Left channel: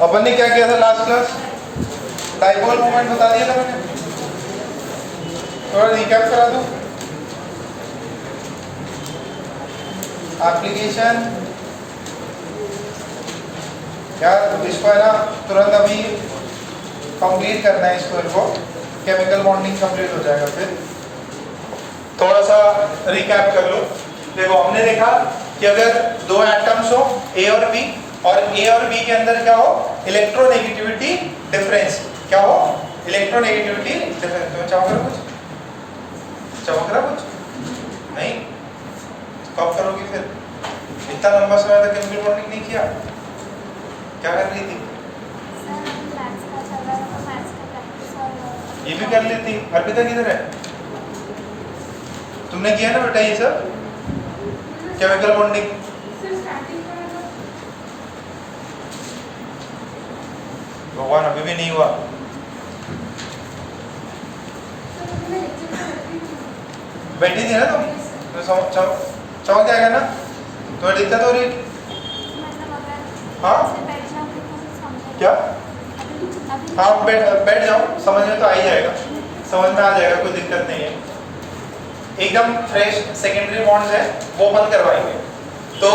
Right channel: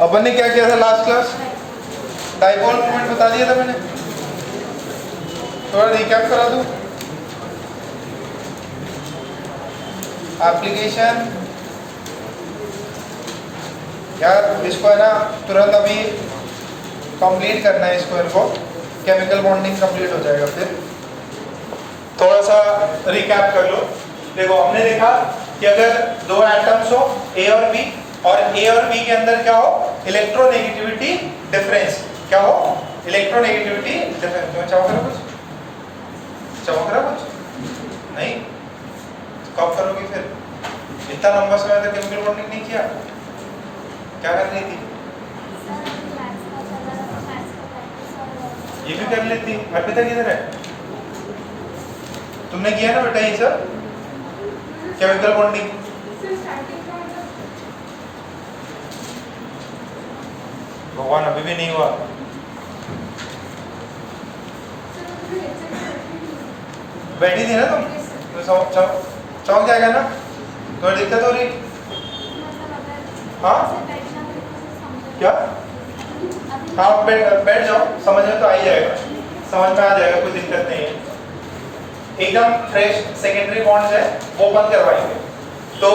अपन ने क्या किया था लास्ट क्लास? डाइपोल मोमेंट बता दिया था मैंने, थोड़ा रिकैप करा दूं। एप्लीकेशन यार इसको है ना तुरंत अभी कंप्लीट करना है इसको, इनको केमिकल बॉन्डिंग कंप्लीट हो जाएगा। फिर थोड़ा सा रिकैप कर लो। देखो हमने देखा कि अगर दो एटम्स हो ए और बी, और ए और बी के अंदर क्या हो, इलेक्ट्रोनेगेटिविटी डिफरेंस क्या हो, इलेक्ट्रोनेगेटिविटी डिफरेंस। तुम्हें चमक रहा कुछ, चमक रहा कुछ नहीं? कब करोगी फिर? इतना लंबा समय तक केमिकल बॉन्डिंग नहीं किया, क्या कर रही थी? ये भी कर लेती। अर्पिता किधर है? तुमने किया ना बेटा ये सब केमिकल बॉन्डिंग? भगवान अभी भी नहीं हुआ। बैठी थी ना तुम, तो चमक जाएगा ना? तुम्हें दिक्कत हो रही? हाँ क्या? हाँ बैठ जाओ, समझ में तो आ ही जाएगा, समझ में आ जाएगा, कोई दिक्कत नहीं है। एकदम फ्रेश सेकेंडरी बॉन्ड्स है वो बंद करवाएंगे। तो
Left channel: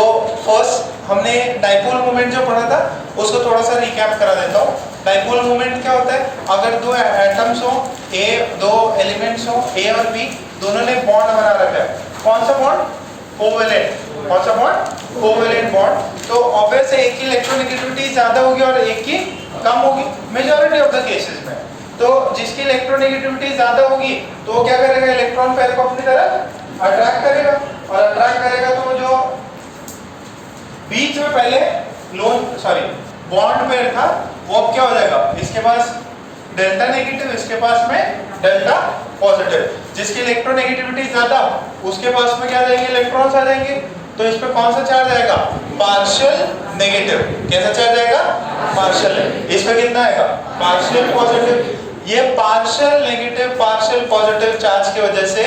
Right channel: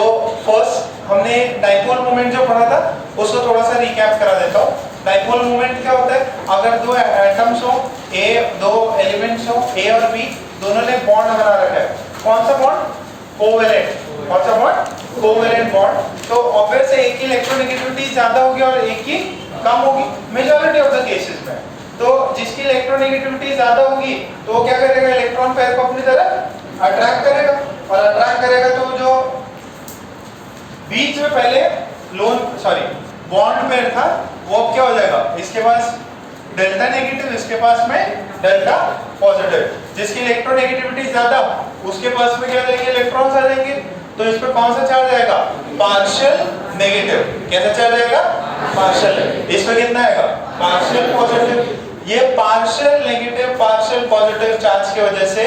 फर्स्ट हमने डाइपोल मोमेंट जो पढ़ा था उसको थोड़ा सा रिकैप करा देता हूँ। डाइपोल मोमेंट क्या होता है? अगर दो एटम्स हो, दो एलिमेंट्स हो ए और बी, दोनों ने बॉन्ड बना रखा है। कौन सा बॉन्ड? कोवेलेंट। कौन सा बॉन्ड? Covalent bond. तो ऑब्वियस है एक की इलेक्ट्रोनेगेटिविटी ज्यादा होगी और एक की कम होगी मेजॉरिटी ऑफ द केसेस में। तो जिसकी इलेक्ट्रोनेगेटिविटी ज्यादा होगी तो वो क्या करेगा, इलेक्ट्रॉन पेयर को अपनी तरफ अट्रैक्ट करेगा, और अट्रैक्ट करेगा तो जो बीच में पहले बॉन्ड पेयर था वो अब क्या हो जाएगा, इसके पास डेल्टा नेगेटिव, इसके पास में डेल्टा पॉजिटिव। जिसकी इलेक्ट्रोनेगेटिविटी ज्यादा उसके पास में क्या आ जाएंगे, इलेक्ट्रॉन्स आ जाएंगे। तो इस पे कौन सा चार्ज आएगा? Partial negative. कैसा चार्ज आएगा? पार्शियल। इस पे कितना आएगा? Partial positive. ये partial negative partial positive charge की वजह से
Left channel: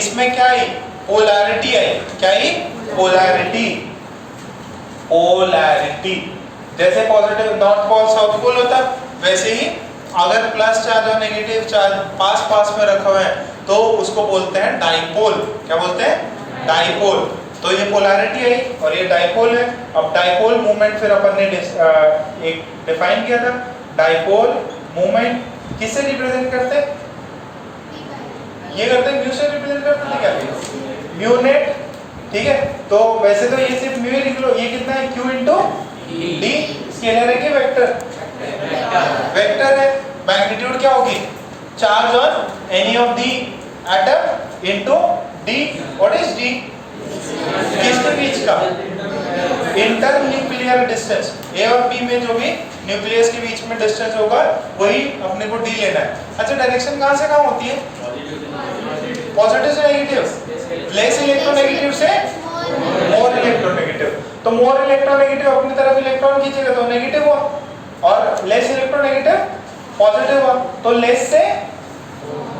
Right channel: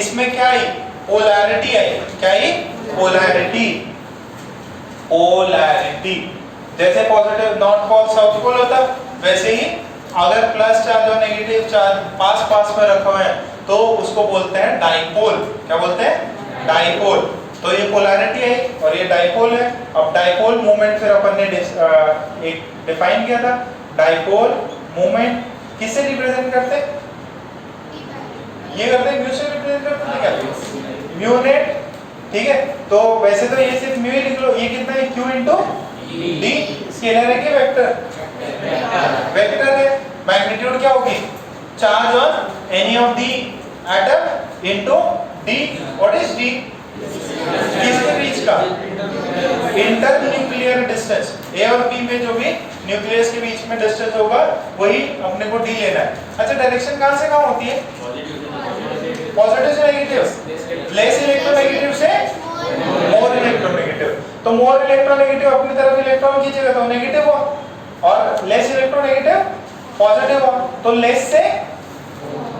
इसमें क्या आई? पोलैरिटी आई। क्या आई? पोलैरिटी। पोलैरिटी जैसे positive north pole south pole होता वैसे ही अगर प्लस चार्ज और नेगेटिव चार्ज पास पास में रखे हुए हैं तो उसको बोलते हैं डाइपोल। क्या बोलते हैं? डाइपोल। तो ये पोलैरिटी आई और ये डाइपोल है। अब डाइपोल मूवमेंट फिर अपन ने एक डिफाइन किया था। डाइपोल मूवमेंट किससे रिप्रेजेंट करते हैं? ये करते हैं म्यू से रिप्रेजेंट करते हैं क्या? Mu net. ठीक है, तो वैसे तो ये सिर्फ म्यू ही लिख लो। ये कितना है? q into d। स्केलर है कि वेक्टर? वेक्टर है। मैग्नीट्यूड क्या होगी? Charge on any of the atom into d। What is d? किसके बीच का? Inter nuclear distance. ए और बी में जो भी न्यूक्लियस के बीच में डिस्टेंस होगा वही अपने को d लेना है। अच्छा, डायरेक्शन कहां से कहां होती है? पॉजिटिव से नेगेटिव। लेस इलेक्ट्रोनेगेटिव से मोर इलेक्ट्रोनेगेटिव। तो मोर इलेक्ट्रोनेगेटिव अपनी तरफ इलेक्ट्रॉन खींचेगा तो नेगेटिव हुआ, और लेस इलेक्ट्रोनेगेटिव पॉजिटिव हुआ। तो लेस से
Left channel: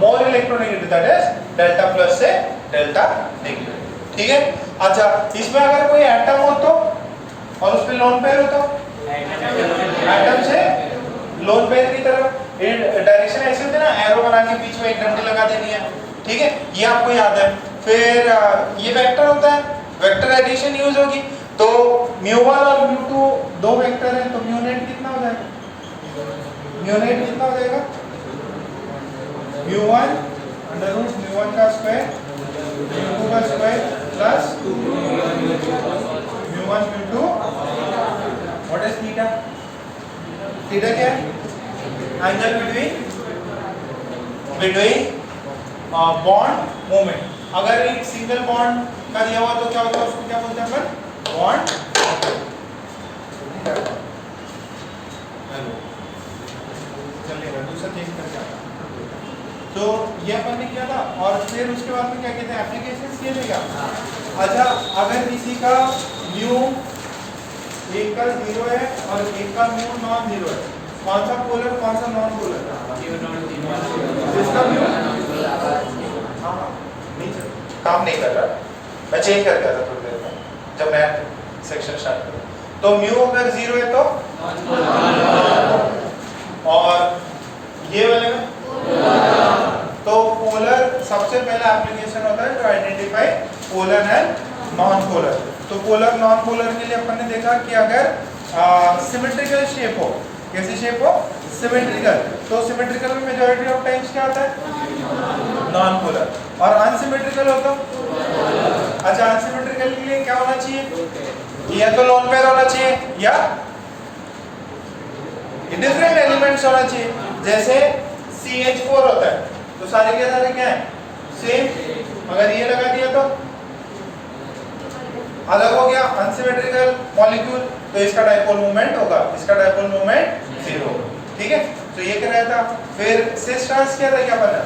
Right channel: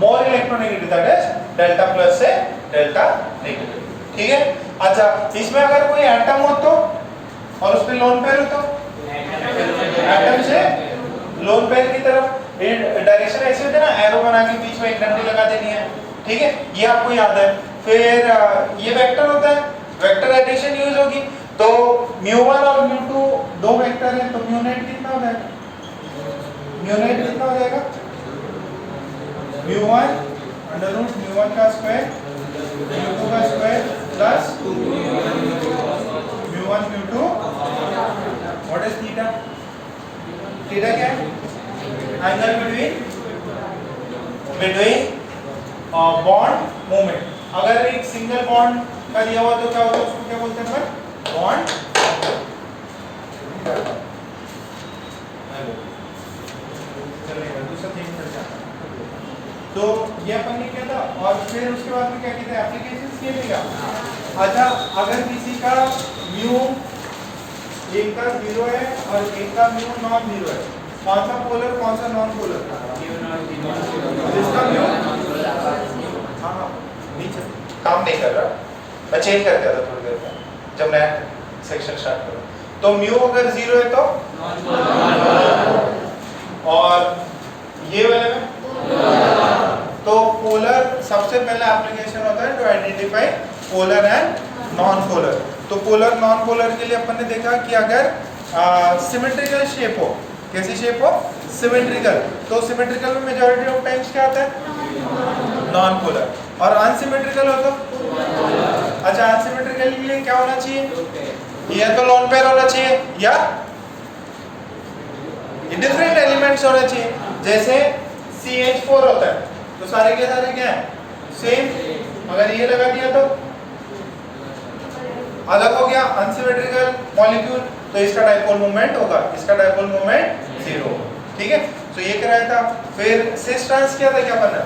more electronegative, that is delta plus से डेल्टा नेगेटिव। ठीक है। अच्छा, इसमें अगर कोई एटम हो तो और उस पे लोन पेयर हो तो एटम से लोन पेयर की तरफ डायरेक्शन ऐसे होता है ना, एरो बना के बीच में एक घंटी लगा देनी है। ठीक है, ये आपको याद है। फिर ये वेक्टर होता है, वेक्टर एडिशन यूज होगी। तो μ1 और μ2 दो वेक्टर है, तो म्यू नेट कितना हो जाएगा? म्यू नेट कितना हो जाएगा? μ1 अंडर रूट μ1 का स्क्वायर μ2 का square plus μ1 μ2। What is theta? Theta क्या है? Angle between bond movement. अगर एक सिंगल बॉन्ड का दिया हुआ तो क्या होता है, उसको क्या बोलते हैं अपन? बॉन्ड। दूसरा चेंज कर दिया। तो ये अपन ने किया था, और फिर उसके बाद में क्या कहते हैं, एप्लीकेशंस के लिए क्या? अच्छा, अगर किसी का म्यू एक का 0 है और एक का म्यू नॉन 0 है, कौन सा पोलर कौन सा नॉन पोलर? जिसका म्यू नीचे काम नहीं कर रहा, मैं चेंज करके आता थोड़ी देर में जब मैं सेक्शन स्टार्ट करूं। तो म्यू अगर 0 है तो पोलर एंड नॉन पोलर। तो पोलर नॉन पोलर के लिए अपन ने देखा कि अगर सिमेट्रिकल शेप हो, कैसी शेप हो, सिमेट्रिकल, तो सिमेट्रिकल में मेजॉरिटी ऑफ टाइम्स क्या होता है, नॉन पोलर। और अनसिमेट्रिकल हो तो, अच्छा अनसिमेट्रिकल के लिए क्या होना चाहिए, या तो लोन पेयर होना चाहिए या डिफरेंट एलिमेंट्स होना चाहिए। जैसे CH4 होता है तो सारे के सारे क्या है, सेम। अगर ये लगा दिया तो अलग हो गया, अनसिमेट्रिकल मॉलिक्यूल, तो इसका डाइपोल मोमेंट होगा, इसका डाइपोल मोमेंट 0। ठीक है, तो ये क्या रहता। फिर सिस ट्रांस क्या था, क्या बना,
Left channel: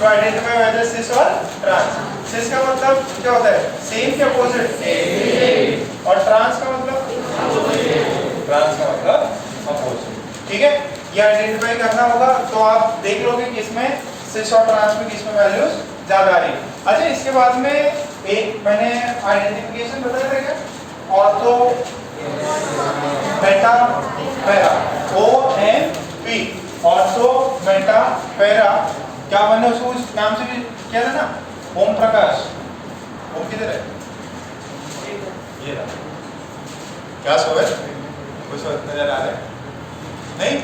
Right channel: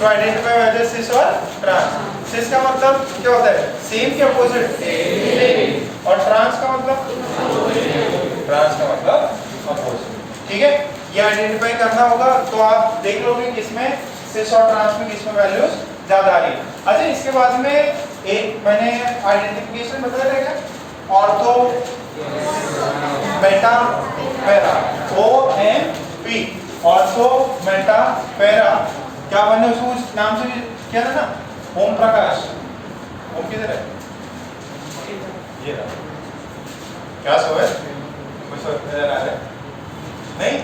तो आइडेंटिफाई हो जाए सिस और ट्रांस। सिस का मतलब क्या होता है, सेम के अपोजिट, और ट्रांस का मतलब, ट्रांस का मतलब अपोजिट। ठीक है, ये आइडेंटिफाई करना होगा। तो आप देख लोगे कि इसमें सिस और ट्रांस में किसमें वैल्यूज ज्यादा आ रही है। अच्छा, इसके बाद में एक मैंने आइडेंटिफिकेशन बताया था क्या, ortho Meta para, OMP, ortho Meta para. क्या मैंने उसको उस नाम से भी किया था ना, ओम प्रकाश। ओम किधर है, ये रहा। क्या सो है, कुछ नजर आ रहा है नहीं।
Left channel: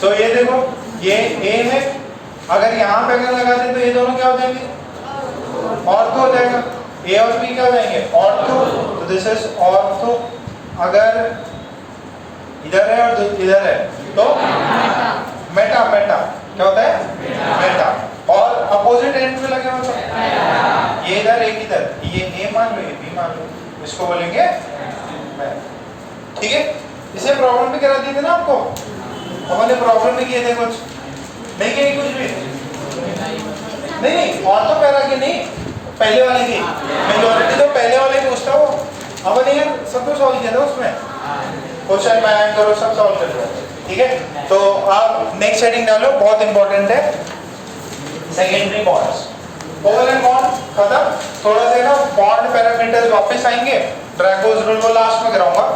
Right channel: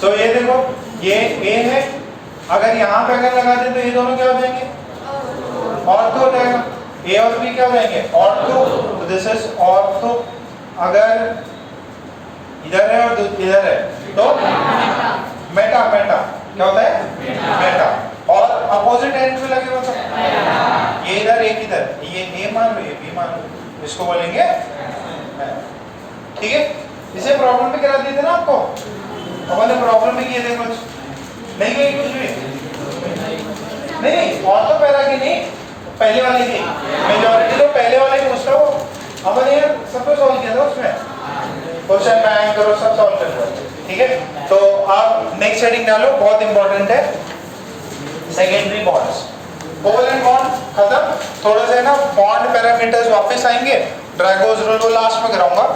तो ये देखो, ये A है, अगर यहाँ पे अगर लगा दे तो ये दोनों क्या हो जाएंगे, ऑर्थो हो जाएगा। A और B क्या हो जाएंगे, ऑर्थो। तो दिस इज ऑर्थो। अगर इधर है और इधर है तो मेटा, मेटा क्या होता है, मेटा। और अपोजिट एंड में लगे हो तो ये इधर, एक इधर, ये A मान लो, ये B मान लो, इसको बोलेंगे। ठीक है, इसे प्रॉब्लम भी करा दी थी ना आपको, हमने प्रॉब्लम भी किए थे कुछ, नहीं किए कुछ भी नहीं। और तो पैरा की नहीं, पहले वाले की मेजॉरिटी तो पहले वाले की उसका वो हमने सब कुछ सॉल्व किया था उसमें, क्वेश्चन में करो सब सॉल्व कर दो। ठीक है, तो आप नेक्स्ट हेडिंग डालो, बहुत इंपॉर्टेंट है, सेकेंडरी बॉन्ड्स। कोवैलेंट बॉन्ड खत्म, थोड़ा सा ना बॉन्ड पैरामीटर्स वापस आएंगे, ड्रैगोस रूल को लास्ट में कराऊंगा।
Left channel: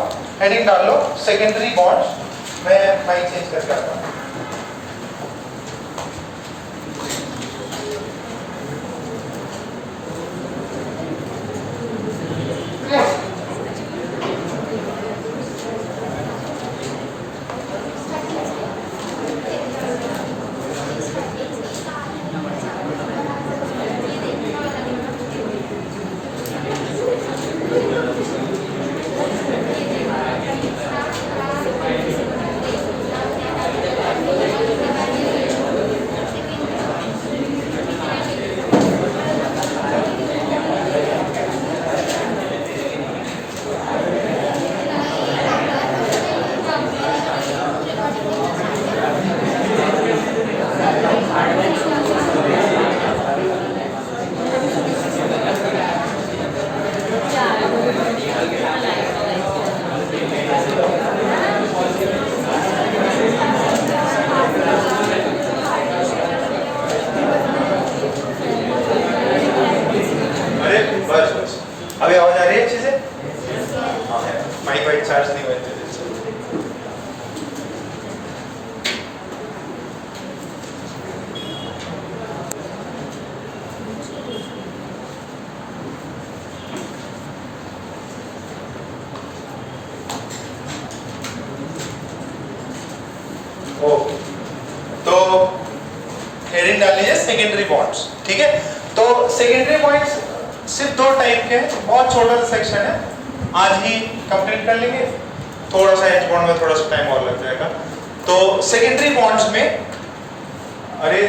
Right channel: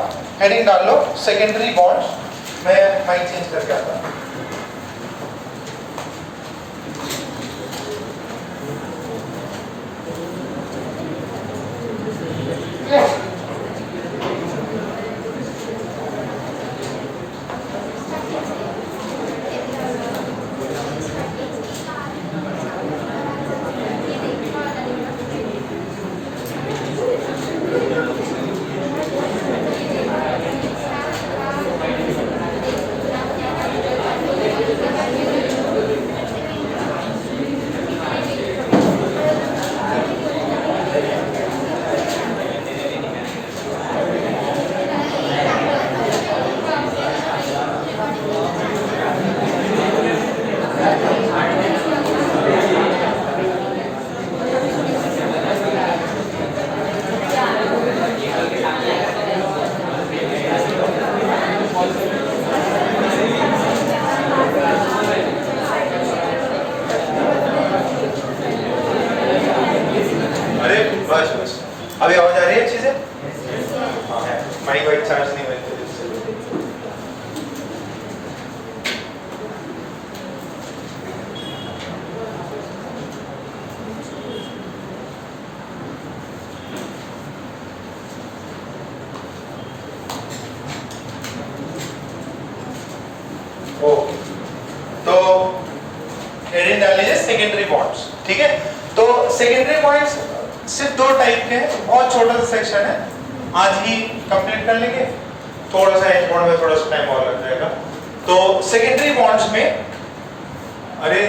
हेडिंग डाल लो सेकेंडरी बॉन्ड्स। मैं माइक चेंज करके आता हूं। अभी आवाज आ रही है अच्छे से? हाँ है, माइक वाइक चार्ज नहीं हुए थे। ओके, तो हेडिंग डाल लीजिए सेकेंडरी बॉन्ड्स। ठीक है, तो सेकेंडरी बॉन्ड्स सिर्फ दो टाइप के, बहुत छोटा सा सेक्शन है, आज ही कंप्लीट कर लेंगे। थोड़ा सा एच बॉन्ड में थोड़ा सा टाइम और लग जाएगा। तो सेकेंडरी बॉन्ड्स में, अरे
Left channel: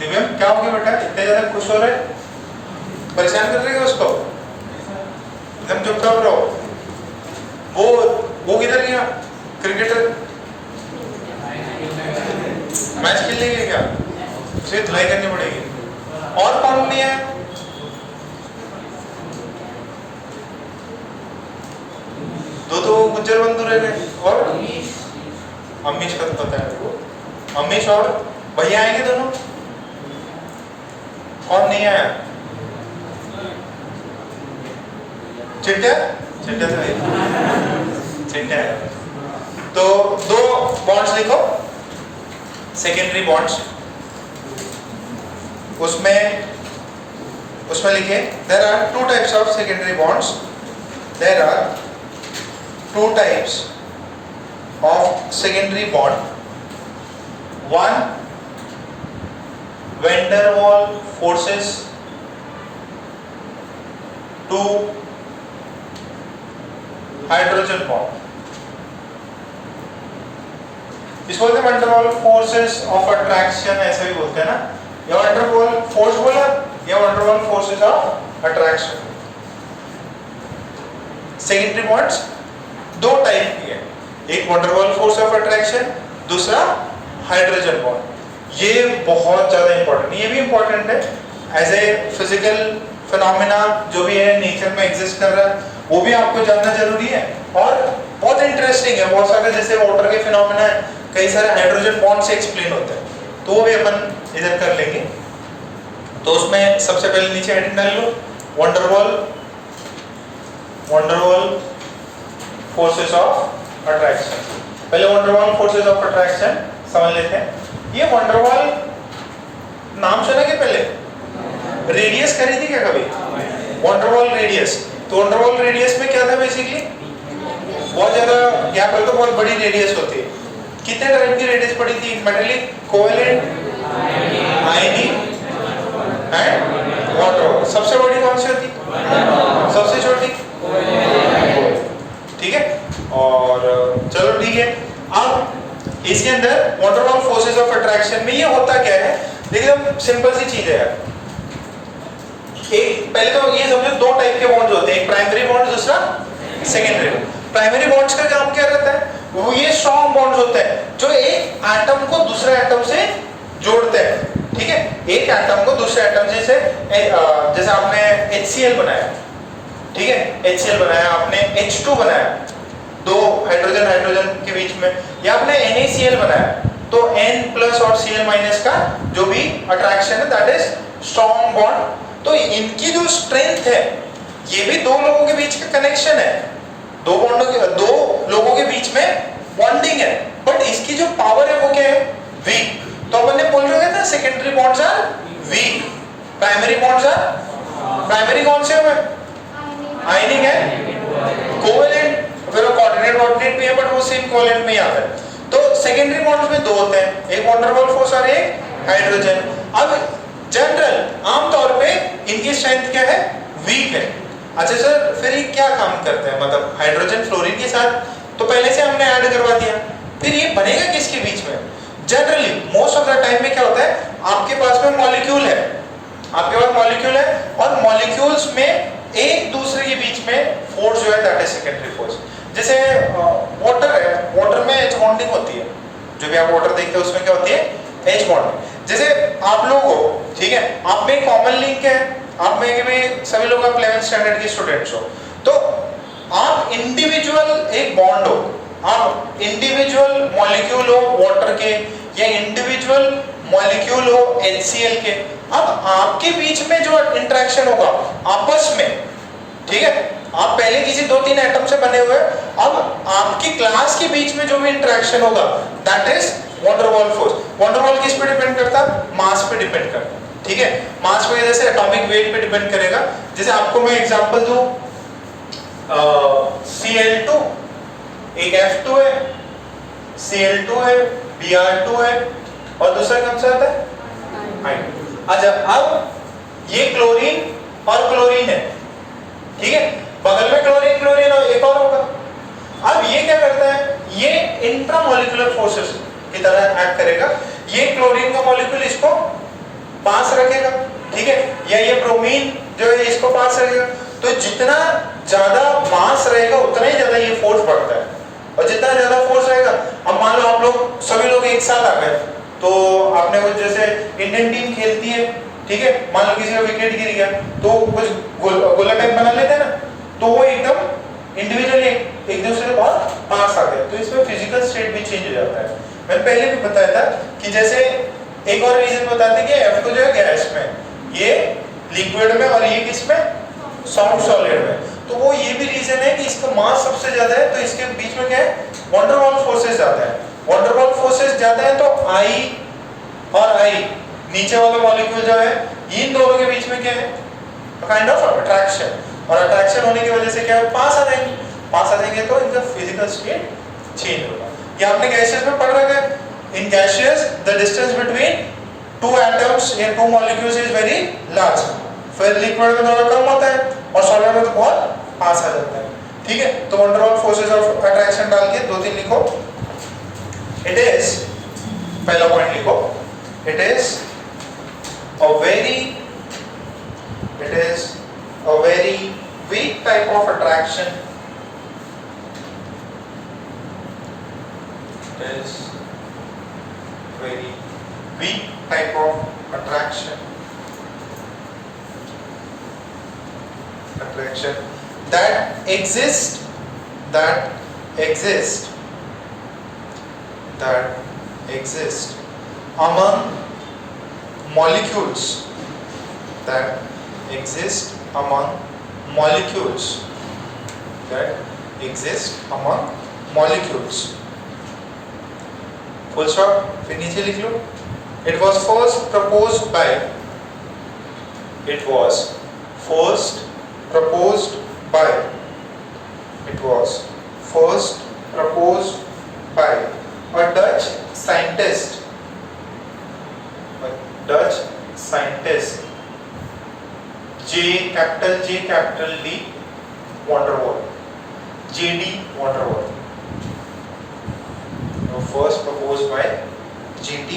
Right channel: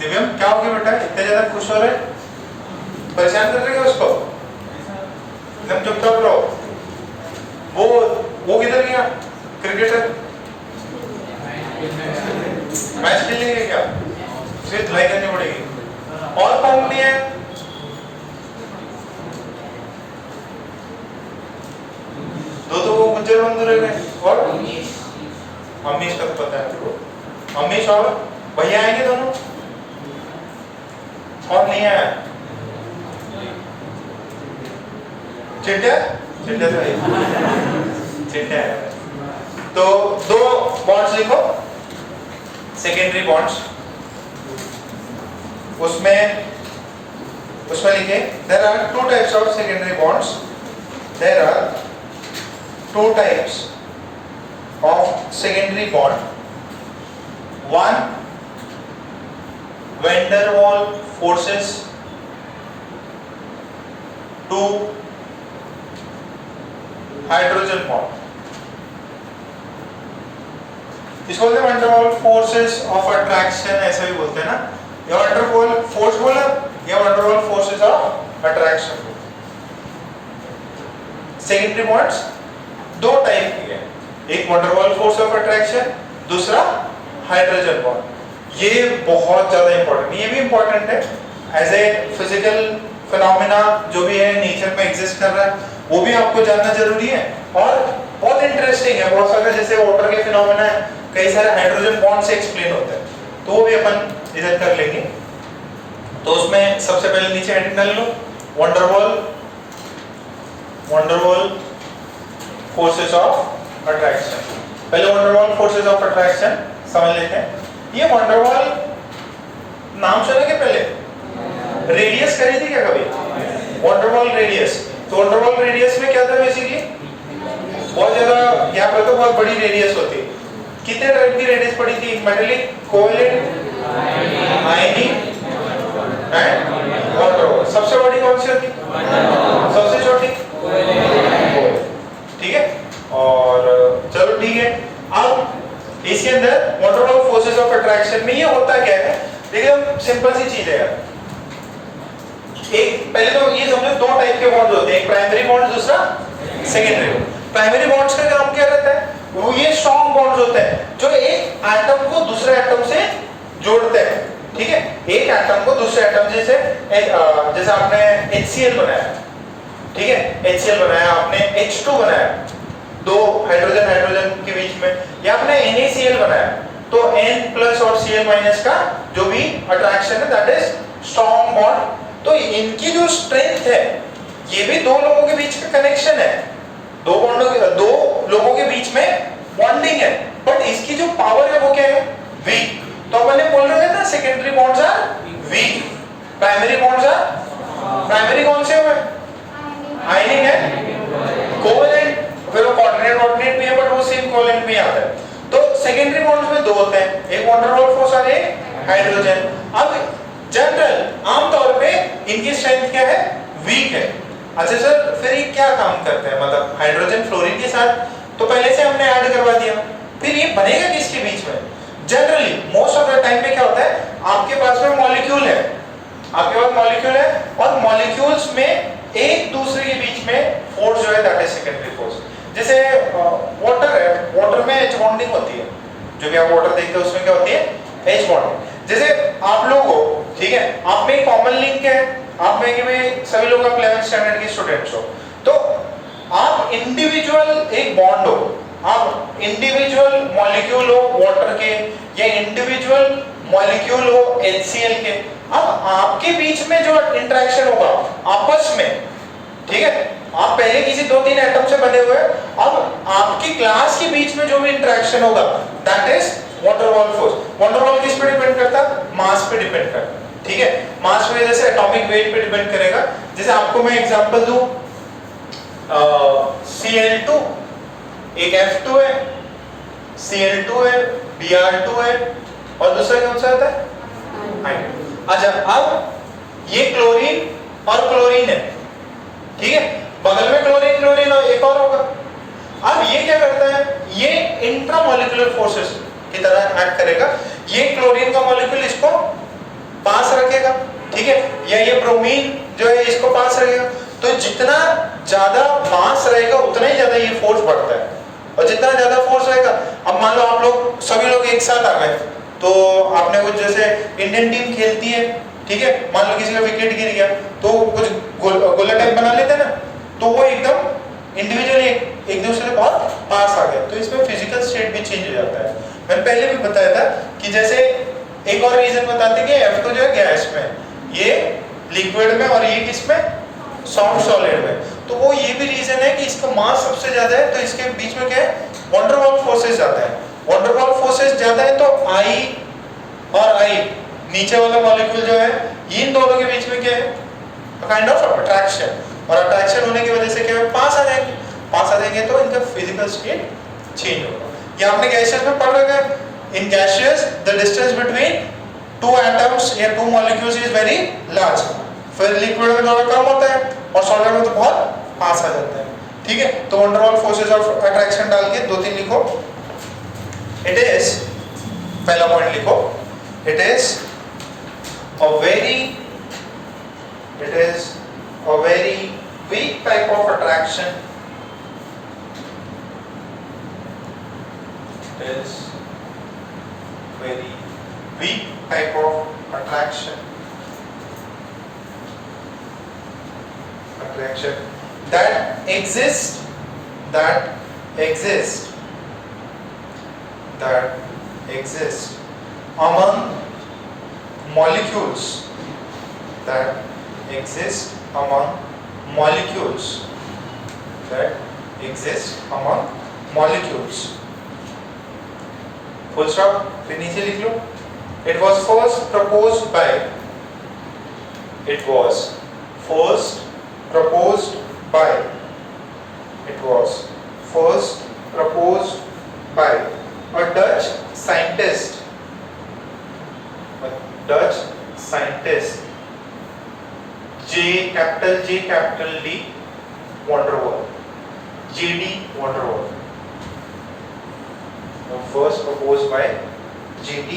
दिव्यम क्या हो गया बेटा, इतने ज्यादा खुश हो रहे, परेशान कर रहे हो उसको, एकदम चुपचाप रहो। वो किधर गया, क्रिकेटर मैच खेलेंगे क्या, उसे धुलाई करनी पड़ेगी। और कौन नहीं है, दो तो गुज्जर बंधु रह गए, और अमीश का तो पता है आपको, अमीश और भैया आएंगे दोनों, और नहीं आया चिट्टिया, चिट्टिया तो चिट्टिया है। तो दो बॉन्ड्स लिखो, सेकेंडरी बॉन्ड्स। उसमें लिखे there are two types of secondary bonds, there are two types of secondary bond, one van der Waals forces, two hydrogen bond. इसको बोलते हैं van der Waals forces of attraction, ऐसे भी बोलते हैं ना, या वैन डर वाल्स फोर्स बोला या van der Waals forces of attraction. Secondary bonds दो टाइप की है, एक van der Waals force of attraction, दूसरा हाइड्रोजन बॉन्ड। ये बहुत ज्यादा इंपॉर्टेंट, ये भी इंपॉर्टेंट है एज ए फिजिकल फिनोमेना जो भी है नेचर में एग्जिस्ट कर रहा है, वो भी आपको जानना जरूरी है। और बहुत इंटरेस्टिंग है, बहुत सारे जैसे वाटर के फिनोमेना है, कई सारे हाइड्रोजन बॉन्ड से एक्सप्लेन होते हैं, तो वो भी अपन इधर कर लेंगे। तो उसमें सबसे पहले नीचे हेडिंग डाल लो, van der Waals forces of attraction. पहले van der Waals forces of attraction समझ लेते हैं। ये वैन डर वाल नाम सुना कि पहले रेडियस करी थी क्या कभी? वैन डर वाल रेडियस, तो वैन डर वाल रेडियस में क्या था बेसिकली, बहुत ज्यादा यहाँ पर तो बहुत बड़ी रेडियस होती है। कितने टाइप की रेडियस पड़ी थी? Metallic, covalent, ionic and water वाल। सबसे बड़ी कौन सी होती? सबसे छोटी कोवेलेंट, ठीक है। और चलो ठीक है, अब इसके अंदर वाटर वाल फोर्सेस ऑफ अट्रैक्शन में ये होता क्या है, देखिए हम सिंपल सी चीज है। एक पहले तो ये समझो दो टाइप के बॉन्ड्स होते हैं, एक प्राइमरी बॉन्ड, दूसरा सेकेंडरी। प्राइमरी बॉन्ड्स का काम क्या रहता है? वो ये स्ट्रॉन्ग बॉन्ड्स होते हैं जो एक एटम को दूसरे एटम से जोड़ते हैं, ठीक है। एक एटम को दूसरे एटम जैसे आपने HCl बनाया, ठीक है, HCl बनाया आपने, H2 बनाया, दो हाइड्रोजन हाइड्रोजन के बीच में, या आपने NaCl बनाया, तो N प्लस और Cl माइनस का जो भी अट्रैक्शन है दैट इज स्ट्रॉन्ग बॉन्ड। तो इनकी जो स्ट्रेंथ है, ये भी दो लोगों के बीच का कनेक्शन है, दो लोगों के बीच में बॉन्डिंग है, बट इसकी जो पावर है वो क्या है? वीक। तो अपन ने बोल रहे थे secondary bonds are weak, primary bonds are, primary कौन से हैं? आयनिक है, कोवेलेंट, फिर वो कोऑर्डिनेट भी है बट वो सेम कोवेलेंट में ही आता है। तो सेकेंडरी बॉन्ड्स में दो होते हैं, एक वैन डर वाल फोर्स और एक हाइड्रोजन। अब जनरल आमतौर पे इनकी स्ट्रेंथ क्या है? वीक है। अच्छा सर, फिर ये क्या काम करते हैं, मतलब हाइड्रोजन फ्लोरीन के साथ तो पहले से हमने ऐड करवा दिया, फिर ये बनेगा किसके बीच में? Generally most of the time में क्या होता है, आपके पास में मॉलिक्यूल है, आपके पास मॉलिक्यूल है और मॉलिक्यूल्स में एक दूसरे के बीच में फोर्स जो है दैट इज सेकेंडरी फोर्स। जैसे वाटर है, वाटर में एच बॉन्डिंग होती है, जो भी आप वाटर देखते हैं उसमें क्या होती है? H bond. जैसे आप लोग हो, ठीक है, आप में कॉमन लिंक है, आप में कि भाई सभी लोग आप 11th स्टैंडर्ड के स्टूडेंट्स हो, तो आप इंडिविजुअल एक बॉन्ड हो, आप इंडिविजुअल मॉलिक्यूल हो वाटर के, या इंडिविजुअल मॉलिक्यूल हो HCl के। अब आपके बीच में जो इंटरेक्शन होगा आपस में, ठीक है, आप पहले किसी 2-3 एटम से बने हुए, अब आपकी क्लास के बीच में जो भी इंटरेक्शन होगा that is van der Waals force. Van der वाल किस पे डिपेंड करता है? मास पे डिपेंड करता है, ठीक है। मास पे जैसे एटॉमिक वेट पे डिपेंड करेगा। जैसे आपको मैं एग्जांपल दूं, Cl2 एक F2 है, Cl2 है, Br2 है, और दूसरा कौन सा होता है? अच्छा, अब ये क्लोरीन और क्लोरीन है, ठीक है, बगल में क्लोरीन क्लोरीन और एक और होगा। अब ये क्या करता है? ये इंट्रामॉलिक्यूलर फोर्सेस की तरह एक्ट करेगा। ये क्लोरीन का मॉलिक्यूल इसको पास रखेगा, ठीक है, या ये ब्रोमीन जो है इसको पास रखेगा। तो जितना ज्यादा मास रहेगा उतना ही ज्यादा ये फोर्स बढ़ता है, और जितना ज्यादा फोर्स रहेगा, अब मान लो आप लोग सभी लोग एक साथ आ गए, तो आपने कुछ जैसे इंडियन टीम खेलती है, ठीक है, मान लो किसी का विकेट गिर गया तो कुछ गोला टाइप बना लेते हैं ना, तो वो एकदम इंडिविजुअली एक दूसरे के बहुत पास आ गए, तो इसमें फिजिकल स्टेट भी चेंज हो जाता है। मैंने पहले भी बताया था कि जैसे एक और रीजन बताते कि F2 जो है गैस में, ये लिक्विड में, और ये किस में? सॉलिड में। तो वो ये भी रीजन है कि इसका मास सबसे ज्यादा है, तो इसके बीच में क्या है? वैन डर वाल फोर्सेस ज्यादा है। वैन डर वाल फोर्सेस ज्यादा है तो I और I नीचे वाला मॉलिक्यूल जो है इन दोनों के बीच में क्या है, काइंड ऑफ अट्रैक्शन, और अट्रैक्शन होने की वजह से क्या है, पास आ जाएंगे, पास आ जाएंगे तो इनका फिजिकल स्टेट चेंज होगा। ये आपने गैसियस में पढ़ रखा है, in gaseous the distance between two atoms या two molecules is very large, फिर लिक्विड में थोड़ा कम होता है और सॉलिड में तो बहुत पास आ जाता है। ठीक है, तो wonder wall forces of attraction डाल के 2-3 लिखो। इट इज, पहला पॉइंट लिखो, it is a very weak type of attraction, is very weak type of attraction that exists among molecules, that exist among molecules, full stop, फिर नीचे लिख लो। It was first proposed by a Dutch scientist, J capital D van der Waal, J.D. van der Waal. First proposed by J.D.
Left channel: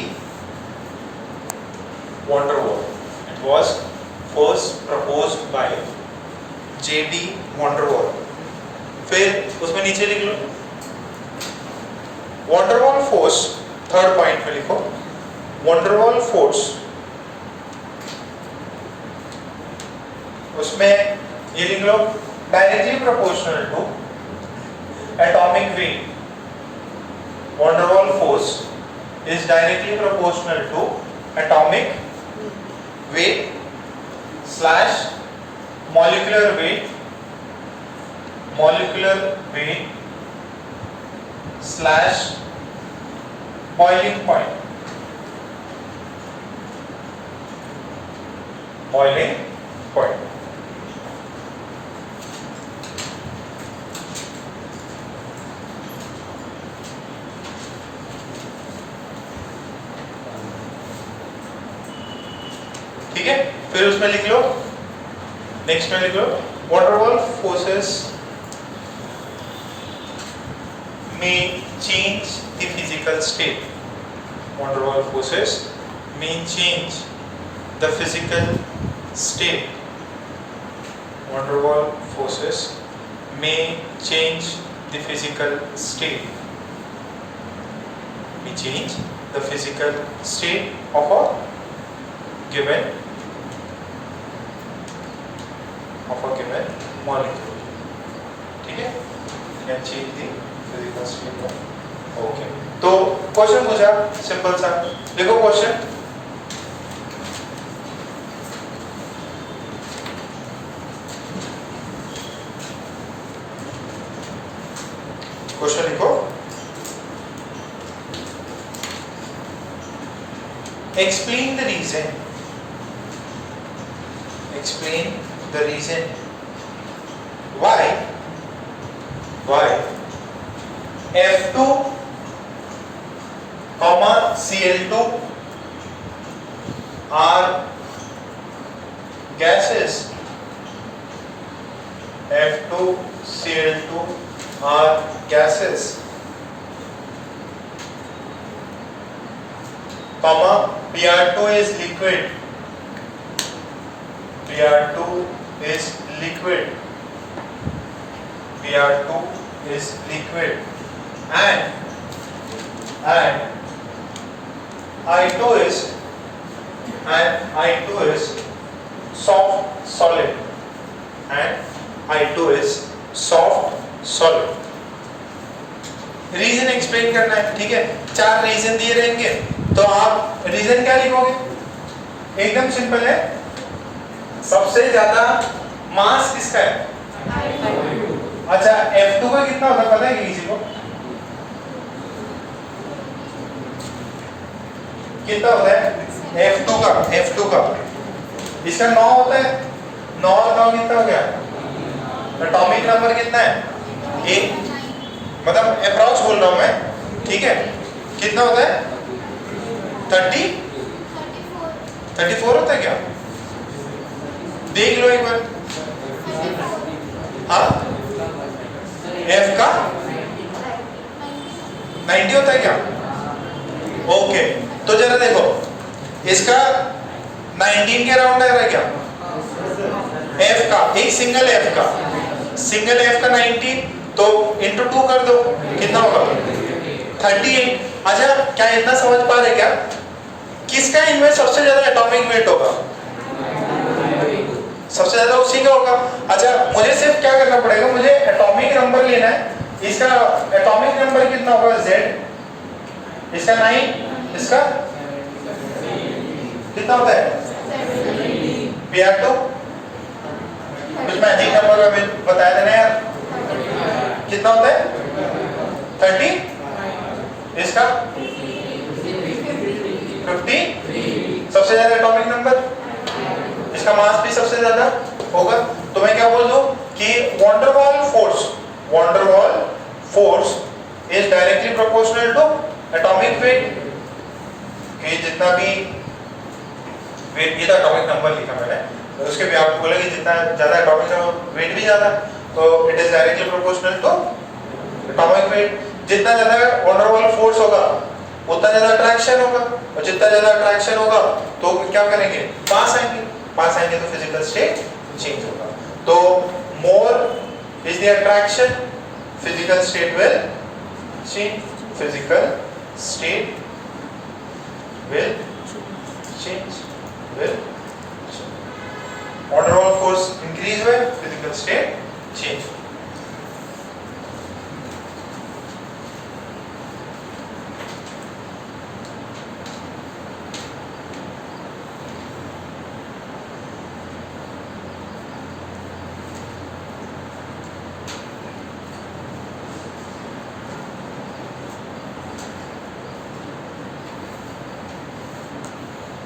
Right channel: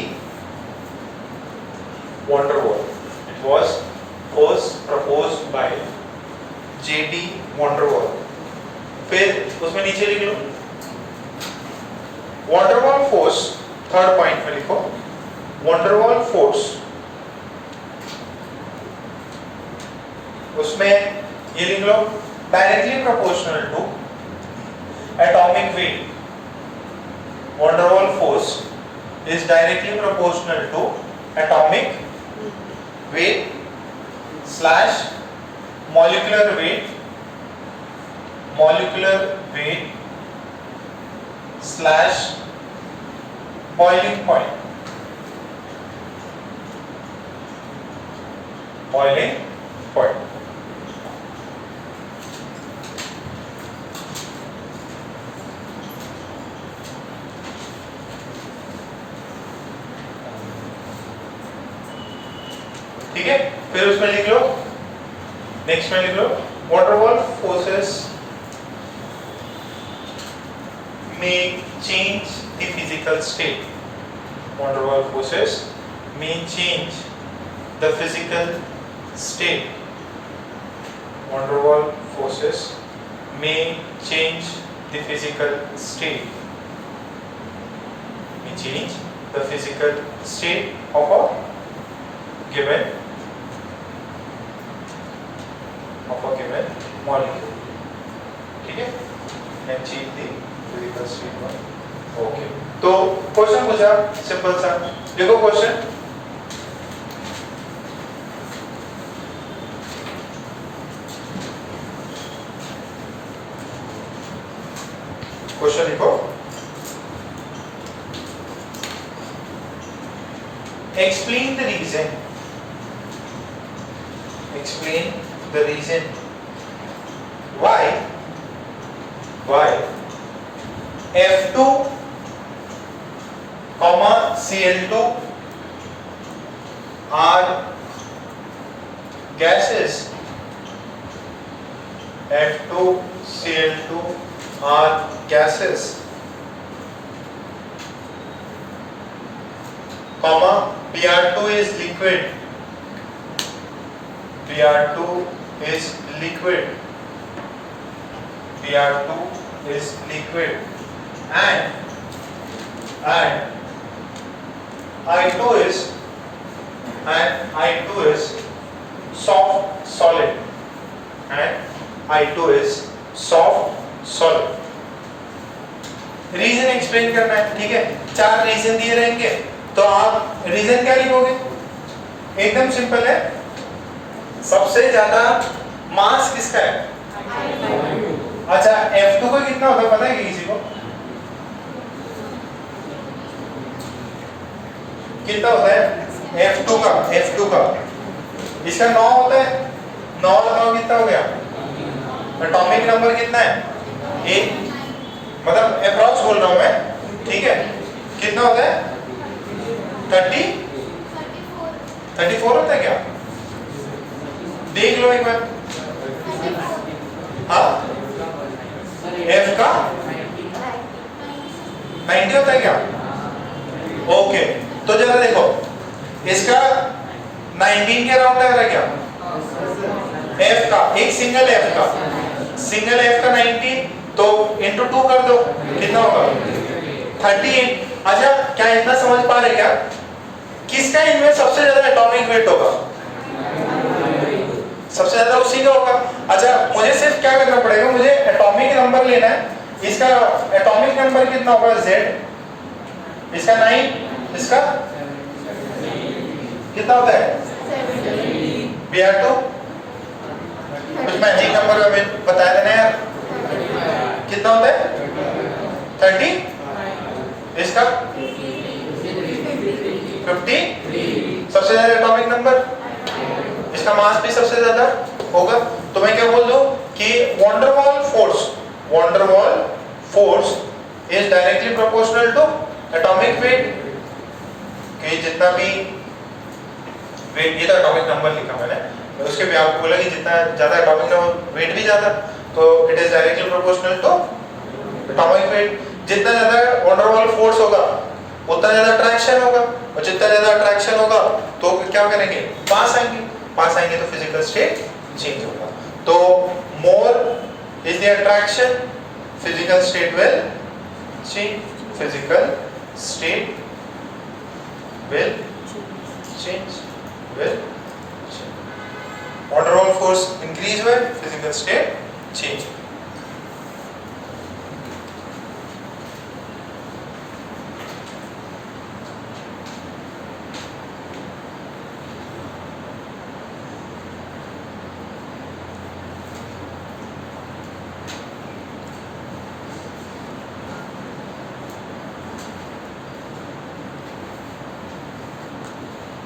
van der Waal. It was first proposed by J.D. van der Waal. फिर उसमें नीचे लिख लो van der Waal force, third point में लिखो van der Waal force, उसमें ये लिख लो directly proportional to atomic weight, van der Waal force is directly proportional to atomic weight slash molecular weight slash boiling point, ठीक है। फिर उसमें लिख लो, नेक्स्ट में लिख लो van der Waal forces may change the physical state, van der Waal forces may change the physical state, van der Waal forces may change the physical state, of a given molecule, ठीक है, can change the physical state of, okay. तो question पूछा simple सा, देखो question, लिखो explain the reason why F2 Cl2 are gases, F2 Cl2 are gases, Br2 is liquid, and I2 is soft solid, reason explain करना है, ठीक है। 4 reason दिए रहेंगे तो आप रीजन क्या लिखोगे, एकदम सिंपल है, सबसे ज्यादा मास किसका है, अच्छा F2 का कितना होता है पता है किसी को, कितना होता है F2 का इसका 9 होता है, 9 और 9 कितना हो गया? एटॉमिक नंबर कितना है? 1, मतलब अप्रॉक्स बोल रहा हूं मैं, ठीक है। कितना होता है? 34 होता है क्या? देख लो एक बार। हाँ, F का 90 होता है क्या? ओके, तो जरा देखो इसका 19 के राउंड आ रहा है क्या? F का एक सिंगल F का 19 तो इंटू 2 कर दो, कितना होगा? 38। अच्छा, क्या इतना समझ पा रहे क्या? किसका इनमें सबसे ज्यादा एटॉमिक वेट होगा? सबसे ज्यादा उसी का होगा। अच्छा, मुझे सिर्फ क्या करना पड़ेगा, मुझे एटॉमिक नंबर लेना है। इसका एटॉमिक नंबर कितना होगा? Z, इसका 9, इसका कितना होता है? बिहार तो कुछ मैजिक नंबर में बताया था ना यार, कितना होता है? 30, इसका 50, सबसे ज्यादा एटॉमिक नंबर, इसका मास भी सबसे ज्यादा होगा। तो मैं क्या बोल दूं कि van der Waals force is directly proportional to atomic weight. कि जितना भी वेट, ये तो एटॉमिक नंबर लिखा मैंने, तो उसके भी आपको बोला कि जितना ज्यादा एटॉमिक नंबर वेट भी ज्यादा, तो it is directly proportional to atomic weight. जितना ज्यादा वॉन डर वाल फोर्स होगा उतना ज्यादा अट्रैक्शन होगा, और जितना ज्यादा अट्रैक्शन होगा तो क्या करेंगे? पास आएंगे तो फिजिकल स्टेट चेंज होगा। तो more is the attraction, physical state will change, physical state will change, van der Waals force increase when physical state change.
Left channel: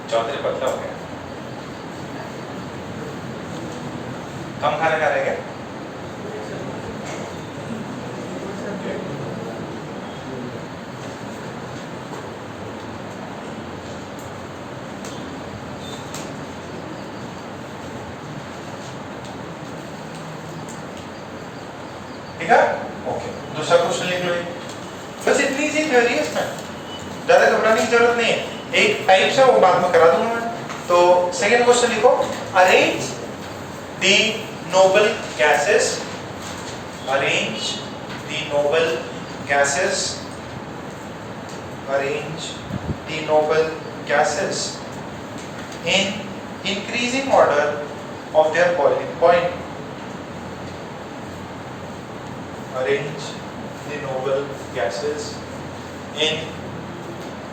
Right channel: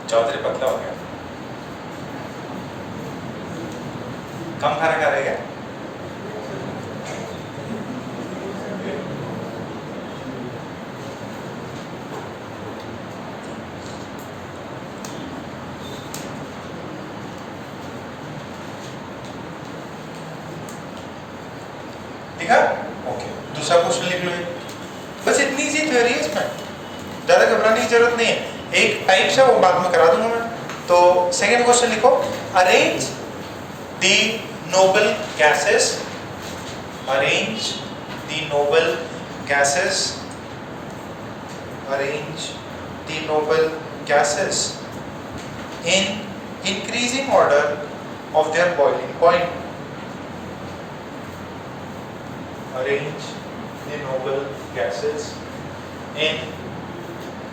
Chaudhary पतला हो गया, कम खाना खा रहे क्या? ठीक है, ओके। दूसरा क्वेश्चन लिख लो, बस इतनी सी थ्योरी है इसमें, ज्यादा घबराने की जरूरत नहीं है। एक टाइप से वो बाद में करा दूंगा मैं। तो सेकेंड क्वेश्चन लिखो, arrange the noble gases, arrange the noble gases, arrange the noble gases in increasing order of their boiling point. Arrange the noble gases in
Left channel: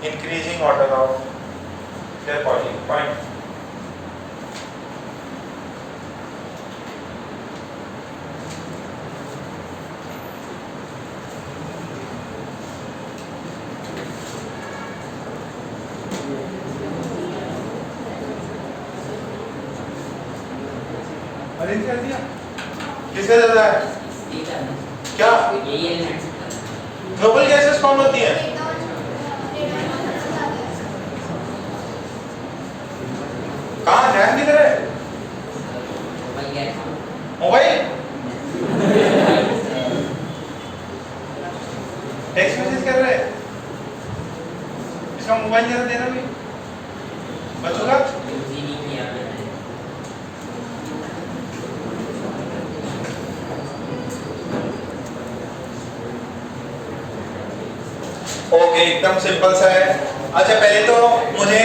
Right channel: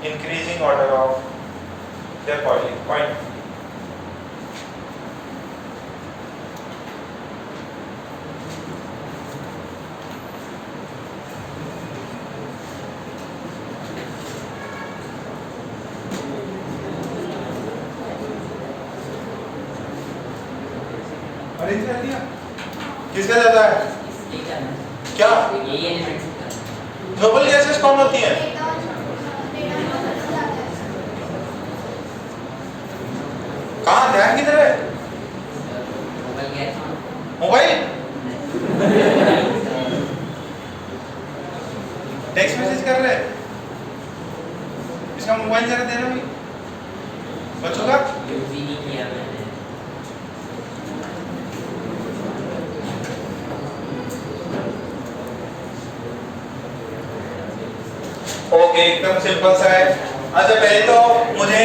increasing order of their boiling point. Arrange कर दिया? किसका ज्यादा है? क्या? Noble gases कौन होती है? कहाँ, ध्यान किधर है? मोबाइल? टेक्स्ट मैसेज कर रहे हैं, इसका मोबाइल जरा दे दो बच्चों का। ओके, एकदम सिंपल सा है। अच्छा, पहले तो मुझे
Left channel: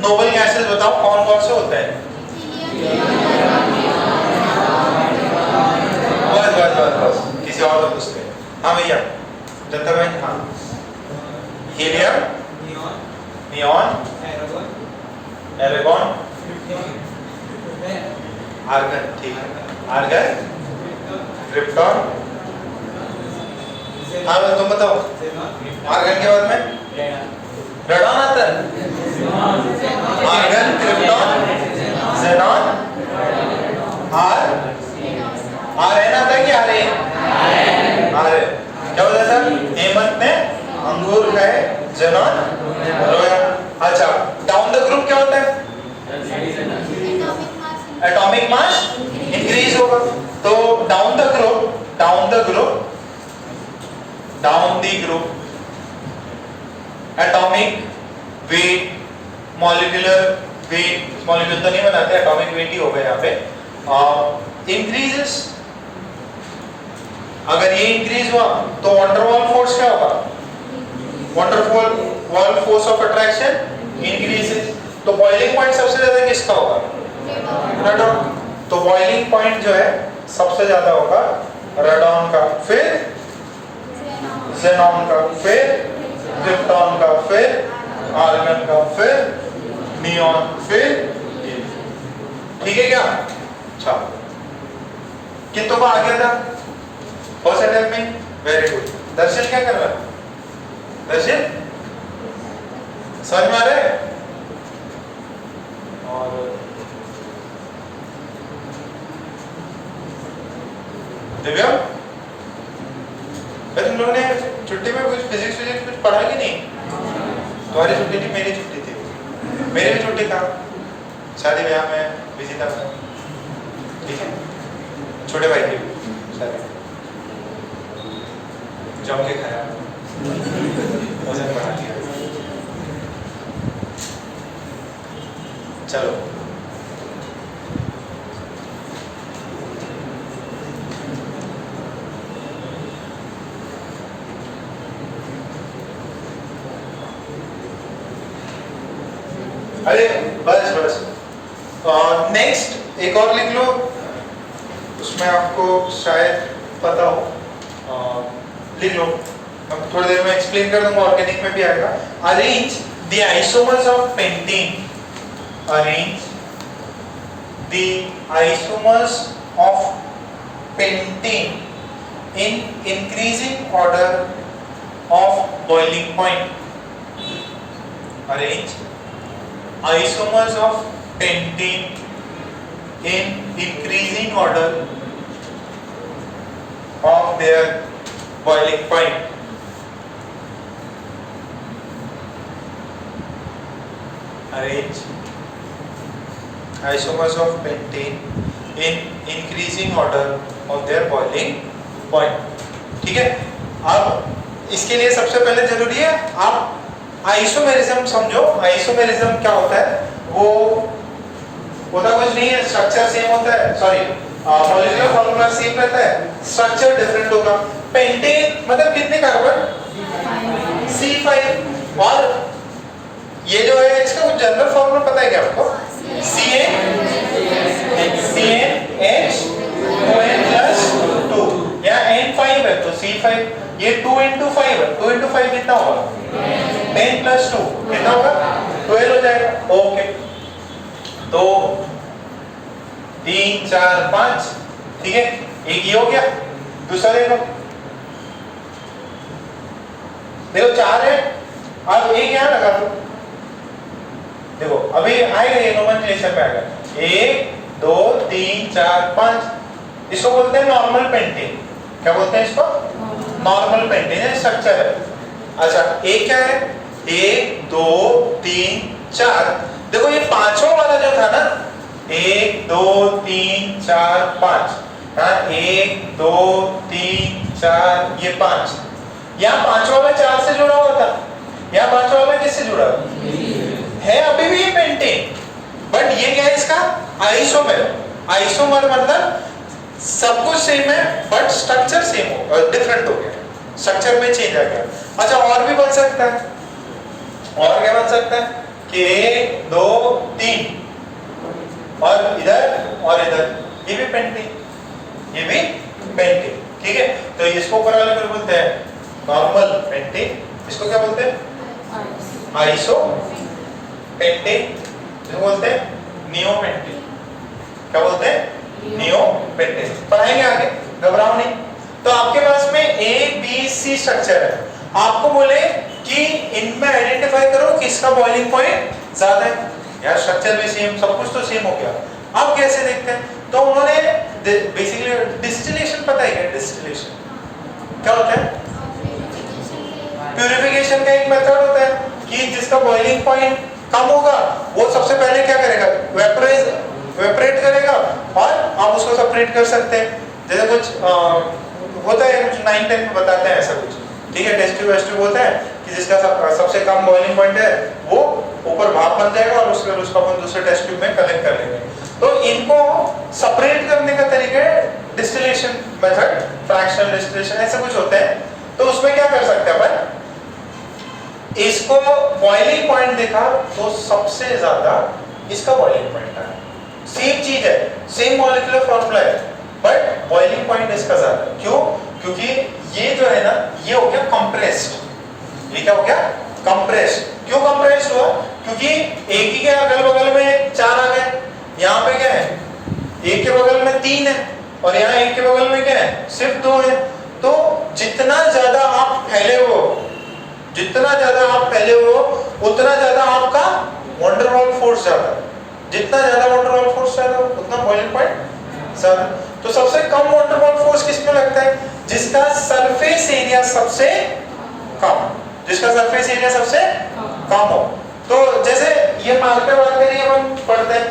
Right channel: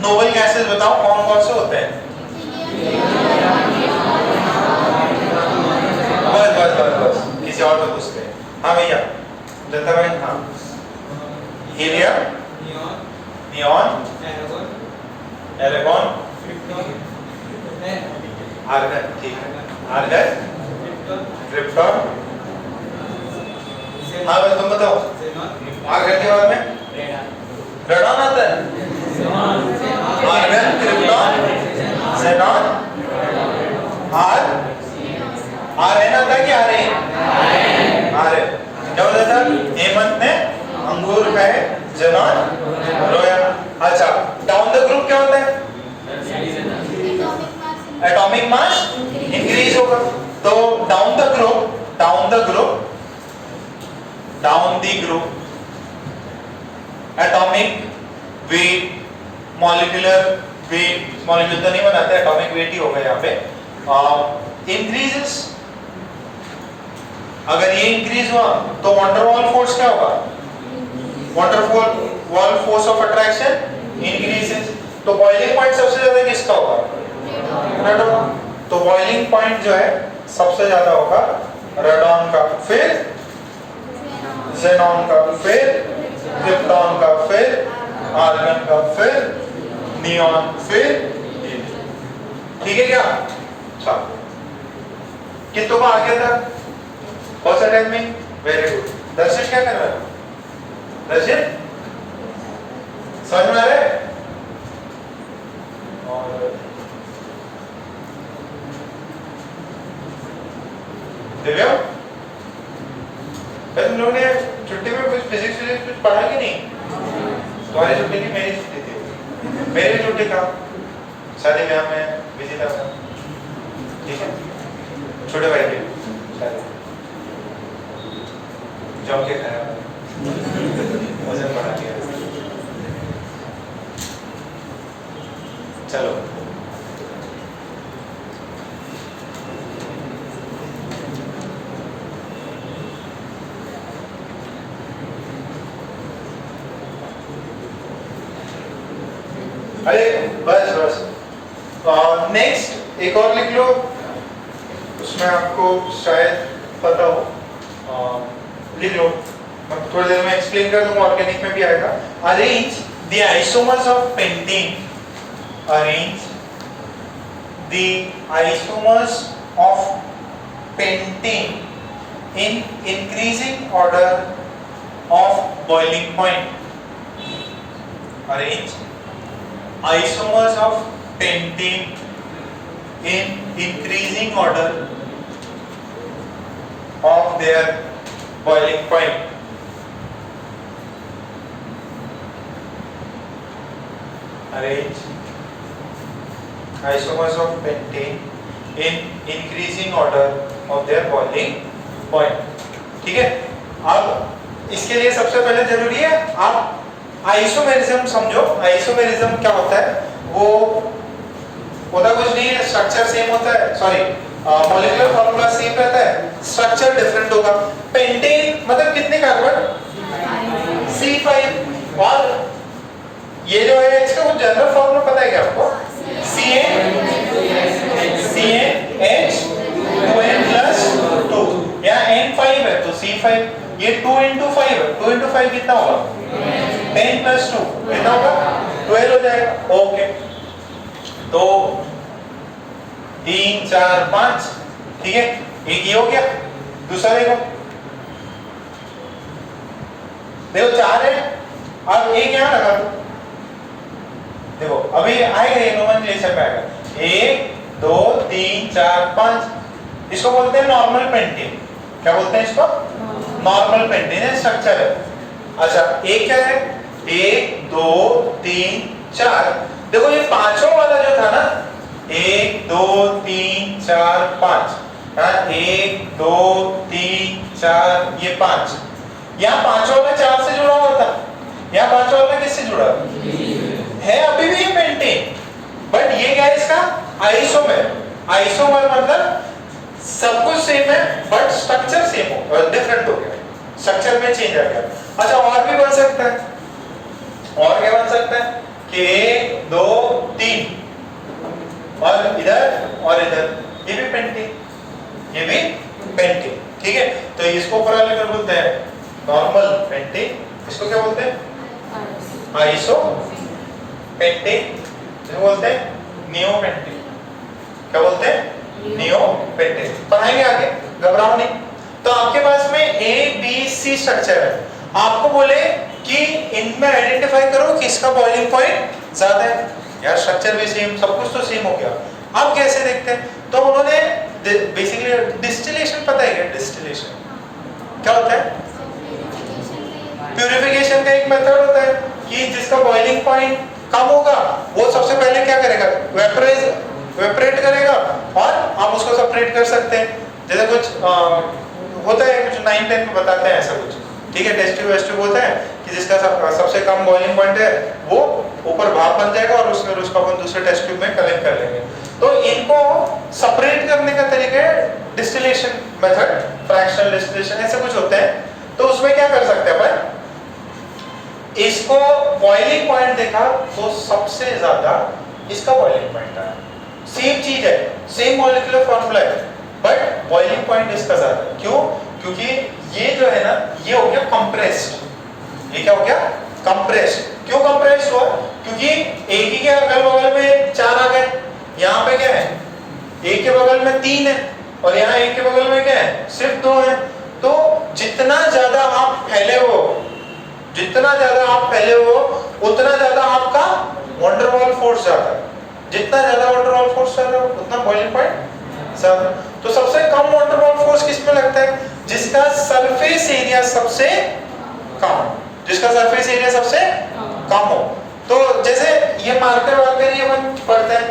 नोबल गैसेस बताओ कौन कौन से होते हैं? बस किसी और को पूछते हैं। हाँ भैया, जनता भाई। हाँ, हीलियम, नियॉन, एरागोन, आर्गन। ठीक है, आर्गन, क्रिप्टॉन। हाँ बस तुम बताओ, आर्गन के बाद में रेडॉन आता है। Argon, krypton, xenon are R N आता है कि आर एन आर एन क्या बोला था हेमंत ने अंगूर खाए जेनॉन रोया। अच्छा डाउन द ग्रुप क्या होता है एटॉमिक मास इंक्रीज होगा। तो down the group atomic weight molecular weight molecule तो नहीं बनाते एटॉमिक वेट ही होगा यहाँ पे इंक्रीजेस। अगर ये इंक्रीज हुआ तो वंडरवॉल फोर्स क्या होगा van der Waals force of attraction increases. तो बॉइलिंग पॉइंट सबसे ज्यादा किसका होगा रेडॉन। तो बॉइलिंग पॉइंट जो है सबसे ज्यादा होगा रेडॉन का, फिर ज़ेनॉन का, फिर क्रिप्टॉन का, फिर आर्गन का, फिर नियॉन, फिर ठीक है क्या। अच्छा कितनों का आ गया था पॉजिटिव में वेरी गुड। दर्शन क्या कर रहा है दर्शन समझ में आ रहा है। और दिव्या तुम लोगों ने छुट्टी में कुछ फिजिक्स कुछ पढ़ा कि नहीं। तुम्हारी छुट्टी थी मेरी छुट्टी थी मेरी भी छुट्टी था शादी ब्याह में बिजी था ठीक है। छोटे भाई की शादी जम के खाया उसे बना लिया। चलो अरे बस नेक्स्ट एक और लिख लो उसमें आपको शायद पता हो लिख लो मैं थोड़ी देर में एक्सप्लेन कर दूंगा ऑर्गेनिक में भी आएगा। Arrange the isomers of pentane arrange the isomers of pentane in increasing order of boiling point. Arrange isomers of pentane in increasing order of their boiling point. Arrange isomers of pentane in increasing order of their boiling point. ठीक है। अब इसके लिए सबसे पहले जरूरी है आप आइसोमेरिज्म समझो। आइसोमेरिज्म क्या होता है वो होता कुछ नहीं है स्ट्रक्चर सेम होता है सॉरी मॉलिक्यूलर फॉर्मूला सेम रहता है स्ट्रक्चर डिफरेंट होगा। पेंटेन मतलब कितने कार्बन C5 और ये जो है इसका कुछ जनरल फॉर्मूला पता है क्या आपको CnH2n+2 या N5 है तो C5 ये 2 into 5 है 2 into 5 कितना होगा 10+2 कितना होगा 12 हो जाएगा। ओके तो 3 4 5 ठीक है एक ये हो गया। दूसरा देखो 4 है अब एक यहाँ लगा दो देखो अभी आएगा ये नोमेनक्लेचर पे आएगा 1 2 3 4 5 इसको बोलते हैं नॉर्मल पेंटेन। क्या बोलते हैं इसको नॉर्मल पेंटेन स्ट्रक्चर है। अच्छा एक क्या है 1 2 3 4 देखो ये पांचों वाला जो था ना 1 2 3 4 5 हाँ 1 2 3 4 ये 5 यहाँ पांचों वाला 4 से जुड़ा हुआ था यहाँ पांचों वाला किससे जुड़ा है अभी भी ये पेंटेन बट ये क्या है इसका आइसोमर। आइसोमर मतलब सब कुछ सेम है बट स्ट्रक्चर सेम हो डिफरेंट हो गया स्ट्रक्चर में चेंज आ गया। अच्छा और भी बन सकता है और क्या बन सकता है कि 1 2 3 और इधर ये भी पेंटेन ये भी पेंटेन ठीक है। तो इसको ऊपर वाले में बोलते हैं नॉर्मल पेंटेन इसको क्या बोलते हैं आइसो पेंटेन इसको बोलते हैं नियो पेंटेन। क्या बोलते हैं नियो पेंटेन पढ़ाएंगे आगे घबराओ नहीं। तो आपके पास में A B C स्ट्रक्चर है आपको बोले कि इनमें आइडेंटिफाई करो किसका बॉइलिंग पॉइंट ज्यादा है यार स्ट्रक्चर भी सेम सब कुछ तो सेम हो गया। अब कैसे देखते हैं? तो उन्होंने बेसिकली डिस्टिलेशन, पता है क्या डिस्टिलेशन क्या होता है? प्यूरिफिकेशन का एक मेथड होता है कि जिसका बॉइलिंग पॉइंट कम होगा वो सबसे पहले क्या करेगा, वेपरेट करेगा और हम उसको सेपरेट कर सकते हैं। जैसे कुछ होता है, कुछ 9-10 में बताते हैं ऐसा कुछ, ठीक है, टेस्ट ट्यूब वेस्ट ट्यूब होता है कि जिसका सबसे कम बॉइलिंग पॉइंट है वो ऊपर भाप बन जाएगा और उसको अपन दूसरे टेस्ट ट्यूब में कलेक्ट कर लेंगे। तो इनको सेपरेट करने का तरीका है डिस्टिलेशन मेथड, फ्रैक्शनल डिस्टिलेशन, ऐसा कुछ होता है। तो उसमें क्या कर सकते हैं अपन, इसको बॉइलिंग पॉइंट देखा तो सबसे ज्यादा इसका बॉइलिंग पॉइंट आया। सेम चीज है, सेम मॉलिक्यूलर फॉर्मूला है, बट बॉइलिंग पॉइंट इसका ज्यादा। क्यों? क्योंकि ये जो है ना, ये हो गया कंप्रेस्ड। ये क्या हो गया? कंप्रेस्ड। क्यों कंप्रेस्ड हुआ? क्योंकि एक ही के अगल बगल में 4 आ गए, यहाँ पे क्या है, एक के बगल में 3 है और यहाँ एक के बगल में क्या है, सिर्फ 2 है। तो जितना ज्यादा आप फैले हो, जितना ज्यादा आप फैले हो, उतना ज्यादा आपका वंडरवॉल फोर्स ज्यादा है। जितना ज्यादा वंडरवॉल फोर्स ज्यादा उतना बॉइलिंग पॉइंट ज्यादा। तो सबसे कम वंडरवॉल फोर्स किसमें लगता है? जिसका सरफेस एरिया सबसे कम, जिसका सरफेस एरिया सबसे कम हो। तो जैसे ये मार्कर वार्कर ये हम पढ़ते हैं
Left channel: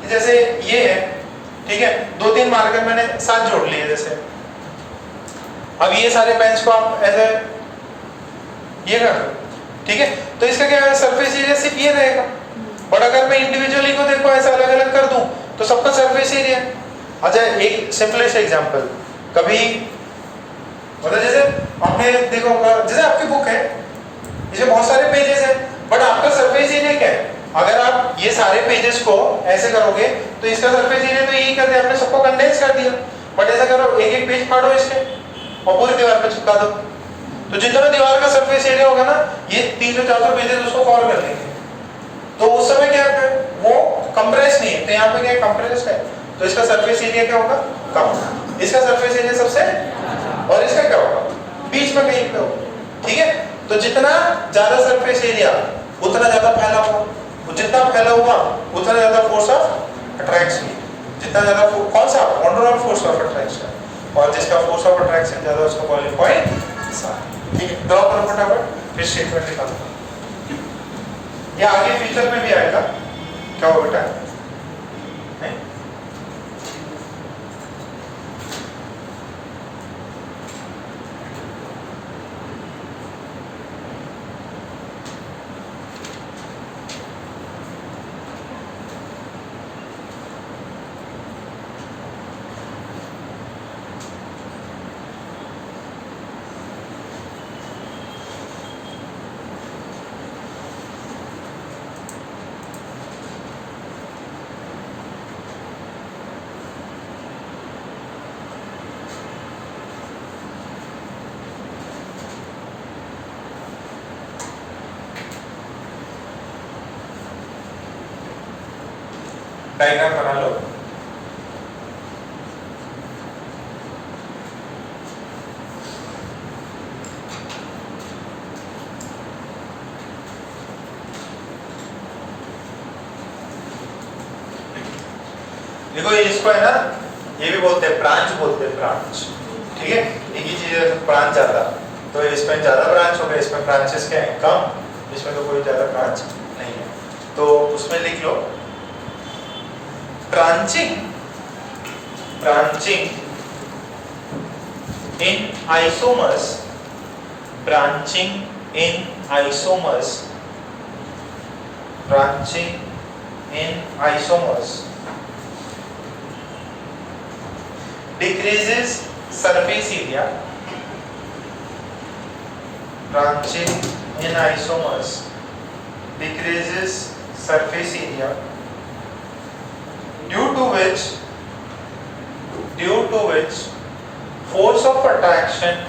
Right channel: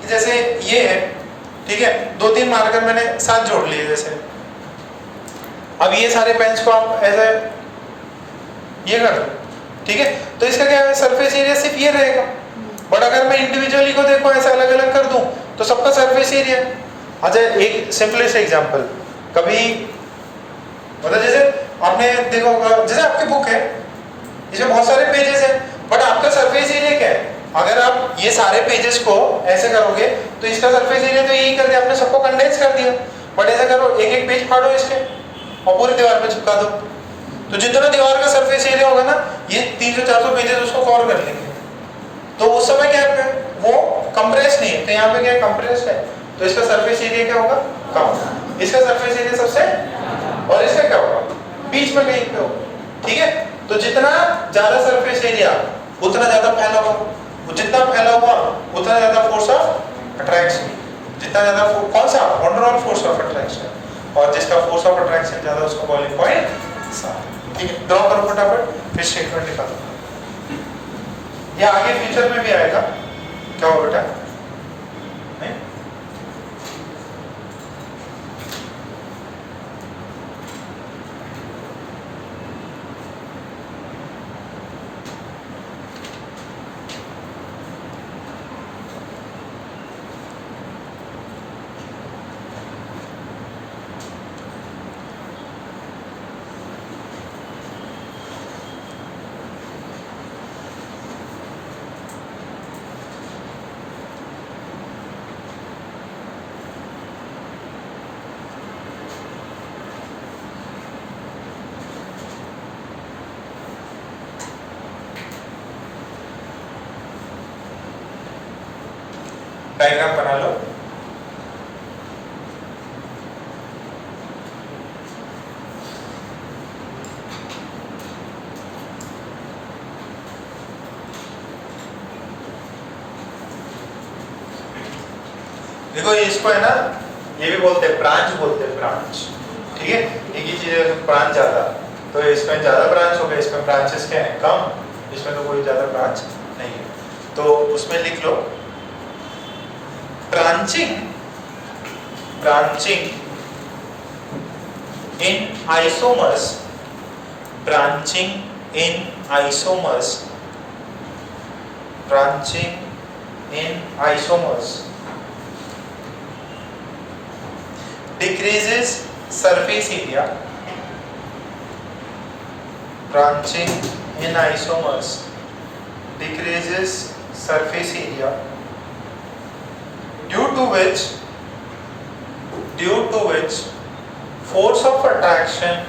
कि जैसे ये है, ठीक है, 2-3 मार्कर मैंने साथ जोड़ लिए। जैसे अब ये सारे पेन्स को आप ऐसे ये कर दो, ठीक है, तो इसका क्या है, सरफेस एरिया सिर्फ ये रहेगा। बट अगर मैं इंडिविजुअली को देखो ऐसे अलग अलग कर दूं तो सबका सरफेस एरिया। अच्छा, एक सिंपलेस्ट एग्जांपल, कभी मतलब जैसे आपने देखा होगा, जैसे आपकी बुक है, इसमें बहुत सारे पेजेस हैं, बट आपका सरफेस एरिया क्या है? अगर आप ये सारे पेजेस को ऐसे करोगे तो इसका सरफेस एरिया तो यही कर दिया आपने, सबको कंडेंस कर दिया। बट ऐसा करो, एक एक पेज फाड़ो इसके और पूरी दीवार पे चिपका दो, तो जितना दीवार का सरफेस एरिया होगा ना, ये 300-400 पेजेस उसको कवर कर लेंगे। तो उस समय क्या है, वो कंप्रेस नहीं है, तो यहाँ पे क्या कंप्रेस्ड है, तो इसका सरफेस एरिया क्या होगा, कम। इसका सरफेस एरिया सबसे, और इसका क्या होगा, बीच में कहीं पे होगा, ठीक है। तो जितना ज्यादा सरफेस एरिया उतना ज्यादा फैला हुआ, जितना फैला हुआ उतना ज्यादा फोर्स ऑफ अट्रैक्शन, जितना ज्यादा कौन सा, वंडरवॉल फोर्स ऑफ अट्रैक्शन, और जिसका फोर्स ऑफ अट्रैक्शन ज्यादा उसका बॉइलिंग पॉइंट, ठीक है। ड्रॉ करो फटाफट, फिर स्टेटमेंट निकालो। ये आगे फ्यूचर में भी आएगा, क्या होगा बेटा? नहीं, डायग्राम बना लो। देखो इसको है ना, ये भी बोलते हैं ब्रांच, बोलते हैं ब्रांच, ठीक है। एक ही चीज ब्रांच ज्यादा, तो इसमें ज्यादा ब्रांच हो गए, इसमें ब्रांचेस क्या है, कम, इसमें तो कोई ज्यादा ब्रांच नहीं है। तो उसमें लिख लो branching in isomers, branching in isomers, branching in isomers decreases surface area, branching in isomers decreases surface area, due to which force of attraction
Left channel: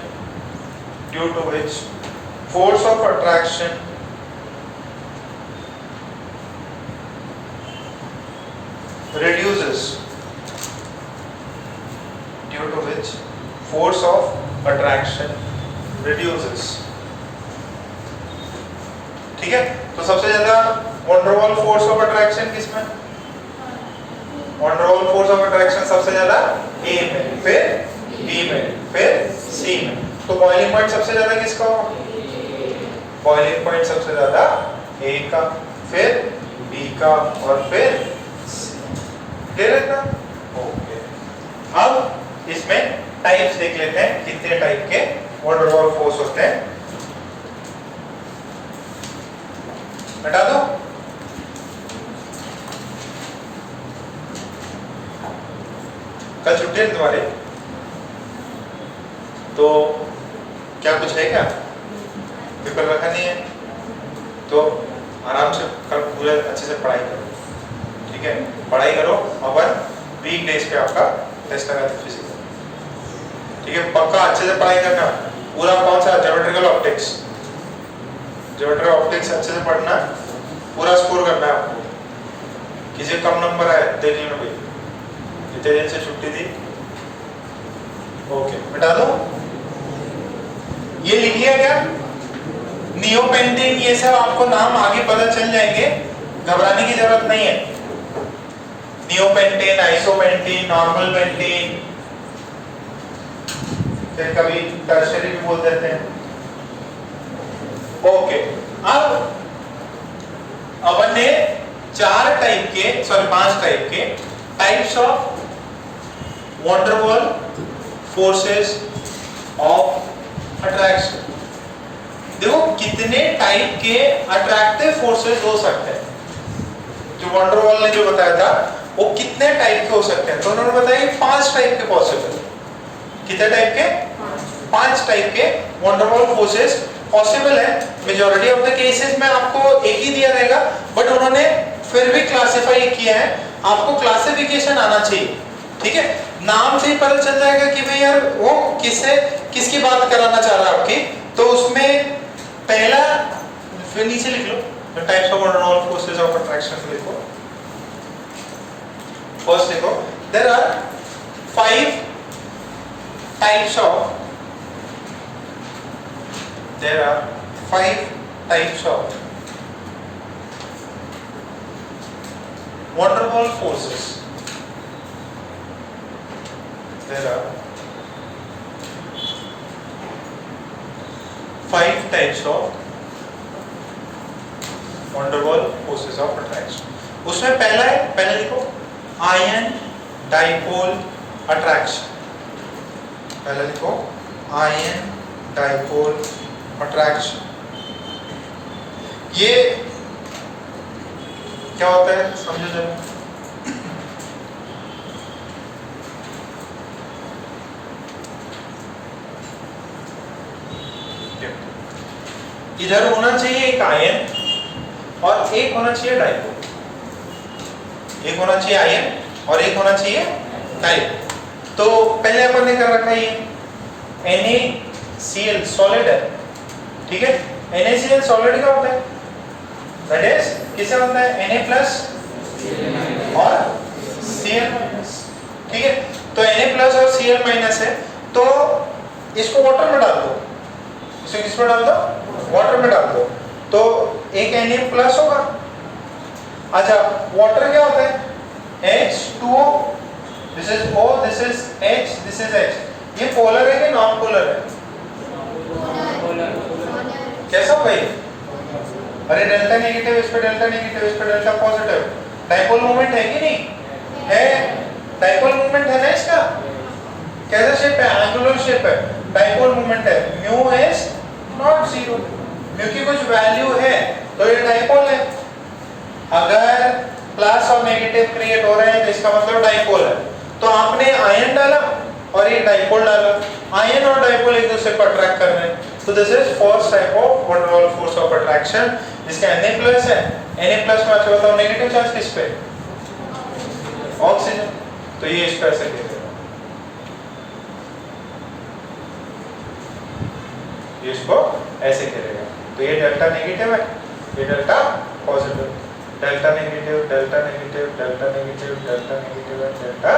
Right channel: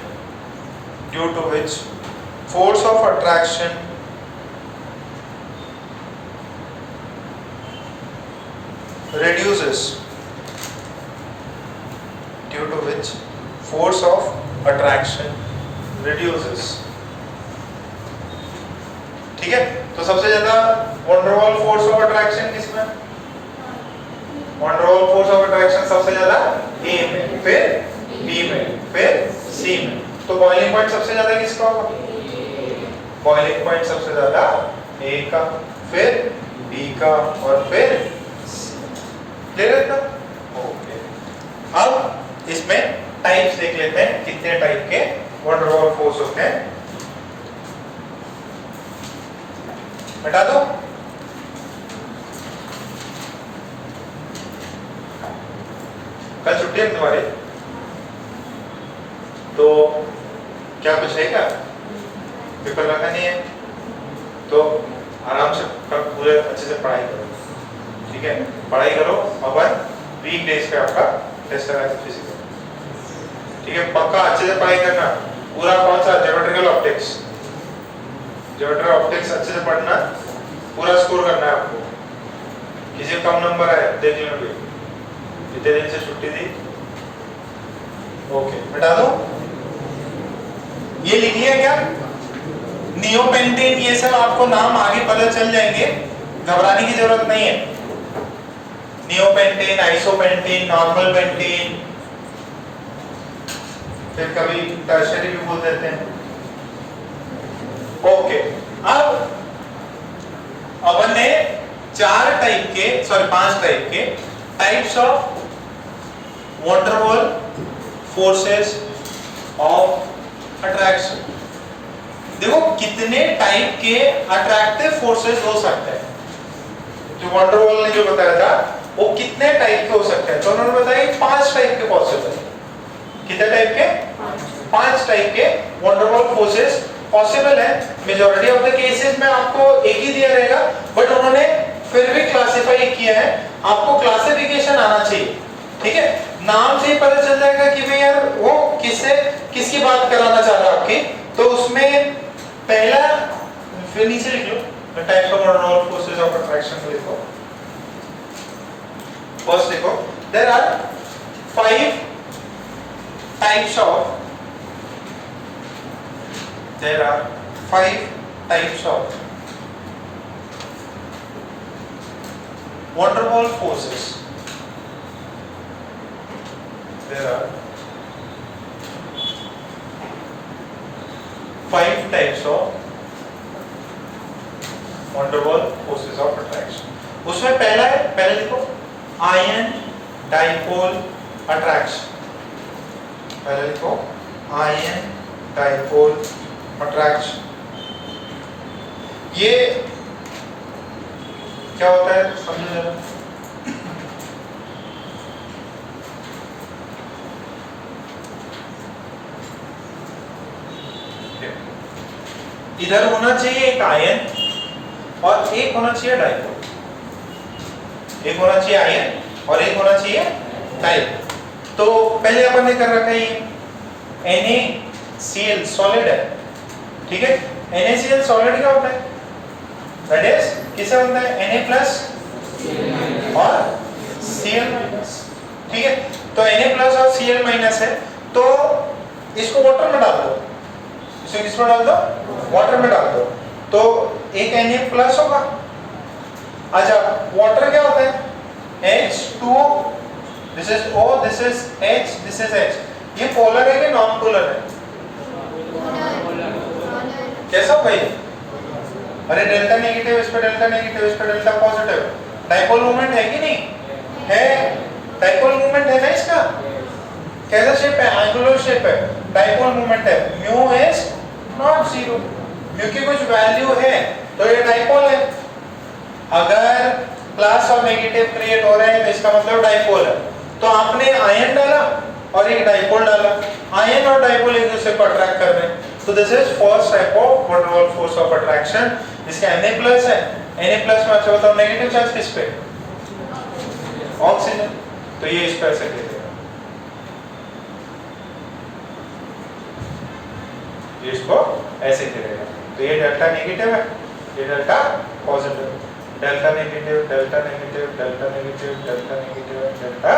reduces, due to which force of attraction reduces, ठीक है। तो सबसे ज्यादा van der Waals force of attraction किसमें, one der Waals force of attraction सबसे ज्यादा ए में, फिर बी में, फिर सी में। तो बॉइलिंग पॉइंट सबसे ज्यादा किसका होगा? बॉइलिंग पॉइंट सबसे ज्यादा ए का, फिर बी का और फिर क्लियर है ना? ओके, अब इसमें टाइप्स देख लेते हैं, कितने टाइप के वन डर वाल फोर्स होते हैं। हटा दो। कल छुट्टी है तुम्हारे, तो क्या कुछ है क्या? पेपर रखा नहीं है तो आराम से कल पूरे अच्छे से पढ़ाई करो, ठीक है? पढ़ाई करो, अपन वीक डेज पे आपका टेस्ट लगा है फिजिकल, ठीक है? पक्का अच्छे से पढ़ाई करना, पूरा कौन सा ज्योमेट्रिकल ऑप्टिक्स, ज्योमेट्रिकल ऑप्टिक्स अच्छे से पढ़ना, पूरा स्कोर करना है आपको। किसी कम नंबर आए देख लेना भाई, कितने दिन से छुट्टी थी। ओके, हटा दो। ये लिख लिया क्या? नियोपेंटेन, ये सब आपको नाम आगे पता चल जाएंगे, घबराने की जरूरत नहीं है। नियोपेंटेन, आइसोपेंटेन, नॉर्मल पेंटेन, फिर कभी टर्शियरी भी बोल देते हैं। ओके, अब अपन ने 4 टाइप के, सॉरी 5 टाइप के types of van der Waals forces of attraction. देखो कितने टाइप के अट्रैक्टिव फोर्सेस हो सकते हैं। जो वन डर वाल ने जो बताया था वो कितने टाइप के हो सकते हैं, तो उन्होंने बताया 5 टाइप के पॉसिबल। कितने टाइप के? 5 टाइप के one der Waals forces possible है। मेजॉरिटी ऑफ द केसेस में आपको एक ही दिया रहेगा, बट उन्होंने फिर भी क्लासिफाई किया है, आपको क्लासिफिकेशन आना चाहिए, ठीक है? नाम से ही पता चल जाएगा कि भाई यार वो किससे किसकी बात कराना चाह रहा है आपकी। तो उसमें पहला, फिर नीचे लिख लो types of van der Waals forces of attraction लिखो। फर्स्ट देखो, there are 5 types of, there are 5 types of van der Waal forces. There are 5 types of van der Waal forces of attraction. उसमें पहला है, पहले देखो, ion dipole attraction. पहले देखो, ion dipole attraction. ये क्या होता है समझो जरा। इधर होना चाहिए एक आयन और एक होना चाहिए डाइपोल। एक होना चाहिए आयन और एक होना चाहिए डाइपोल। तो पहले अपन ने कर रखा है ये NaCl सॉलिड है, ठीक है? NaCl सॉलिड क्या होता है? दैट इज किससे बनता है? Na प्लस और Cl माइनस, ठीक है? तो Na प्लस और Cl माइनस है, तो इसको वाटर में डाल दो। इसको किसमें डाल दो? वाटर में डाल दो, तो एक Na प्लस होगा। अच्छा, वाटर क्या होता है? H2O, this is O, this is H, this is H। ये पोलर है कि नॉन पोलर है? कैसा भाई? अरे डेल्टा नेगेटिव, इस पे डेल्टा नेगेटिव, इस पे डेल्टा पॉजिटिव। डाइपोल मोमेंट है कि नहीं है? डाइपोल मोमेंट है ना इसका? कैसा शेप है? एंगुलर शेप है, डाइपोल मोमेंट है। म्यू इज नॉट 0, म्यू की कुछ वैल्यू है तो ये डाइपोल है। अगर प्लस और नेगेटिव क्रिएट हो रहे हैं तो इसका मतलब डाइपोल है। तो आपने आयन डाला और एक डाइपोल डाला, आयन और डाइपोल एक दूसरे को अट्रैक्ट कर रहे हैं। तो this is first type of van der Waals force of attraction, जिसका Na प्लस है। Na प्लस में अच्छा बताओ नेगेटिव चार्ज किस पे? ऑक्सीजन। तो ये इस पर से दे देगा, इसको ऐसे करेगा। तो ये डेल्टा नेगेटिव है, ये delta positive. Delta negative, delta negative, delta negative, delta negative, delta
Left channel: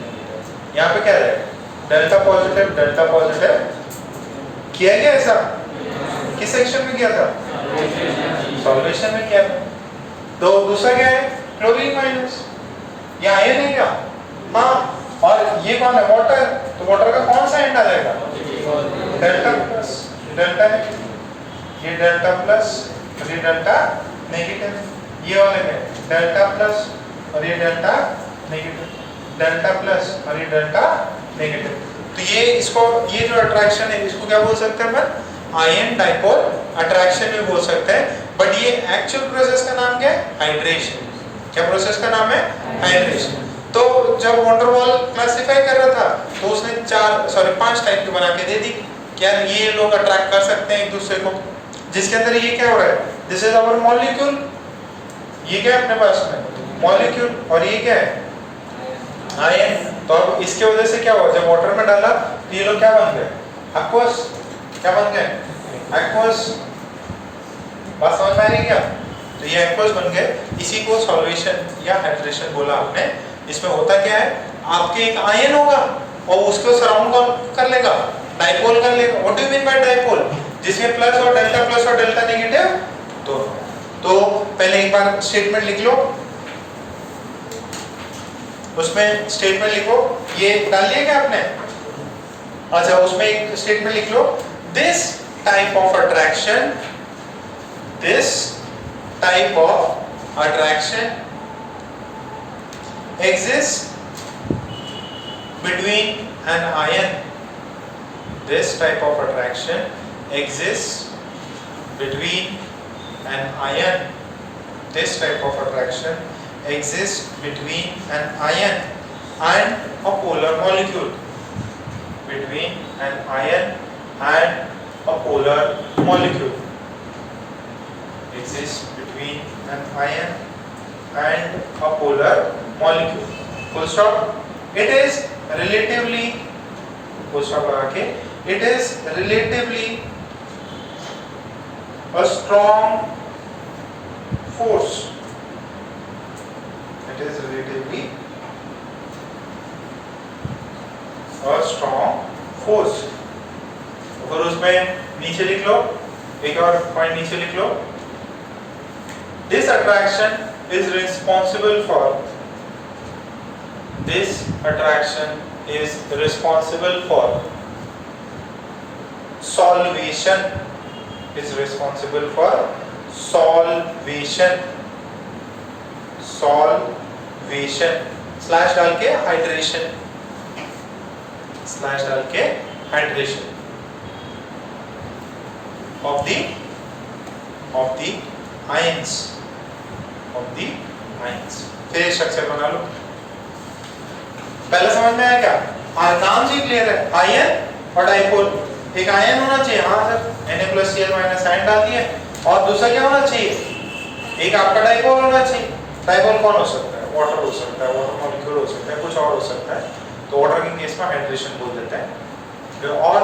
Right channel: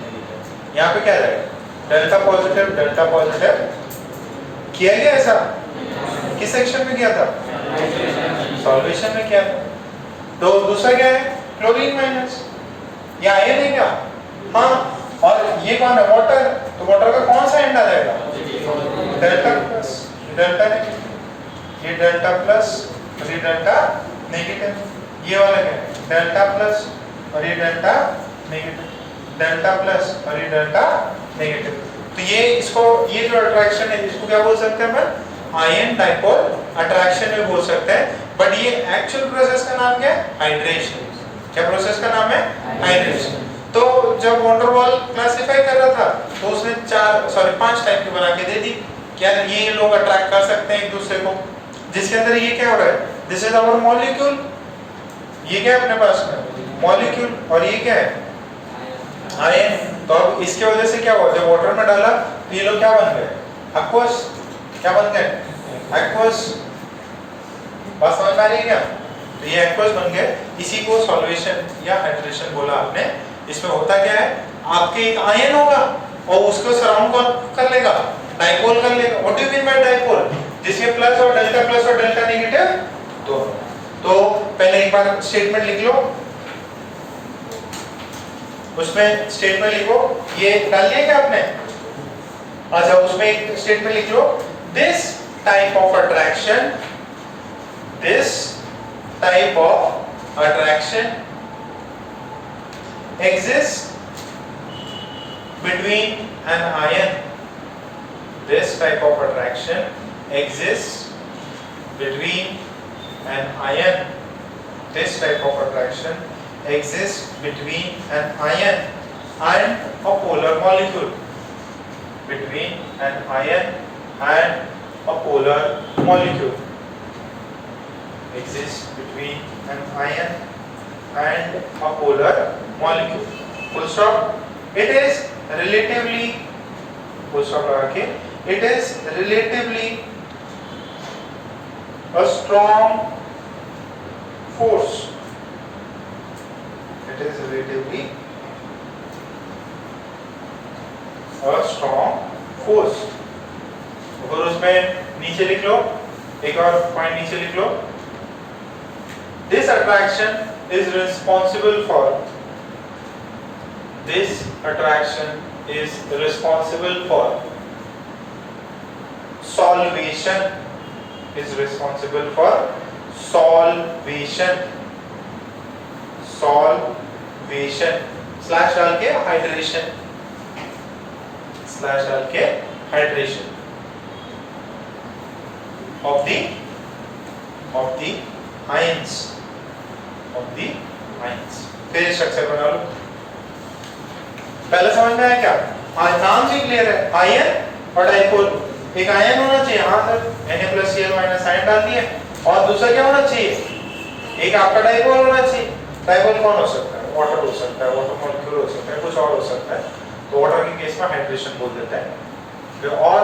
negative. यहाँ पे क्या रहेगा? Delta positive, delta positive. किया गया ऐसा? किस सेक्शन में किया था? सॉल्वेशन में किया था। तो दूसरा क्या है? Chlorine minus. ये आयन है क्या? हाँ। और ये कौन है? वाटर। तो वाटर का कौन सा एंड आ जाएगा? Delta plus. डेल्टा नेगेटिव, ये डेल्टा प्लस और ये डेल्टा नेगेटिव। ये वाला क्या है? डेल्टा प्लस और ये डेल्टा नेगेटिव। डेल्टा प्लस और ये डेल्टा नेगेटिव। तो ये इसको, ये जो अट्रैक्शन है इसको क्या बोल सकते हैं अपन? आयन डाइपोल अट्रैक्शन में बोल सकते हैं। बट ये एक्चुअल प्रोसेस का नाम क्या है? हाइड्रेशन। क्या प्रोसेस का नाम है? हाइड्रेशन। तो जब वंडरवॉल क्लासिफाई कर रहा था तो उसने 5 टाइप के बना के दे दी। क्या ये लोग अट्रैक्ट कर सकते हैं एक दूसरे को? जिसके अंदर ये क्या हो रहा है? This is our molecule. ये क्या है अपने पास में? मॉलिक्यूल। और ये क्या है? आयन। तो अब इसके वजह से क्या हुआ? जब वाटर में डाला तो ये लोग क्या बन गए? एक्वस। क्या बन गए? एक्वस। बात समझ में आ रही है क्या? तो ये एक्वस बन गए। इसी को सॉल्वेशन या हाइड्रेशन बोला आपने। इसमें होता क्या है? आपके एक आयन होगा और उसको सराउंड कौन कर लेगा? डाइपोल कर लेगा। What do you mean by dipole? जिसमें प्लस और डेल्टा नेगेटिव दोनों। तो पहले एक बार स्टेटमेंट लिख लो, उसमें स्टेटमेंट लिखो। ये डाल लिया क्या आपने? अच्छा, उसमें एक स्टेटमेंट लिख लो, this type of attraction, this type of attraction exists between an ion. This type of attraction exists between an ion. This type of attraction exists between an ion and a polar molecule. Between an ion and a polar molecule. Exists between an ion and a polar molecule. Full stop. It is relatively, full stop लगा के, it is relatively a strong force. It is relatively a strong force. और उसमें नीचे लिख लो, एक और point नीचे लिख लो, this attraction is responsible for, this attraction is responsible for solvation, is responsible for solvation, solvation, slash डाल के हाइड्रेशन, स्लैश डाल के hydration of the ions, of the ions। फिर स्ट्रक्चर बना लो। पहले समझ में आया क्या? नाम से क्लियर है, आयन और डाइपोल। एक आयन होना चाहिए, हाँ सर, Na+Cl- आयन डाल दिए। और दूसरा क्या होना चाहिए? एक आपका डाइपोल होना चाहिए। डाइपोल कौन हो सकता है? वाटर हो सकता है, वाटर मॉलिक्यूल हो सकता है, कुछ और हो सकता है। तो वाटर के केस में हाइड्रेशन बोल देते हैं। जो और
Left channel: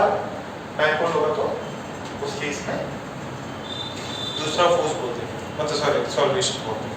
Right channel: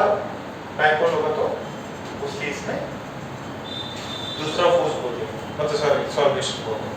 डाइपोल होगा तो उस केस में दूसरा फोर्स बोलते हैं, मतलब सॉरी सॉल्वेशन बोलते हैं।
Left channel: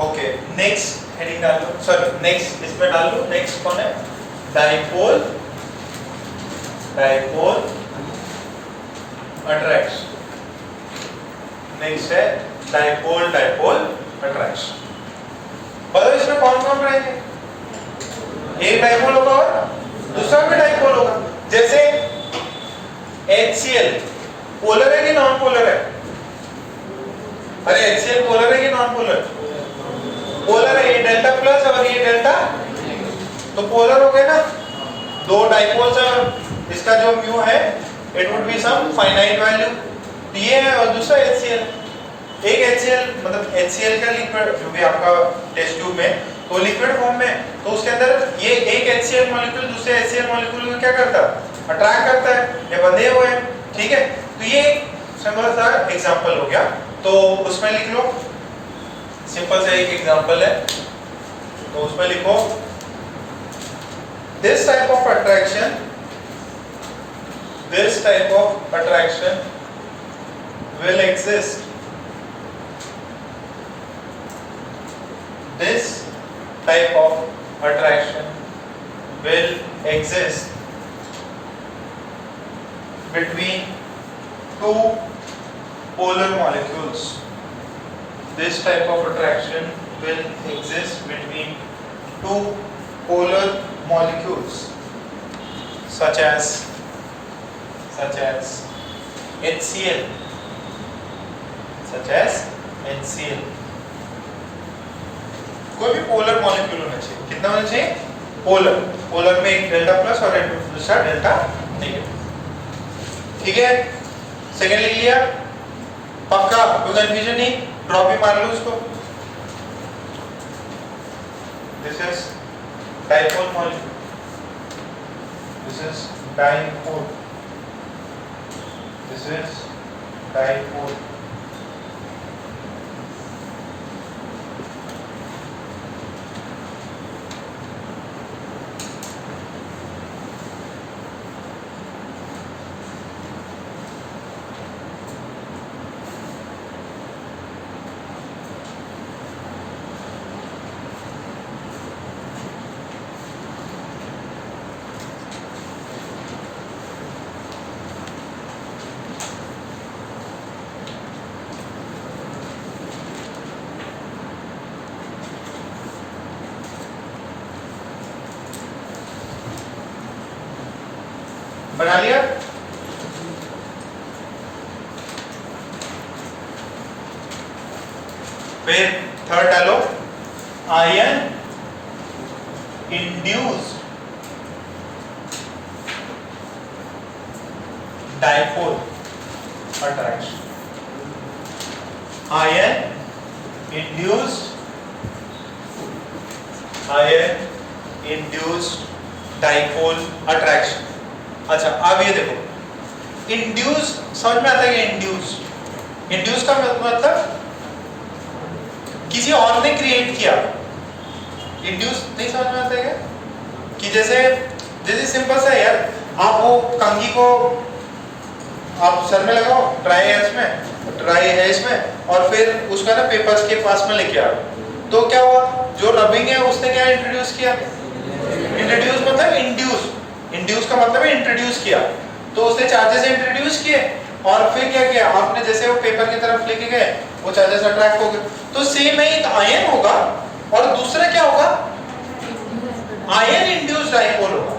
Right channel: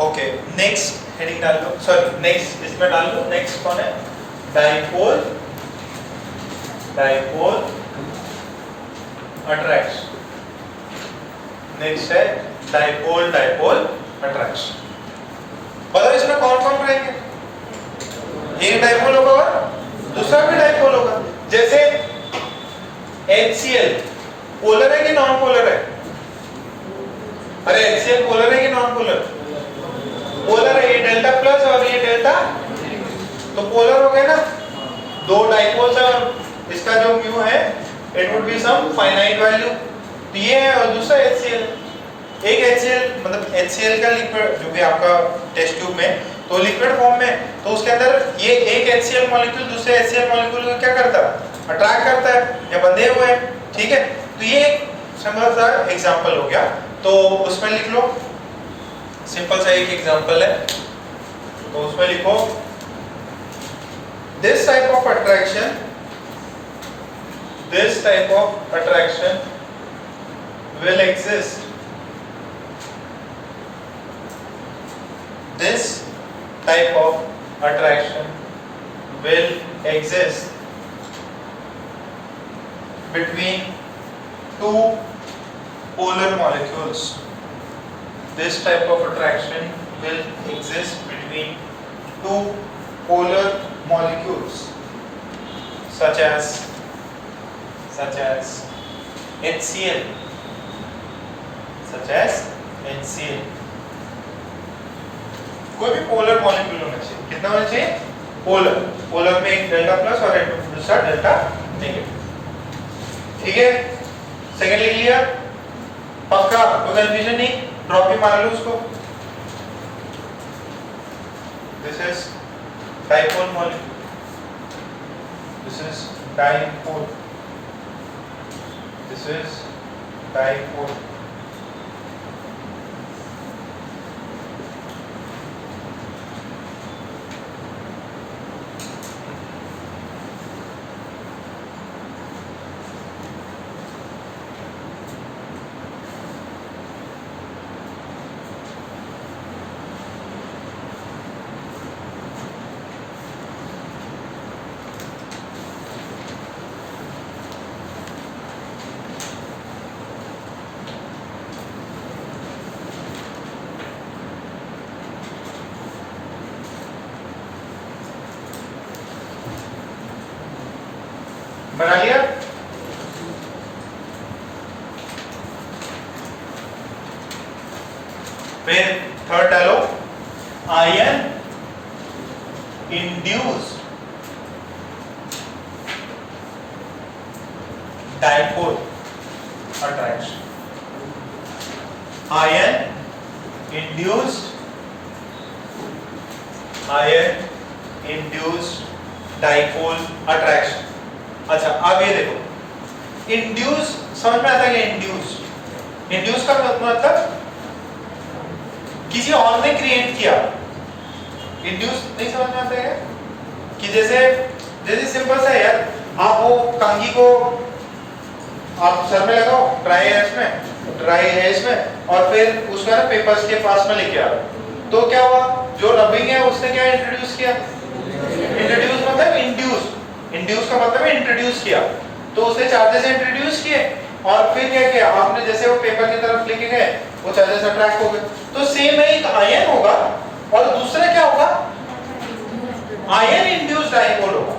ओके, नेक्स्ट हेडिंग डाल लो, सॉरी नेक्स्ट इसमें डाल लो। नेक्स्ट कौन है? Dipole, dipole attraction. नेक्स्ट है डाइपोल, डाइपोल अट्रैक्शन। बताओ इसमें कौन कौन रहेंगे? एक डाइपोल होगा और दूसरा भी डाइपोल होगा। जैसे HCl पोलर है कि नॉन पोलर है? अरे HCl पोलर है कि नॉन पोलर? पोलर है। ये डेल्टा प्लस और ये डेल्टा, तो पोलर हो गए ना। दो डाइपोल्स है, इसका जो म्यू है it would be some finite value, ये है, और दूसरा HCl। एक HCl मतलब HCl का लिक्विड जो भी आपका टेस्ट ट्यूब में तो लिक्विड फॉर्म में, तो उसके अंदर ये एक HCl मॉलिक्यूल दूसरे HCl मॉलिक्यूल को क्या करता है? अट्रैक्ट करता है, ये बंधे हुए हैं, ठीक है। तो ये सिंपल सा एग्जांपल हो गया, तो उसमें लिख लो, सिंपल सा एक एग्जांपल है, तो उसमें लिखो this type of attraction, this type of attraction will exist, this type of attraction will exist between two polar molecules. This type of attraction will exist between two polar molecules such as HCl, such as HCl। कोई भी polar molecule होना चाहिए। कितना होना चाहिए? Polar. Polar में एक delta plus और एक दूसरा डेल्टा नेगेटिव, ठीक है। सेकंड लिख लिया, पक्का, कोई कंफ्यूजन नहीं, ड्रॉप ही मार लो इसको। This is dipole molecule, this is dipole, this is dipole। बना लिया? फिर थर्ड डालो, ion induced dipole attraction, ion induced dipole attraction. अच्छा, अब ये देखो, इंड्यूस समझ में आता है? इंड्यूस का मतलब किसी और ने क्रिएट किया। इंड्यूस नहीं समझ में आता है कि जैसे सिंपल सा यार, आप वो कंघी को आप सर में लगाओ, ड्राई है इसमें, और फिर उसका ना पेपर्स के पास में लेके आओ, तो क्या हुआ? जो रबिंग है उसने क्या इंट्रोड्यूस किया? इंट्रोड्यूस मतलब इंड्यूस का मतलब है इंट्रोड्यूस किया, तो उसने चार्जेस इंट्रोड्यूस किए, और फिर क्या किया आपने? जैसे वो पेपर की तरफ लेके गए, वो चार्जेस अट्रैक्ट हो गए। तो सेम है, एक आयन होगा और दूसरा क्या होगा? आयन इंड्यूस्ड डाइपोल होगा।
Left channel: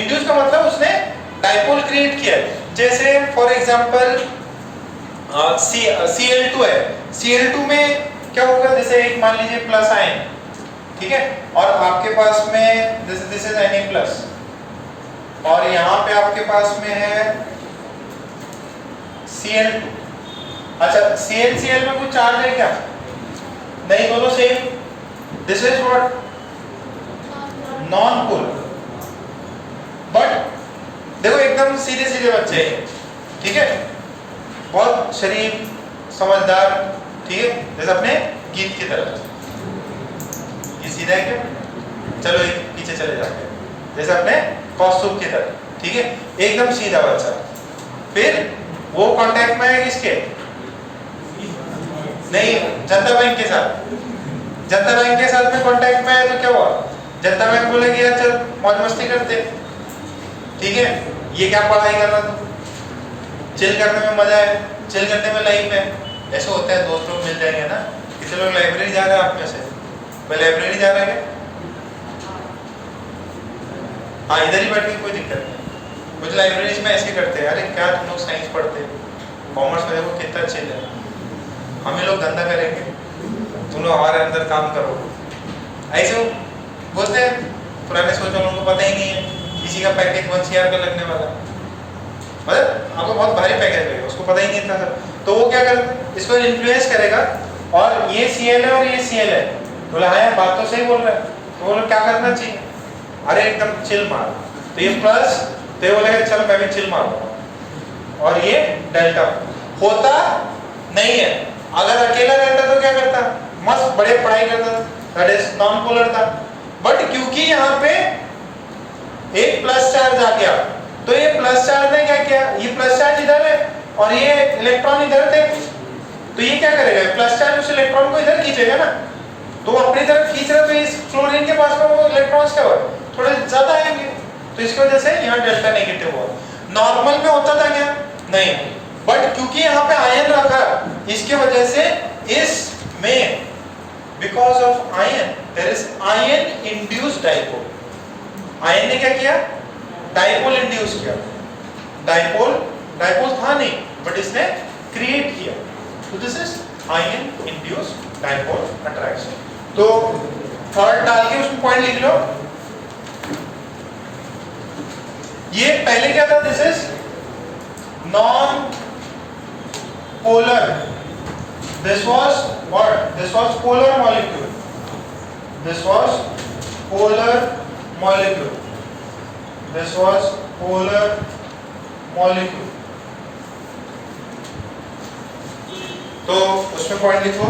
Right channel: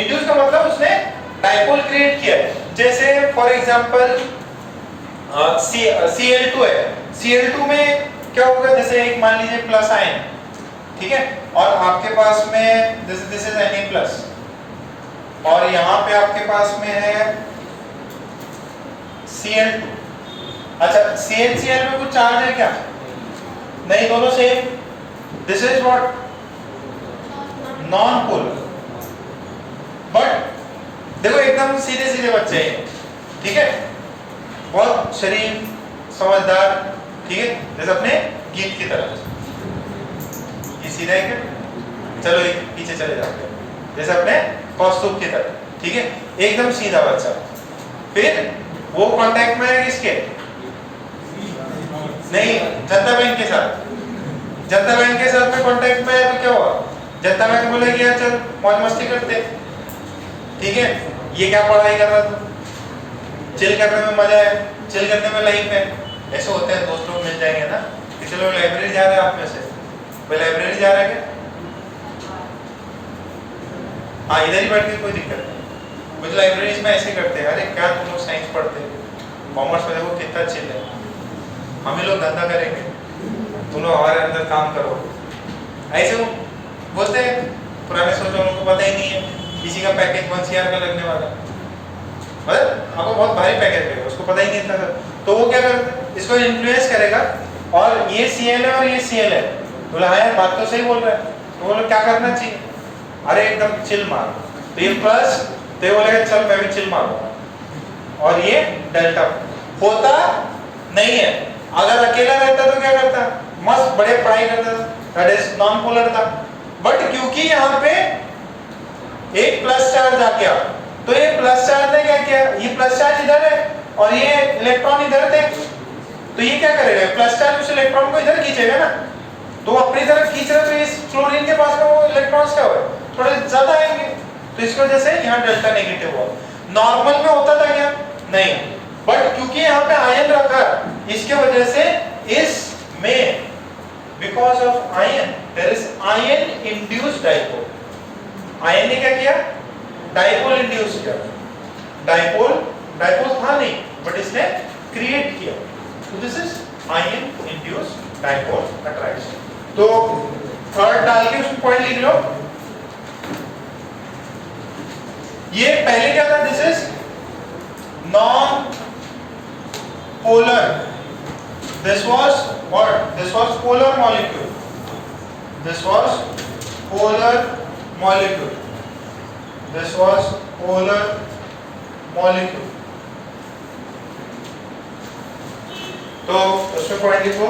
इंड्यूस का मतलब उसने डाइपोल क्रिएट किया है। जैसे फॉर एग्जांपल Cl2 है, Cl2 में क्या होगा? जैसे एक मान लीजिए प्लस आयन, ठीक है, और आपके पास में दिस इज Na प्लस, और यहाँ पे आपके पास में है Cl2। अच्छा, CnCl में कुछ चार्ज है क्या? नहीं, दोनों same. This is what? Non polar. But देखो एकदम सीधे सीधे बच्चे हैं, ठीक है, बहुत शरीफ समझदार, ठीक है, जैसे अपने गीत की तरह। ये सीधा है क्या? चलो ये पीछे चले जाते हैं, जैसे अपने कौस्तुभ की तरह, ठीक है, एकदम सीधा बच्चा। फिर वो कांटेक्ट में है किसके? नहीं, जनता बैंक के साथ, जनता बैंक के साथ में कांटेक्ट में है तो क्या हुआ, जनता बैंक बोलेगी यार चल मौज मस्ती करते, ठीक है, ये क्या पढ़ाई कर रहा तू, चिल करने में मजा है, चिल करने में लाइफ है। ऐसे होते हैं, दोस्त लोग मिल जाएंगे ना, कितने लोग लाइब्रेरी जा रहे हैं आप में से, मैं लाइब्रेरी जा रहा है क्या? हाँ इधर ही बैठ के कोई दिक्कत नहीं, कुछ लाइब्रेरीज में ऐसे करते हैं, अरे क्या तुम लोग साइंस पढ़ते हो, कॉमर्स में देखो कितना चिल है, हम ही लोग धंधा करेंगे, तुम लोग हमारे अंदर काम करो, ऐसे वो बोलते हैं। पुराने सोच वालों को पता ही नहीं है किसी का पैकेज 1 CR का लगने वाला, मतलब आपको बहुत भारी पैकेज है, उसको पता ही नहीं था सर, तो वो क्या कर इसको इन्फ्लुएंस करेगा, और ये CL है और ये CL है, बोला हाँ यार बात तो सही बोल रहा है, तो बोलो क्या करना चाहिए, अरे एकदम चिल मार, तो ये प्लस, तो ये बोलेगा चल मैं भी चिल मारूंगा, और ये डेल्टा होता नहीं है। अगर अकेला रहता तो क्या करता, मस्त बड़े पढ़ाई करता, दैट इज नॉन पोलर था, बट क्योंकि यहाँ पे एक प्लस चार्ज आ गया, तो ये प्लस चार्ज ने क्या किया, ये प्लस चार्ज इधर है और ये इलेक्ट्रॉन इधर थे, तो ये क्या करेगा, प्लस चार्ज उस इलेक्ट्रॉन को इधर खींचेगा ना, तो अपनी तरफ खींच रहा, तो इस क्लोरीन के पास में वो इलेक्ट्रॉन्स क्या हुआ थोड़े ज्यादा आएंगे, तो इसकी वजह से यहाँ डेल्टा नेगेटिव हुआ। नॉर्मल में होता था क्या, नहीं, बट क्योंकि यहाँ पे आयन रखा, इसके वजह से इसमें because of ion there is ion induced dipole, ion ने क्या किया, डाइपोल इंड्यूस किया, डाइपोल था नहीं बट इसने क्रिएट किया, तो this is ion induced dipole attraction. तो थर्ड डाल के उसमें पॉइंट लिख लो, ये पहले क्या था, this is non polar, this was what, this was polar molecule, this was polar molecule, this was polar molecule, तो उसमें पॉइंट लिखो,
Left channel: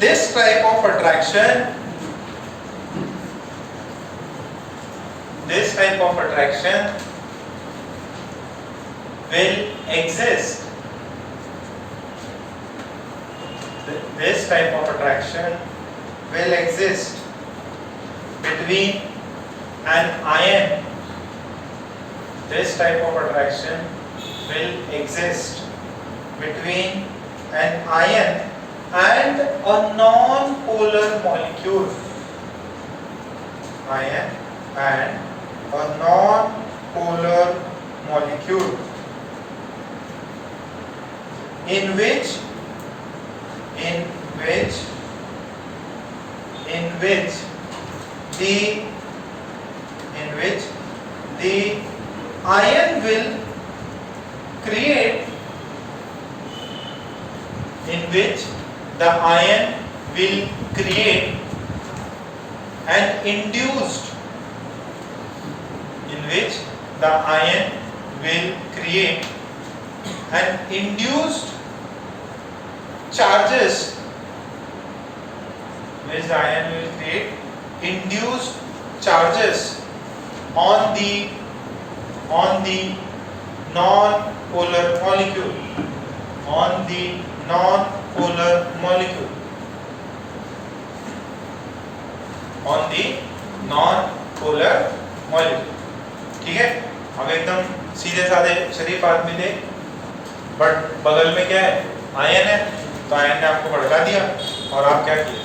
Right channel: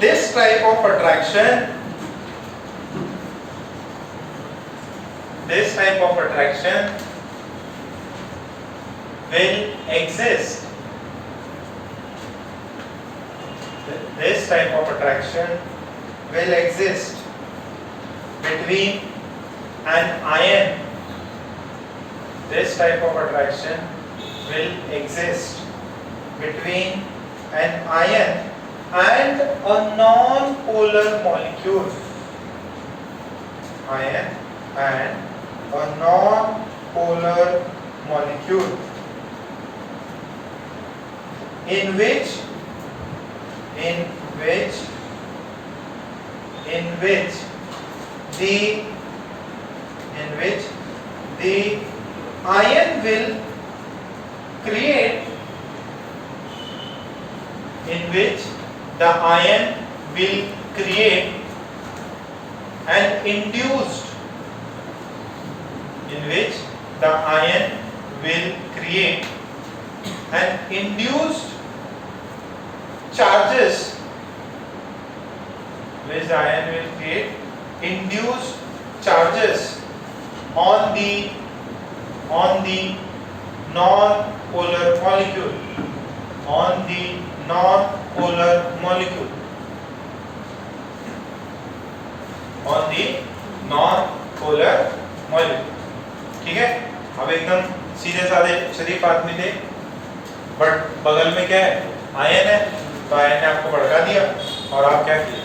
this type of attraction, this type of attraction will exist, this type of attraction will exist between an ion, this type of attraction will exist between an ion and a non-polar molecule, ion and a non-polar molecule in which the ion will create, in which the ion will create an induced, in which the ion will create an induced charges, which the ion will create induced charges on the non-polar molecule, on the non-polar molecule, on the non-polar molecule। ठीक है, अब एकदम सीधे साधे शरीफ आदमी थे, but बगल में क्या है, आयन है, तो आयन ने आपको भड़का दिया और आप क्या किए,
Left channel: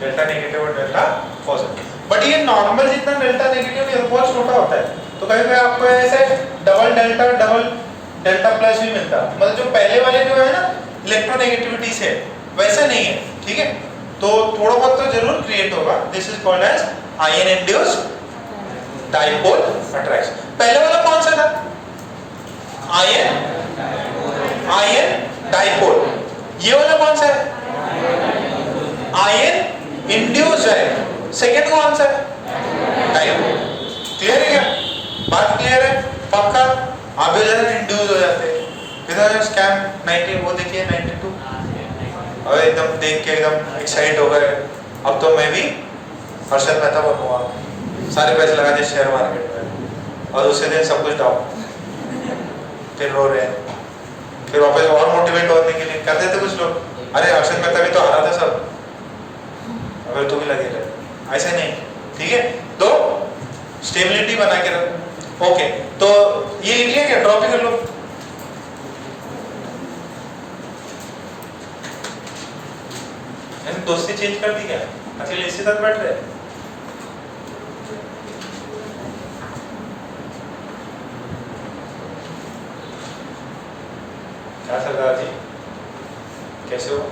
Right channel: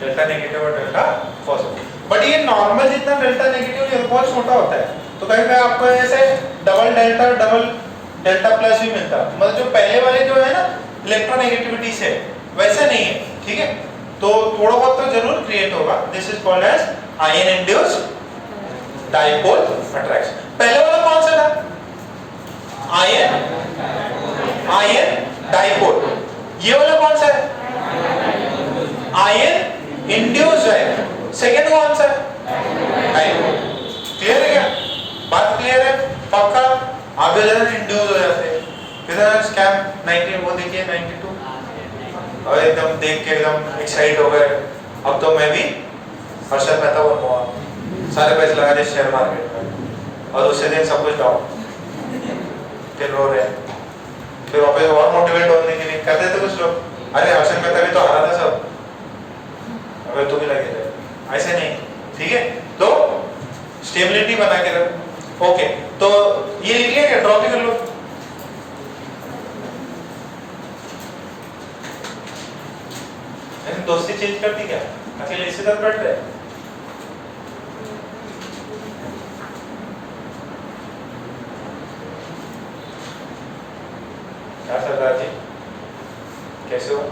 डेल्टा नेगेटिव और डेल्टा पॉजिटिव। बट ये नॉर्मल जितना डेल्टा नेगेटिव है बहुत छोटा होता है, तो कहीं पे आपको ऐसे डबल डेल्टा प्लस भी मिलता है, मतलब जो पहले वाले जो है ना इलेक्ट्रोनेगेटिविटी से वैसे नहीं है, ठीक है, तो थोड़ा बहुत तो जरूर क्रिएट होगा। This is called as ion induced dipole attraction. पहले वाला कौन सा था, आयन डाइपोल, ये वाला कौन सा है, आयन इंड्यूस्ड है, सेकंड कौन सा है, डाइपोल। क्लियर है क्या, बात क्लियर है, पक्का। आप भी जरा इंड्यूस हो जाते हैं, किधर स्कैम 19 वो देखिए 92, अब एकदम देख के एकदम एक्साइट हो गए, अब तो मैं भी हर्षद मेहता बनूंगा, सारे पैसे लगा दिए शेयर मार्केट में, और उसे दिन सब कुछ डाउन, फिर रो रहे, फिर वापस और मोटिवेट होने के लिए करते थे कुछ लोग, अरे हर्षद मेहता भी तो हारा था सब, कुर्सी चेंज कर दी क्या? अकेले इसी साथ बैठ रहे? क्या सरदार जी, कैसे हो?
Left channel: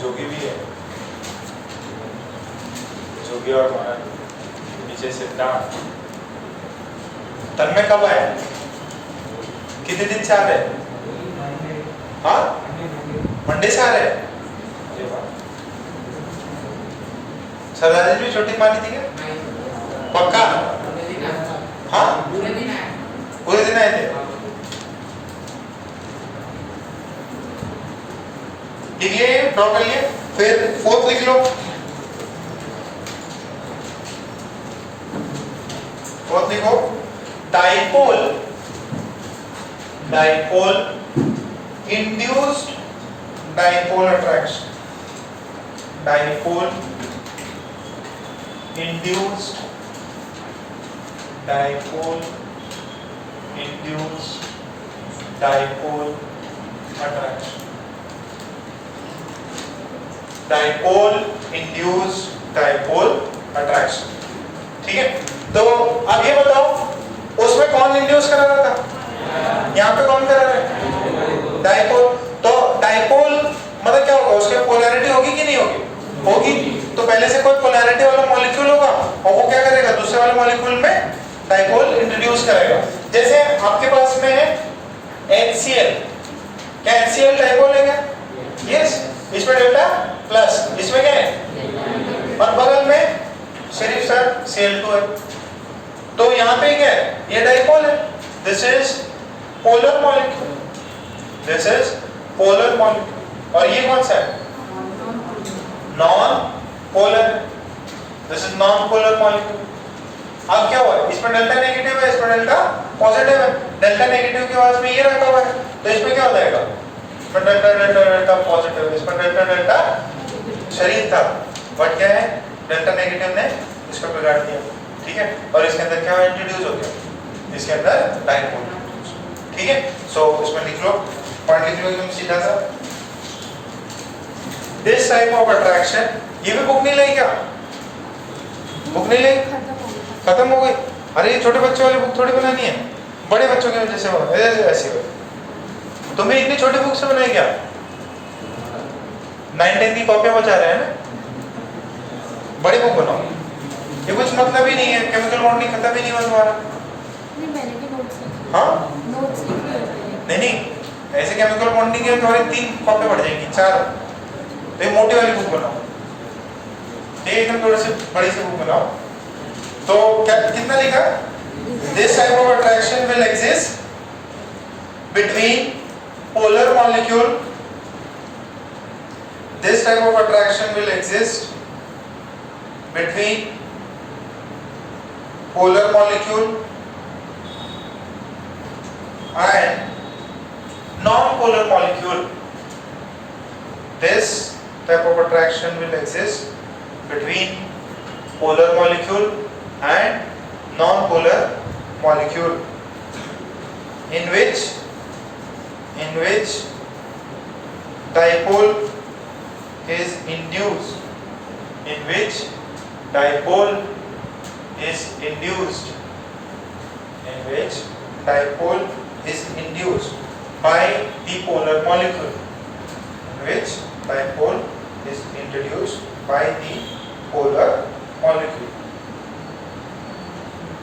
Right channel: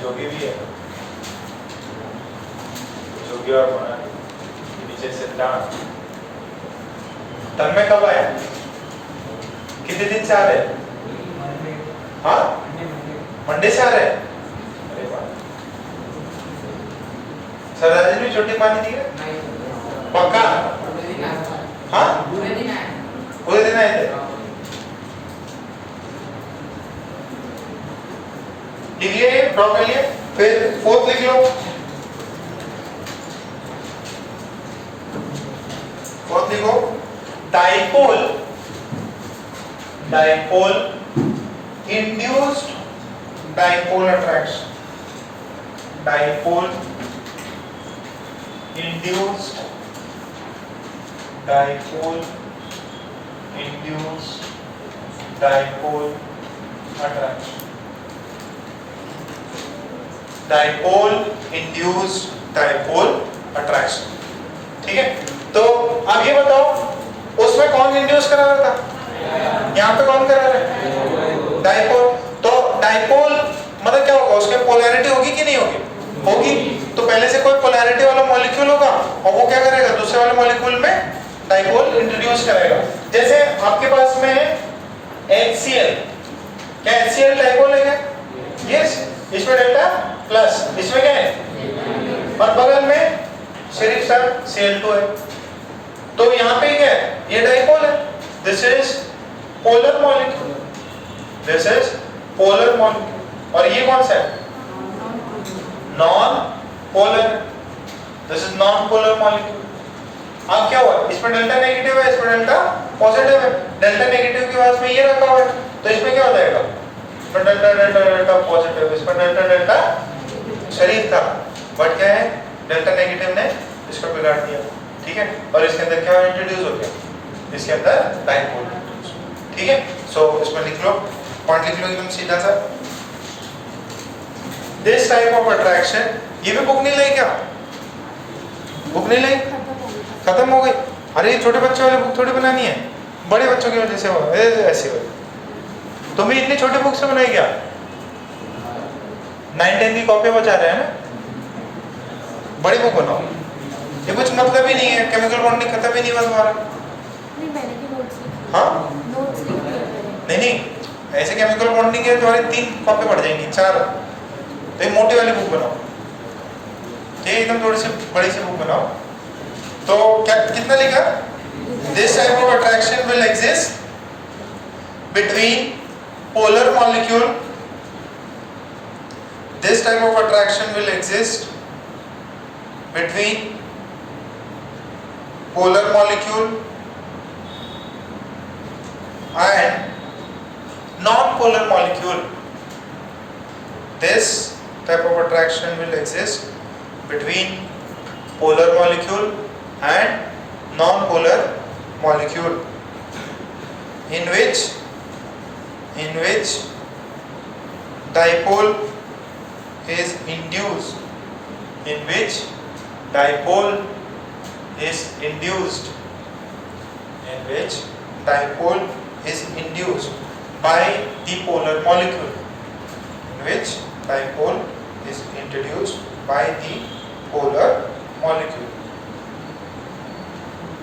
जोगी भी है, जोगी और माना नीचे से दांत। तन में कब आया? कितने दिन से आ रहे? हाँ, मंडे से आ रहे? अरे वाह, सरदार जी भी छोटी मानी थी क्या? पक्का? हाँ, पूरे दिन आए थे। लिखिए, ड्रॉ कर लिए, फिर फोर्थ लिख लो। फोर्थ लिखो, dipole induced dipole attraction, dipole induced dipole attraction, dipole induced dipole attraction. ठीक है, तो अब ये बताओ उसमें कौन इंड्यूस करा रहा था? यहाँ पे कौन करा रहा है? डाइपोल। तो डाइपोल मतलब क्या होगा? उसमें पोलैरिटी होगी कि नहीं होगी? होगी। तो पहले से कोई पोलैरिटी वाला मॉलिक्यूल होगा और वो क्या करेगा? दूसरे वाले मॉलिक्यूल में डाइपोल इंट्रोड्यूस करेगा। जैसे आपके पास में है HCl, क्या HCl डाइपोल है क्या? यस, इसमें डेल्टा प्लस, इसमें क्या है? और बगल में सिर्फ सर Cl2 है। तो यहाँ पे क्या है? ये डाइपोल है। This is polar molecule, this is polar molecule. और ये कौन सा है? Non polar, this is non polar molecule. अब क्या हुआ? इसमें डेल्टा नेगेटिव है, इसमें डेल्टा पॉजिटिव है। डेल्टा नेगेटिव के बाद में ये रखा हुआ है, तो इसमें क्या हो जाएगा? इसमें डेल्टा डेल्टा डेल्टा पॉजिटिव, इसमें डेल्टा डेल्टा शरीर था, बट क्या है? डेल्टा नेगेटिव ने इसको बिगाड़ दिया। ठीक है, और इसके अंदर क्या इंट्रोड्यूस हो गया? इसके अंदर डाइपोल। ठीक है, सो इसमें लिख लो, पॉइंट लिख लो एकदम सीधा सा। दिस टाइप ऑफ अट्रैक्शन, ये भी बुक नहीं लाई क्या? बुक नहीं लाई? खत्म हो गई। अरे ये छोटे बच्चों वाली बुक थोड़ी बनानी है, बड़े बच्चों की वजह से ऐसे हो। तुम्हें इतनी छोटी बुक से बनाई क्या? 9-10 की कॉपी बचा रहे हैं ना, बड़ी बुक बनाओ। ये कुछ मतलब ही नहीं है, केमिकल बॉन्डिंग खत्म ही नहीं हुआ तुम्हारा। नहीं, मैंने के नोट्स लिखे। हाँ, नोट्स लिखे हैं मैंने। नहीं, ऐसे केमिकल बॉन्डिंग है तुम्हारे 3 कॉपी बढ़ जाएंगी, 4। तो ये मोटी वाली बुक बनाओ, ठीक है, एकदम थोड़ी सी बड़ी सी बुक बनाओ। तो क्या कितना लिखा? This type of attraction will exist between polar molecule, this type of attraction will exist between polar molecule and non-polar molecule. This type of attraction will exist between polar molecule and non-polar molecule, in which dipole is induced, in which dipole is induced, in which dipole is induced by the polar molecule, in which dipole is introduced by the polar molecule.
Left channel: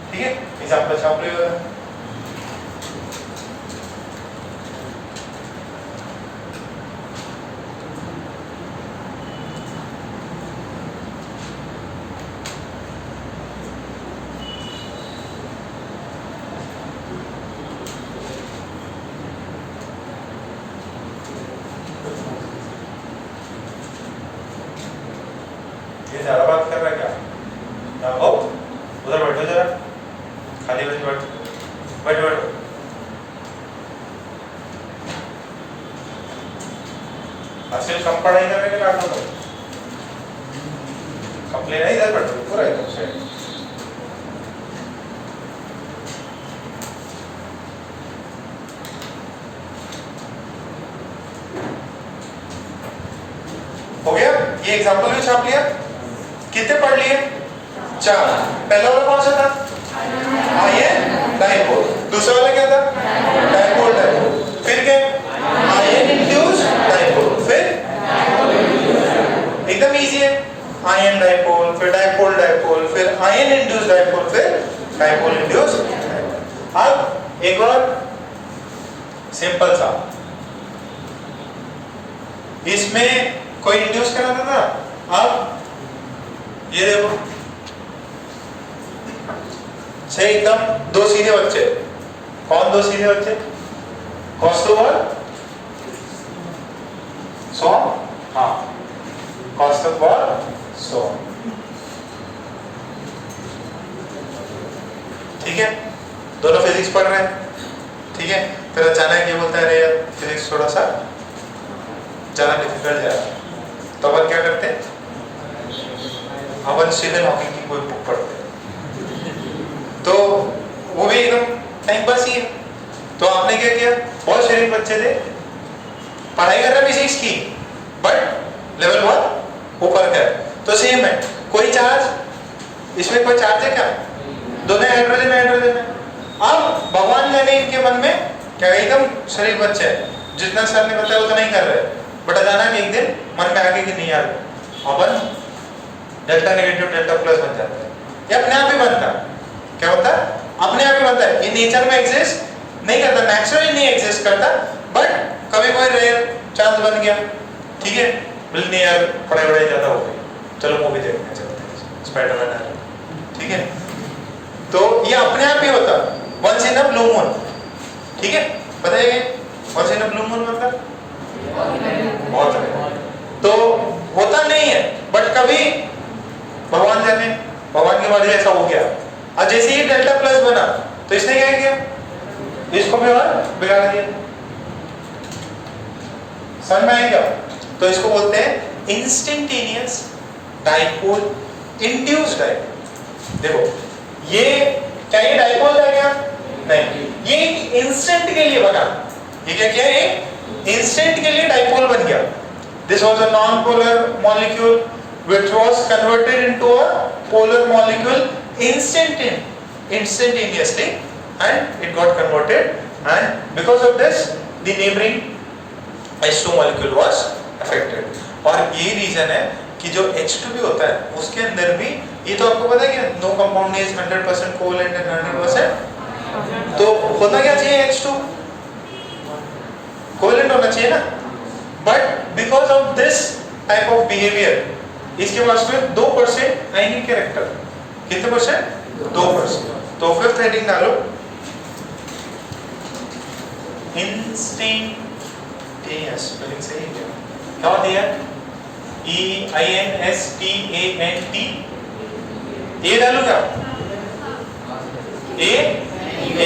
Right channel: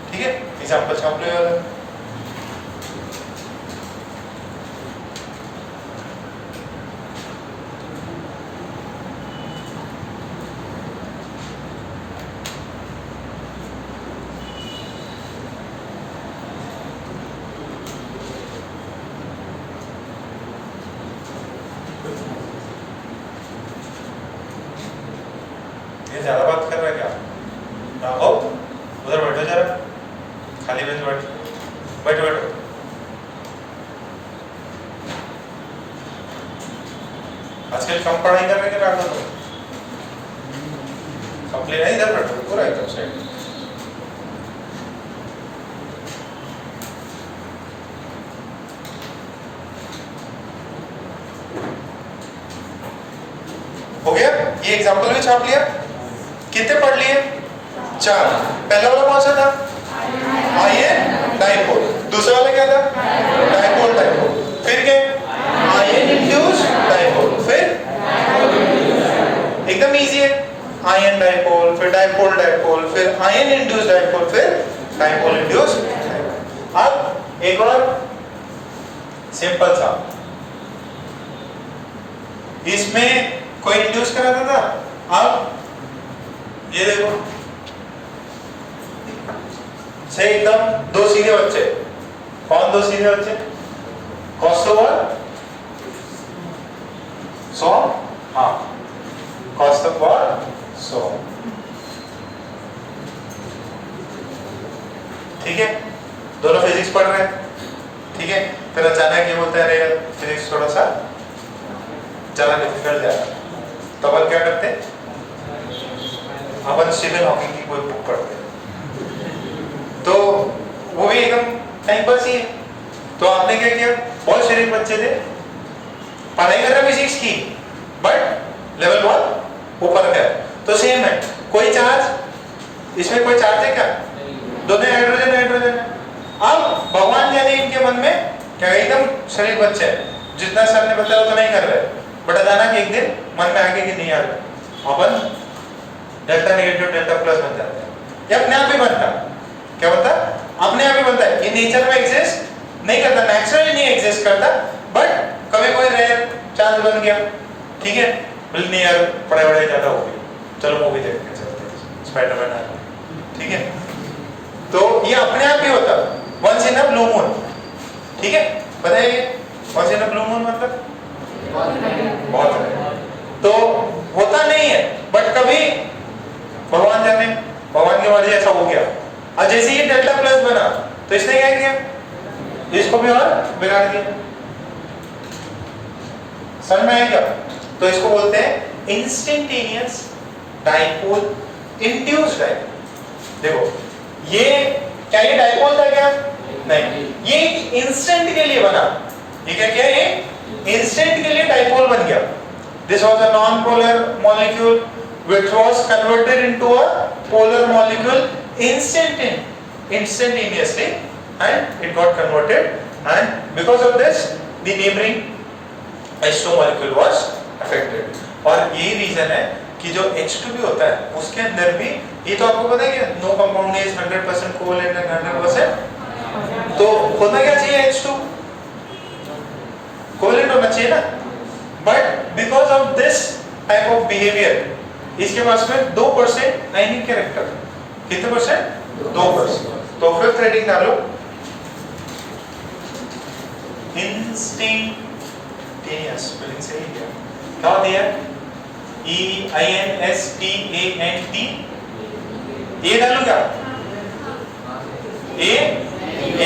ठीक है, example छाप लो यार। ये ज्यादा बात कर रहा है क्या? राघव उधर बैठो जरा, खाली बैठो बैठो बैठो। आजकल कम पढ़ाई करने के कारण तो कंप्लेन है, इधर बैठो पूरा एकदम साइड। हो गया, ये एग्जांपल भी छाप लिया। कितने पढ़ लिए? 4। पहला वाला कौन सा था? Ion dipole. दूसरा वाला क्या था? Dipole dipole. फिर क्या? Ion induce dipole. फिर एकदम इजी है, आयन डाइपोल, फिर डाइपोल डाइपोल, फिर आयन इंड्यूस डाइपोल, फिर डाइपोल इंड्यूस। अब एक और सिंपल सा, इसमें कोई इंड्यूस कराता था। अब ये देखो, से एकदम दो सीधे बच्चे। कौन दो सीधे बच्चे? कॉस ओवर 100, हाँ कॉस ओवर 100। ठीक है, दोनों फिजिक्स पढ़ रहे हैं। ठीक है, फिर अचानक ये बोलते हैं अरे यार फिजिक्स थोड़ा सा ज्यादा डिफिकल्ट जा रहा है, तो अपन क्या करते हैं? अपन स्टीफन हॉकिंग की कोई बुक पढ़ते हैं, तो वो भी एकदम टाइम पास ही है। तो आपने क्या किया? बहुत शरीफ बच्चे थे, पढ़ाई कर रहे फिजिक्स की, बट लेवल 1 ऊपर है। तो सेम है, कोई चार्ज, इसमें कोई चार्ज है क्या? दोनों हाइड्रोजन हाइड्रोजन है। अब भगवान जाने इनके मन में क्या, एकदम शरीफ बच्चे है, जितना सर ने बताया वो तो नहीं कर रहे, बट अचानक एक दिन मन में आके कि नहीं यार अपन डेल्टा नेगेटिव डेल्टा प्लस बन जाता है। ये अपने आप ही बनता है। क्या होता है? अपने आप ही बनता है। ये नेचर में एग्जिस्ट नहीं करता, नेचुरली नहीं एग्जिस्ट करता, बट कभी कोई रेयर चांस बन गया। ठीक है, बोल यार पढ़ाई वढ़ाई ज्यादा हो गई, चलो मूवी देखने चलते हैं, स्पाइडरमैन आ रहा। ठीक है, तो ये अपने आप ही होता, once in a blue moon. ठीक है, बताइए once in a blue moon मतलब बहुत है, तो होता नहीं है, बट कभी भगवान जाने, भगवान की मर्जी ऐसा हो गया। और जैसे ही डेल्टा प्लस बना तो इसने क्या किया? इसको भी और बिगाड़ दिया। समझ में आएगा? तो इसको बोलते हैं इंस्टेंटेनियस डाइपोल इंड्यूस्ड डाइपोल। देखो ये क्या, ये डाइपोल था क्या? नहीं, ये इंस्टेंट के लिए बना। ये क्या किया? ये इंस्टेंट के लिए डाइपोल बन गया। This was a non-polar molecule which was converted into a polar molecule instantaneously, and it got converted, and because of this the neighboring H2 molecule was affected. और ये रीजन है कि जो H2 भी होता है उसके अंदर भी, ये तो आपको पता है कि no compound is 100% covalent and 100%, तो होना क्या चाहिए? H2 कोवलेंट होना चाहिए ना, but because of this type of behaviour इसके पास में 2% आयनिक कैरेक्टर। कितने परसेंट? 2%। तो फिफ्थ हेडिंग डालो, इंस्टेंटेनियस। स्पेलिंग सही है क्या दिया? EINSTANT। ये डालो क्या?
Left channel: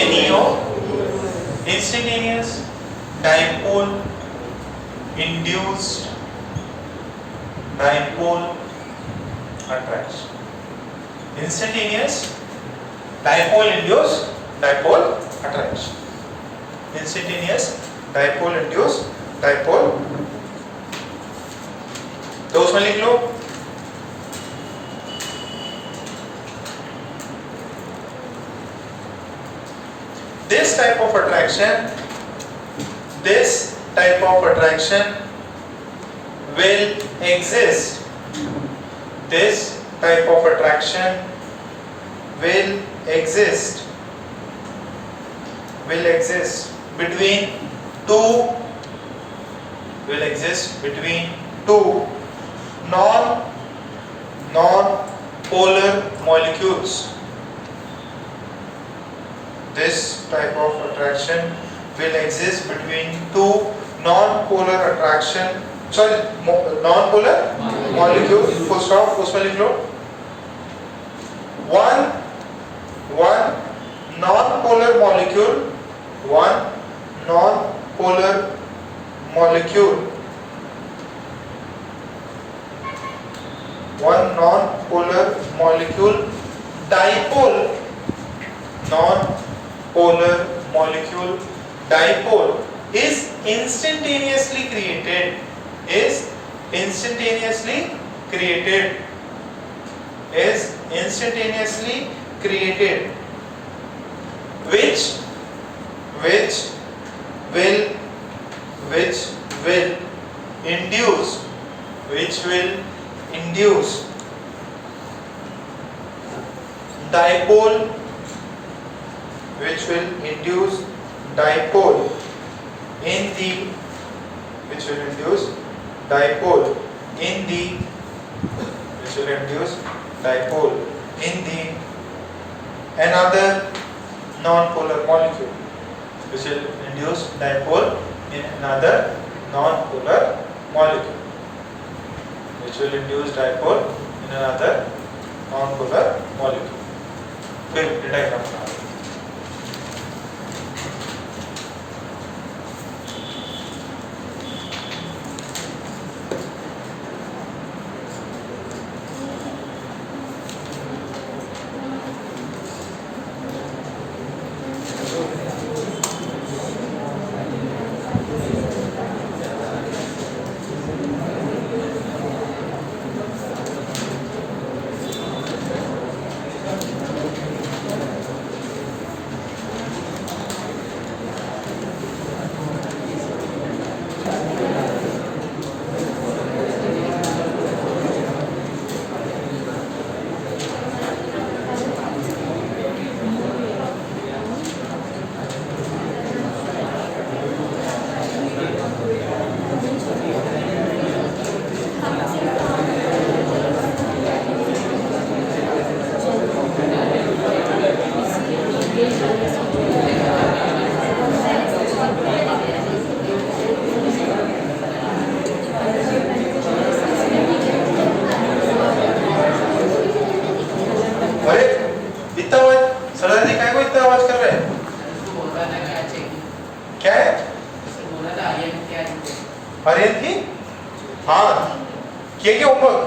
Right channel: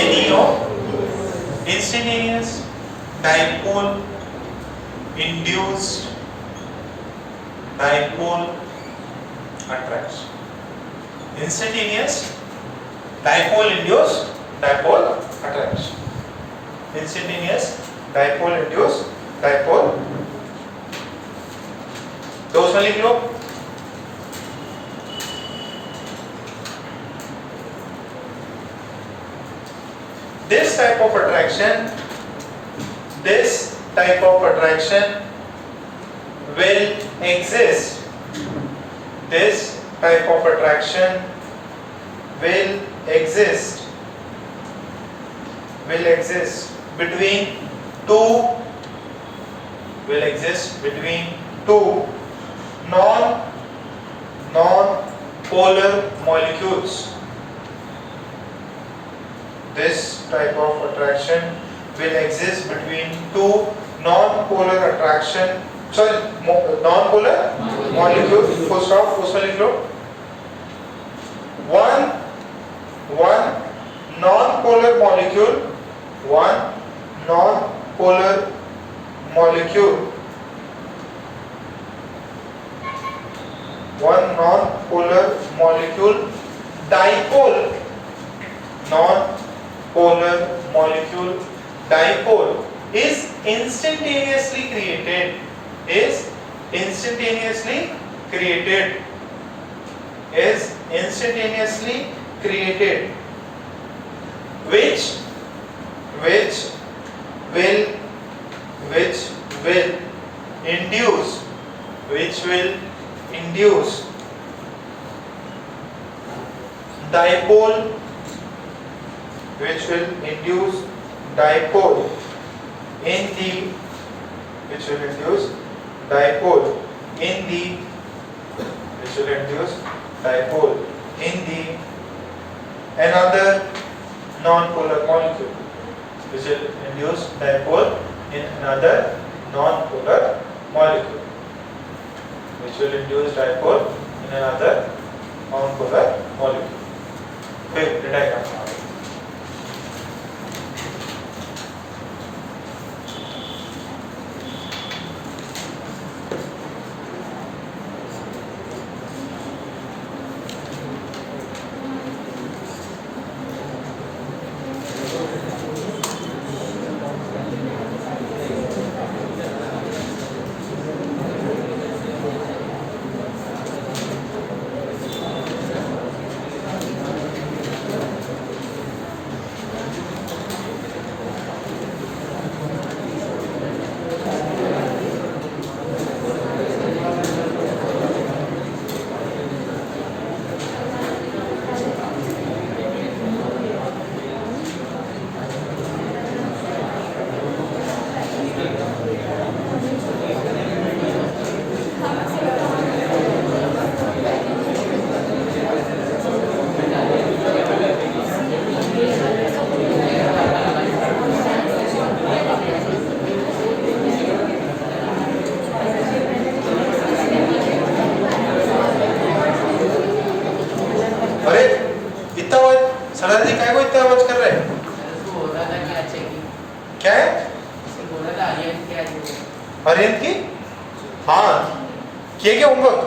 ANEO। Instantaneous dipole induced dipole attraction. Instantaneous dipole induced dipole attraction. Instantaneous dipole induced dipole, तो उसमें लिख लो this type of attraction will exist. This type of attraction will exist between two non-polar molecules. This type of attraction will exist between two non-polar molecules. Full stop. उसमें लिख लो one one non-polar molecule, one non-polar molecule, one non-polar molecule dipole, non-polar molecule dipole is instantaneously created, is instantaneously created, is instantaneously created, which will induce, dipole, which will induce dipole in the, which will induce dipole in the, which will induce dipole in the another non-polar molecule, which will induce dipole in another non-polar molecule, which will induce dipole in another non-polar molecule. Quick diagram now. Aryan की हाँ किए क्या हम लोग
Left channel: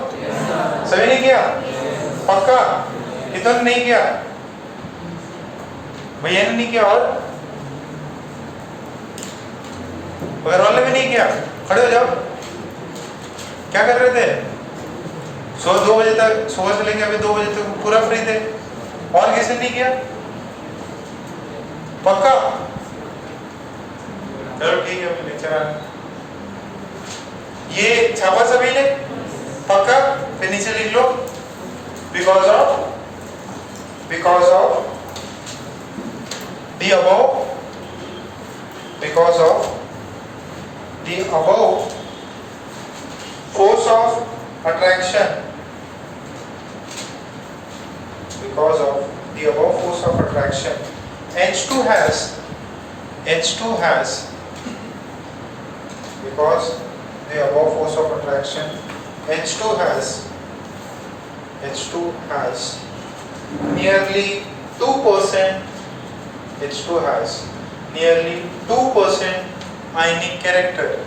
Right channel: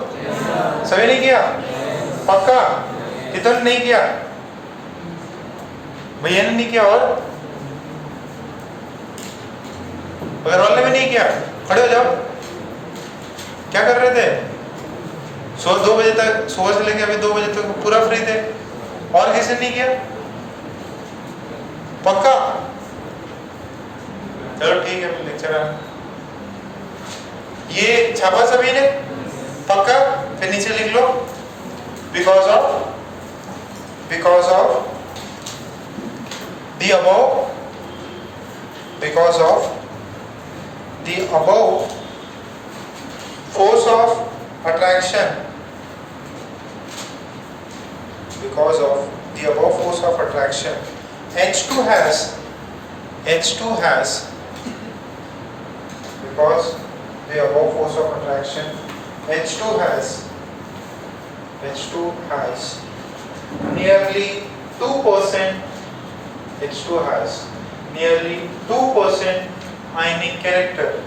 सभी ने किया पक्का इधर नहीं किया भैया ने नहीं किया और घर वाले भी नहीं किया खड़े हो जाओ क्या कर रहे थे सो 2 बजे तक सुबह से लेके अभी 2 बजे तक पूरा फ्री थे और किसी ने नहीं किया पक्का चलो ठीक है लेक्चर ये छापा सभी ने पक्का फिर नीचे लिख लो because of the above force of attraction H2 has because the above force of attraction H2 has nearly 2% ionic character.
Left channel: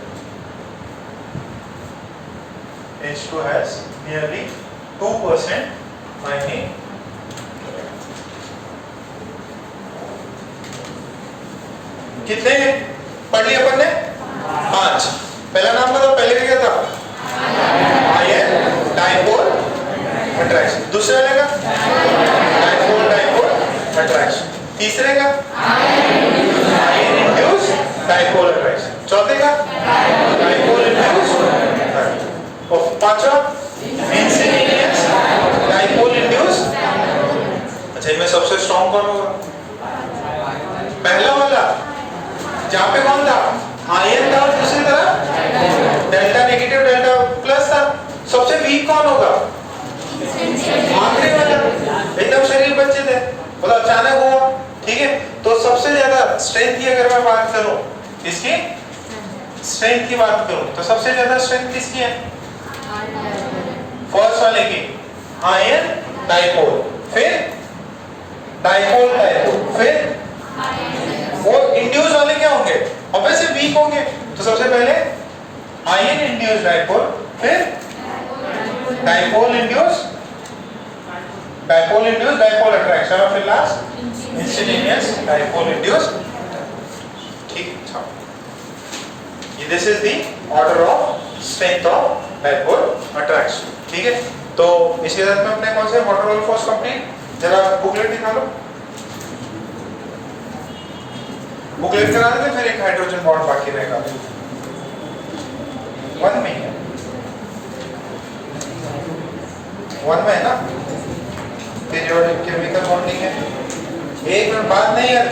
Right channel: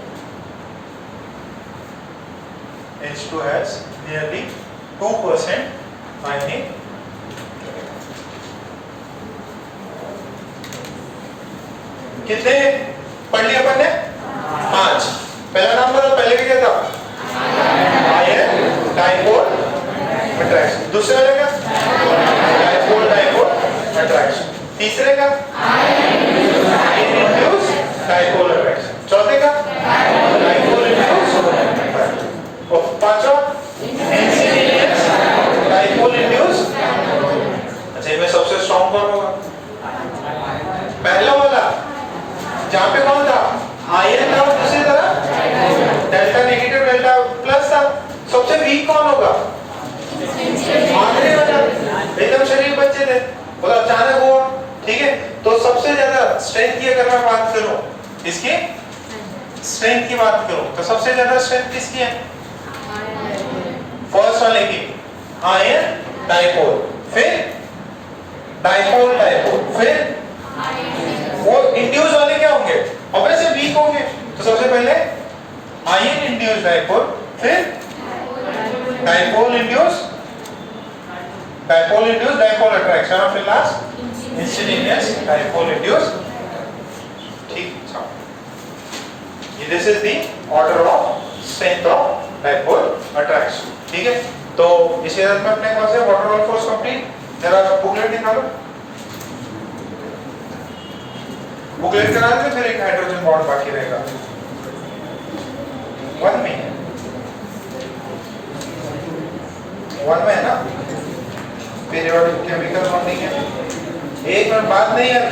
H2 has nearly 2% ionic character. कितने पढ़ लिया अपन ने 5 पहला नाम बताओ पहले क्या था आयन डाइपोल अट्रैक्शन दूसरे वाले का डाइपोल अट्रैक्शन तीसरे का आयन इंड्यूस डाइपोल अट्रैक्शन चौथे का डाइपोल इंड्यूस और पांचवा इंस्टेंटेनियस डाइपोल इंड्यूस अच्छा इनमें सबसे स्ट्रांग कौन होगा पहला वाला जहां पे कौन था आयन था और दूसरी तरफ डेल्टा नेगेटिव डेल्टा प्लस था सबसे वीक कौन होगा आखिरी वाला एकदम शरीर बच्चे थे बोला अचानक हुआ ठीक है तो सबसे ज्यादा स्ट्रेंथ की अगर मैं बात करूं इसकी स्ट्रेंथ की बात करूं तो सबसे ज्यादा स्ट्रेंथ किसकी है फर्स्ट वाले की आयन डाइपोल फिर डाइपोल डाइपोल। फिर वो इंड्यूस वाले क्या होंगे? ऑब्वियसली वीक होंगे। तो सबसे पहले आयन इंड्यूस डाइपोल, फिर डाइपोल इंड्यूस डाइपोल अट्रैक्शन, और फिर लास्ट इंस्टेंटेनियस डाइपोल इंड्यूस। ठीक, ये this is the order of strength of dipole attraction. ठीक है, तो इसी तरह में अपने कौन से वाटर रोल फोर्स कंप्लीट, जरा बुकलेट निकालो, बुकलेट करा के फिर एक हाइड्रोजन बॉन्ड बाकी रहेगा। 1 में है, 1 में है ना, पीरियोडिक केमिकल बॉन्डिंग है। एक में बात नहीं है,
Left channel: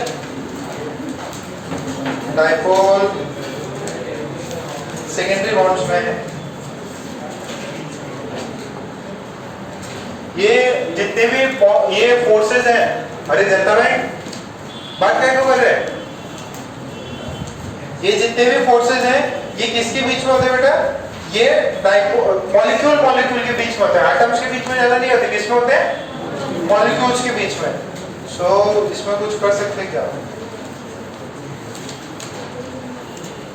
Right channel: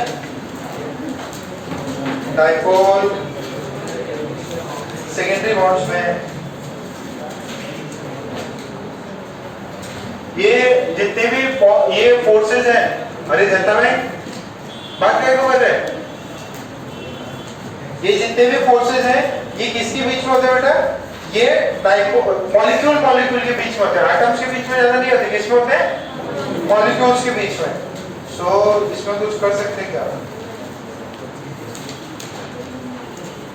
डाइपोल सेकेंडरी बॉन्ड्स में ये जितने भी ये फोर्सेस हैं, अरे जनता में बात करने को है, ये जितने भी फोर्सेस हैं ये किसके बीच में होते हैं बेटा? ये मॉलिक्यूल मॉलिक्यूल के बीच में होते हैं, एटम्स के बीच में ज्यादा नहीं होते। किसमें होते हैं? मॉलिक्यूल्स के बीच में। सो इसमें कुछ कर सकते हैं क्या?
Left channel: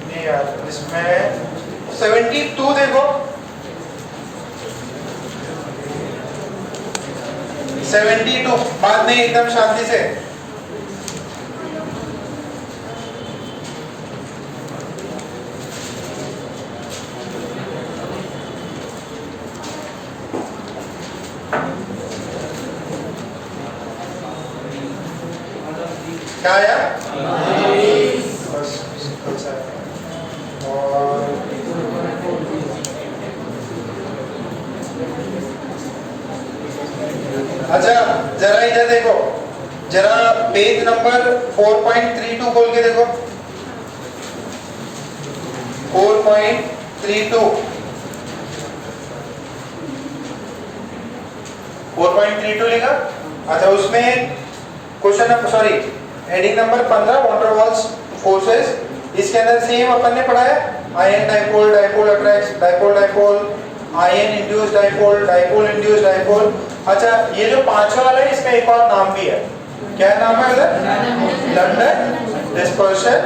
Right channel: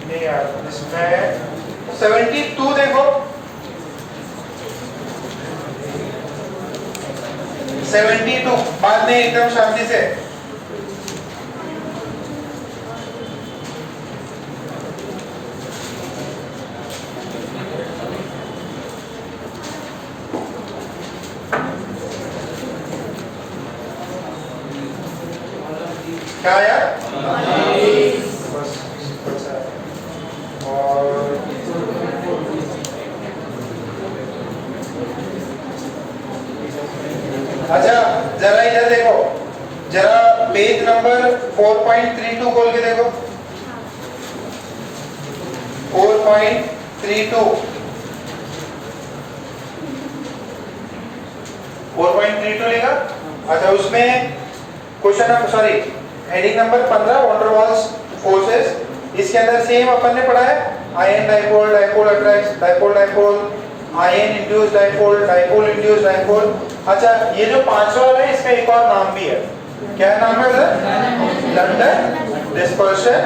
नहीं यार, इसमें 72 देखो, 72 बाद में एकदम शांति से। क्या आया? अच्छा जरा इधर देखो, जरा पेज नंबर 4.32 खोल के देखो, 4.32 लिखा। अच्छा उसमें question number, sorry heading number 15 water walls forces, इसके अंदर सेम अपन ने पढ़ा है, ion dipole, dipole attract, dipole dipole, ion induced dipole, dipole induced dipole. अच्छा ये जो पांचवा वाला है इसका एक और नाम भी है, क्या नाम है सर? London dispersion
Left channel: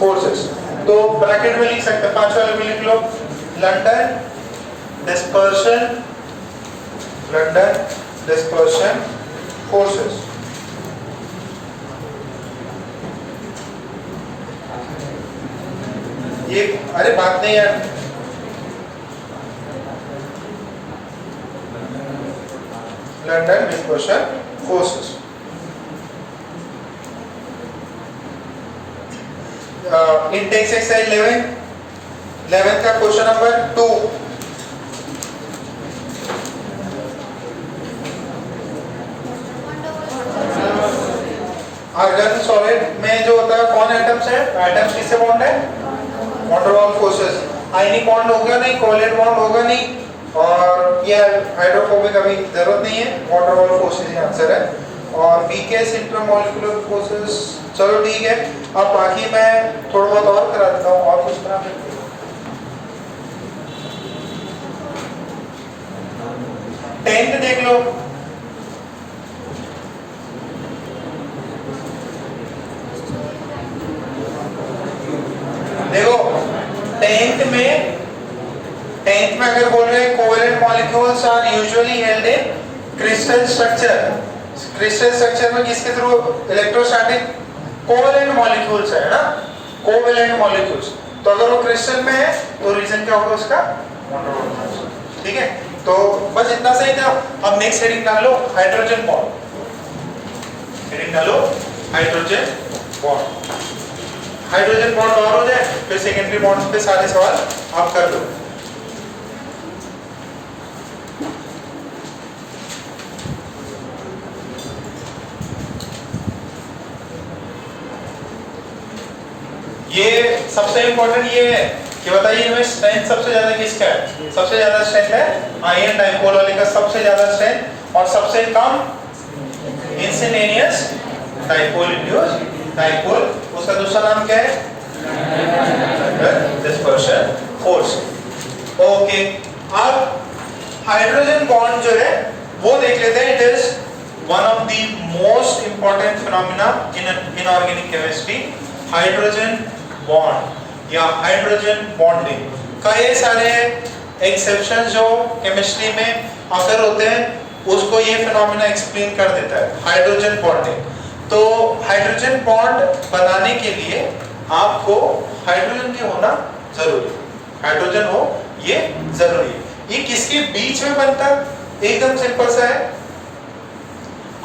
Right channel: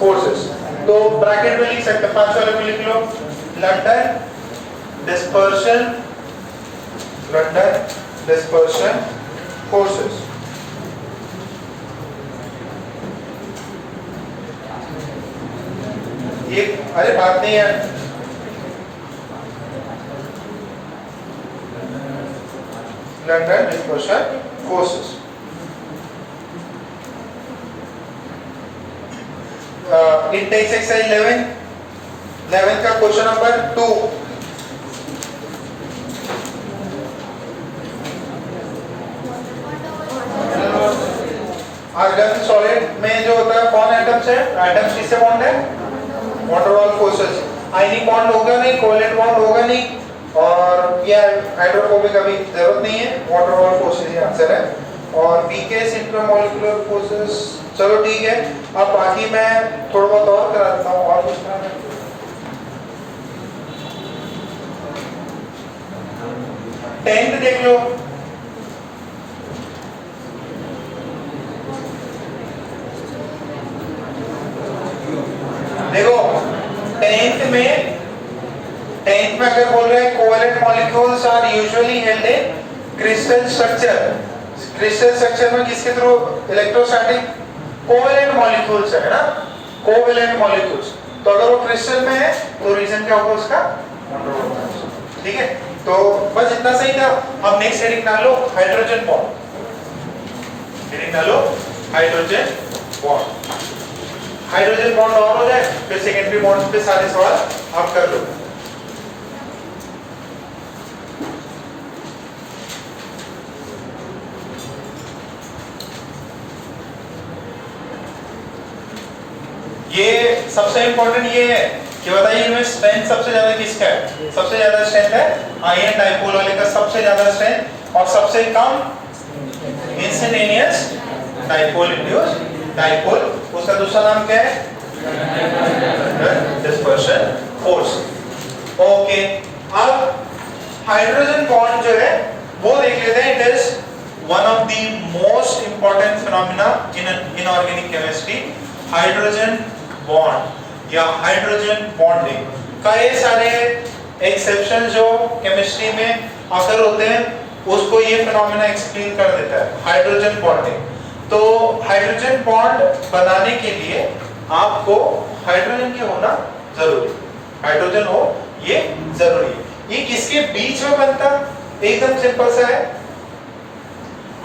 forces. तो ब्रैकेट में लिख सकते हैं, पांचवा वाला भी लिख लो, लंडन डिस्पर्शन फोर्सेस। ये अरे बात नहीं है, London dispersion forces. Intex exercise 11 का क्वेश्चन नंबर 2। आर्गन सॉलिड में जो होता है कौन एटम्स है? एटम्स किससे बॉन्ड है? Water wall forces. Ionic bond होगा नहीं, कोवैलेंट बॉन्ड होगा नहीं, और ये हाइड्रोफोबिक अभी जरूरत नहीं है, वाटर वॉल फोर्सेस ही आंसर है। और वीकेस्ट इंटरमॉलिक्यूलर फोर्सेस, चलो ठीक है। अब बाकी मैं थोड़ा बहुत और करा देता हूँ, और कुछ करा देता हूँ। टेंथ देख लो, देखो टेंथ में अगर बोल रहे हैं covalent molecules are usually held in crystal structure. Crystal structure में किसके थ्रू? इलेक्ट्रोस्टैटिक कोवैलेंट मॉलिक्यूल्स है ना, कोवैलेंट मॉलिक्यूल्स। तो अगर वो क्रिस्टल में है तो रीजन क्या होगा उसका? ठीक है, तो बस इतना सही था। अब नेक्स्ट हेडिंग डाल लो, हाइड्रोजन बॉन्ड। हेडिंग डालो हाइड्रोजन बॉन्ड। हाइड्रोजन बॉन्ड और हो जाए फिर सेकेंडरी बॉन्ड के सारे सवाल आप कर लो। ये सबसे इंपॉर्टेंट ये है कि बताइए इनमें स्ट्रेंथ सबसे ज्यादा किसका है? सबसे ज्यादा स्ट्रेंथ है आयन डाइपोल वाले का, सबसे ज्यादा स्ट्रेंथ, और सबसे कम इंस्टेंटेनियस डाइपोल इंड्यूस डाइपोल। उसका दूसरा नाम क्या है? Dispersion force. ओके, अब हाइड्रोजन बॉन्ड जो है वो देख लेते हैं। It is one of the most important phenomena in inorganic chemistry, hydrogen bond या हाइड्रोजन बॉन्डिंग। कई सारे एक्सेप्शन जो केमिस्ट्री में अगर होते हैं उसको ये फिनोमेना एक्सप्लेन कर देता है, हाइड्रोजन बॉन्डिंग। तो हाइड्रोजन बॉन्ड बनाने के लिए आपको हाइड्रोजन की होना जरूरी, हाइड्रोजन हो ये जरूरी। ये किसके बीच में बनता है? एकदम सिंपल सा है।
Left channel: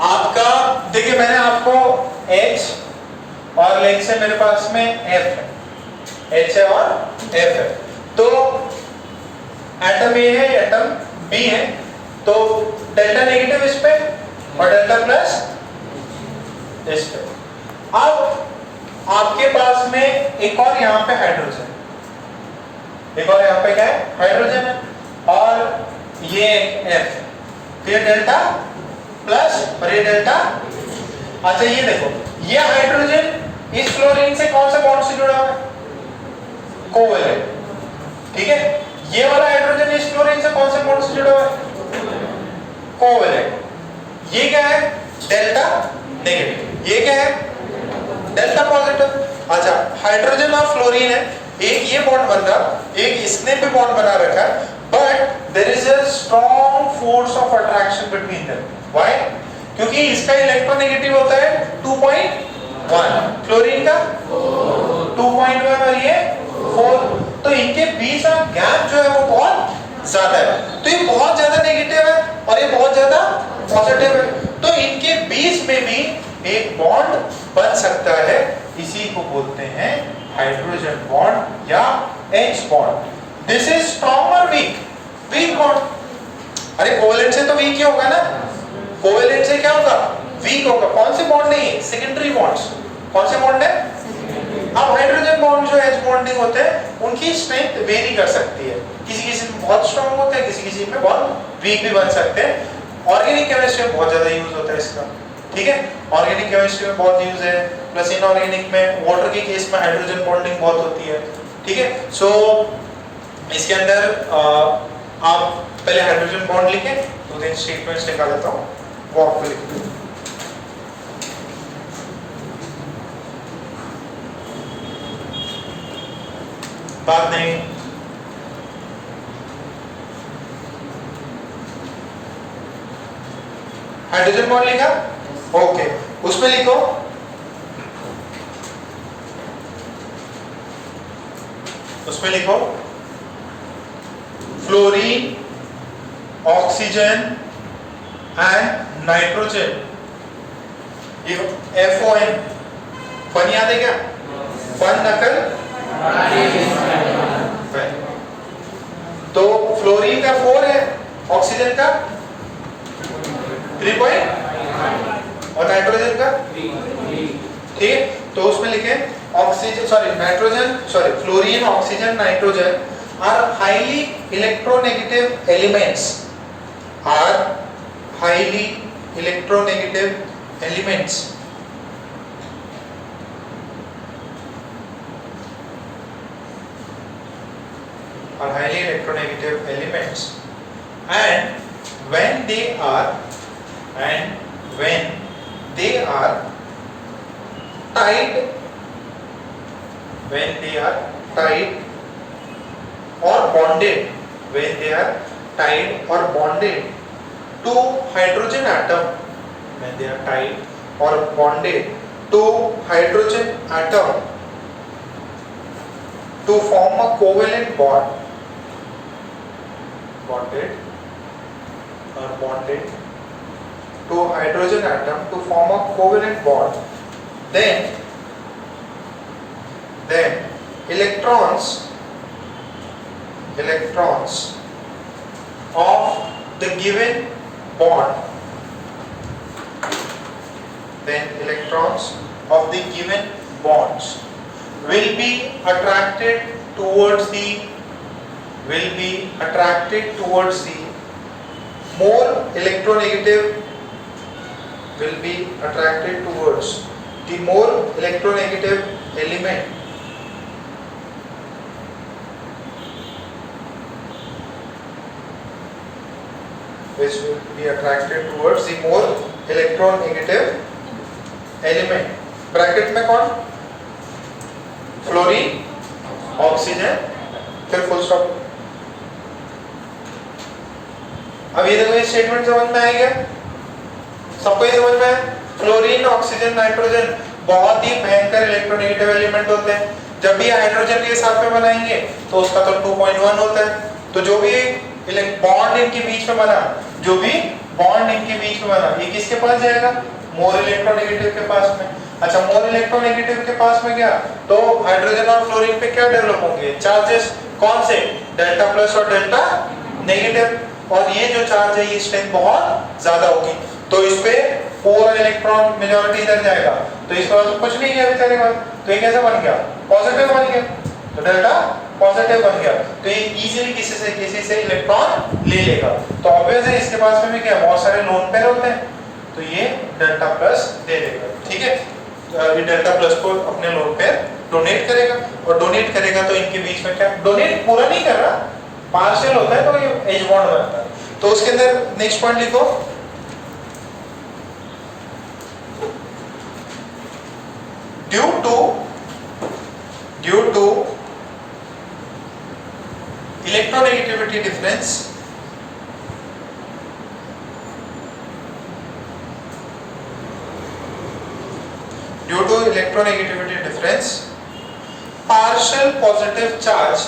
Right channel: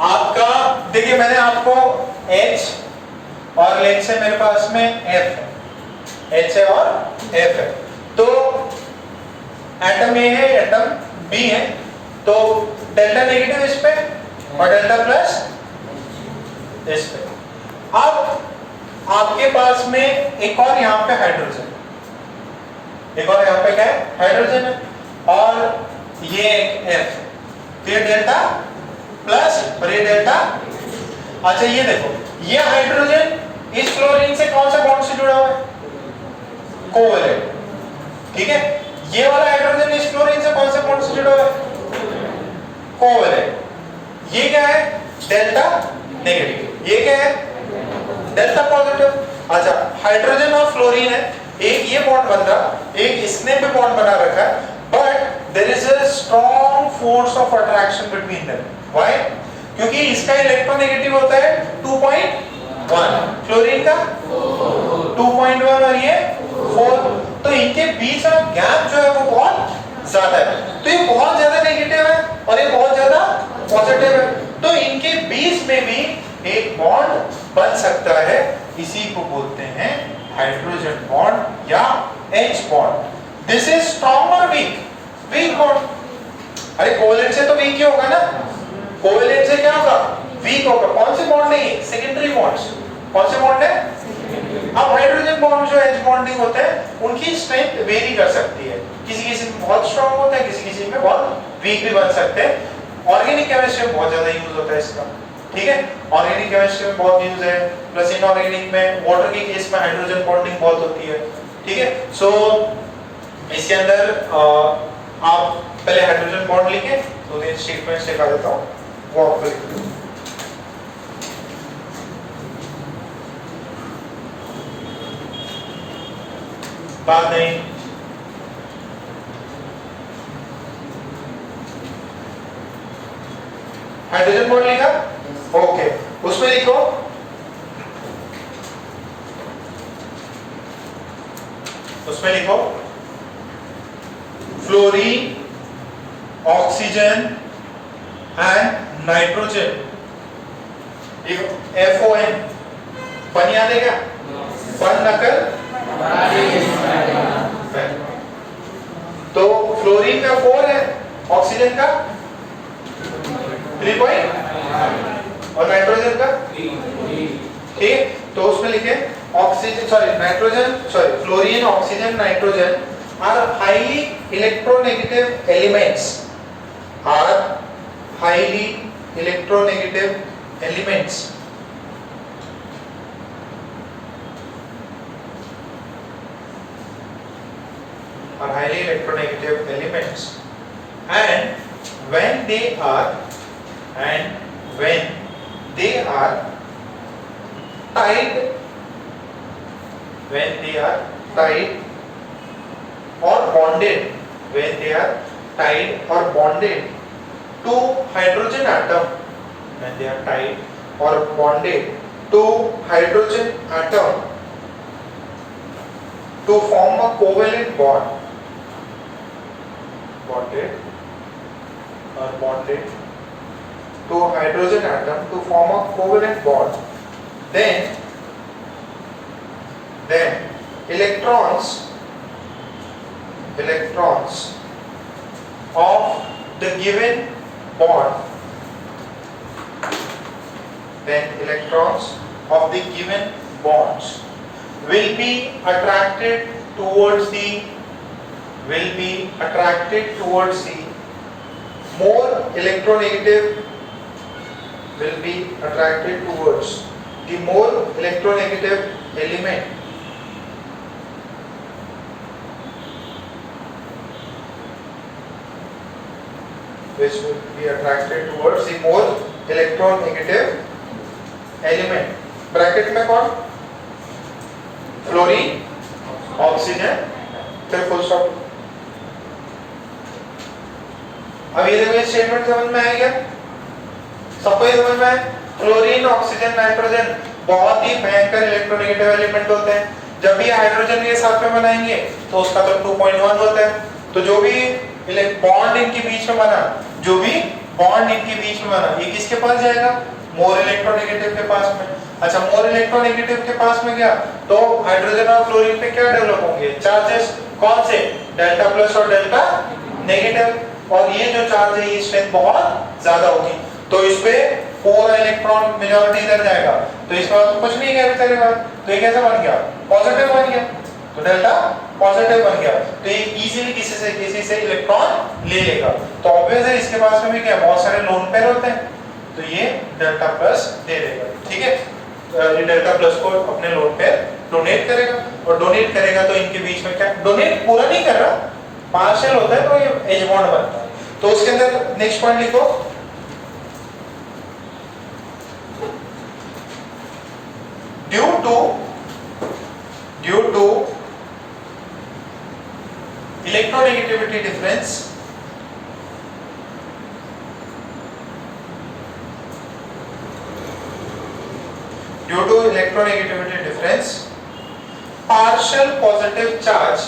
आपका देखिए मैंने आपको H और लेट से मेरे पास में F है, H है और F है, तो एटम A है, एटम B है, तो डेल्टा नेगेटिव इस पे और डेल्टा प्लस इस पे। अब आपके पास में एक और यहाँ पे हाइड्रोजन, एक और यहाँ पे क्या है? हाइड्रोजन है, और ये F, फिर डेल्टा प्लस और ये डेल्टा। अच्छा ये देखो, ये हाइड्रोजन इस फ्लोरीन से कौन सा बॉन्ड से जुड़ा हुआ है? कोवेलेंट, ठीक है। ये वाला हाइड्रोजन इस फ्लोरीन से कौन से बॉन्ड से जुड़ा हुआ है? कोवेलेंट। ये क्या है? Delta negative. ये क्या है? Delta positive. अच्छा हाइड्रोजन और फ्लोरीन है, एक ये बॉन्ड बन रहा, एक इसने भी बॉन्ड बना रखा है, but there is a strong force of attraction between them. Why? क्योंकि इसका इलेक्ट्रोनेगेटिव होता है 2.1, फ्लोरीन का 2.1 और ये 4, तो इनके बीच का गैप जो है वो बहुत ज्यादा है। तो ये बहुत ज्यादा नेगेटिव है और ये बहुत ज्यादा पॉजिटिव है, तो इनके बीच में भी एक बॉन्ड बन सकता है, इसी को बोलते हैं हाइड्रोजन बॉन्ड या H bond. This is strong और वीक? Weak bond. अरे कोवेलेंट से तो वीक ही होगा ना, कोवेलेंट से क्या होगा? वीक होगा। कौन से बॉन्ड नहीं है? Secondary bonds. कौन से बॉन्ड है? अब हाइड्रोजन बॉन्ड जो H बॉन्डिंग होते हैं उनकी स्ट्रेंथ वेरी कर सकती है, किसी किसी में बहुत स्ट्रांग होता है, किसी किसी में बहुत वीक भी बन सकते हैं। ऑर्गेनिक केमिस्ट्री में बहुत ज्यादा यूज होता है इसका, ठीक है। ऑर्गेनिक केमिस्ट्री में बहुत यूज है, प्लस इनऑर्गेनिक में वाटर के केस में हाइड्रोजन बॉन्डिंग बहुत होती है, ठीक है। सो इसके अंदर आप पहले हाइड्रोजन बॉन्ड लिखें, दो तीन स्टेटमेंट्स लिखा देता हूं, वो आपको बात नहीं। हाइड्रोजन बॉन्ड लिखा? ओके, उसमें लिखो fluorine, oxygen and nitrogen. FON, fun याद है क्या? फन नकल। तो फ्लोरीन का 4 है, ऑक्सीजन का 3 और नाइट्रोजन का 3, ठीक। तो उसमें लिखे fluorine, oxygen, nitrogen are highly electronegative elements, and when they are tied or bonded, to hydrogen atom, to form a covalent bond, bonded to hydrogen atom to form a covalent bond, then electrons of the given bond, will be attracted towards the more electronegative element, which will be attracted towards the more electronegative element, bracket में कौन, fluorine, oxygen, फिर full stop. अब ये देखो statement समझ में आ गया सबको, ये समझ में आया? फ्लोरीन, ऑक्सीजन, नाइट्रोजन बहुत ही भयंकर इलेक्ट्रोनेगेटिव एलिमेंट होते हैं। जब भी हाइड्रोजन के साथ में बनाएंगे तो उसका तो 2.1 होता है, तो जो भी बॉन्ड इनके बीच में बना, जो भी बॉन्ड इनके बीच में बना, ये किसके पास जाएगा, मोर इलेक्ट्रोनेगेटिव के पास में। अच्छा, मोर इलेक्ट्रोनेगेटिव के पास में गया तो हाइड्रोजन और फ्लोरीन पे क्या डेवलप होंगे, चार्जेस, कौन से, डेल्टा प्लस और डेल्टा नेगेटिव, और ये जो चार्ज है ये स्ट्रेंथ बहुत ज्यादा होगी, तो इस पे पूरा इलेक्ट्रॉन मेजॉरिटी इधर जाएगा, तो इसका मतलब कुछ नहीं है तेरे पास, तो ये कैसा बन गया, पॉजिटिव बन गया, तो डेल्टा पॉजिटिव बन गया, तो ये इजीली किसी से इलेक्ट्रॉन ले लेगा। तो ऑब्वियस है इसके पास में भी क्या, बहुत सारे लोन पेयर होते हैं, तो ये डेल्टा प्लस दे देगा, ठीक है। ये डेल्टा प्लस को अपने लोन पेयर डोनेट करेगा, और डोनेट करेगा तो इनके बीच में क्या, डोनेट पूरा नहीं कर रहा, पार्शियल होता है, तो ये एज बॉन्ड बनता है। तो उसके अंदर नेक्स्ट पॉइंट लिखो, due to electronegativity difference, due to electronegativity difference, partial positive charge,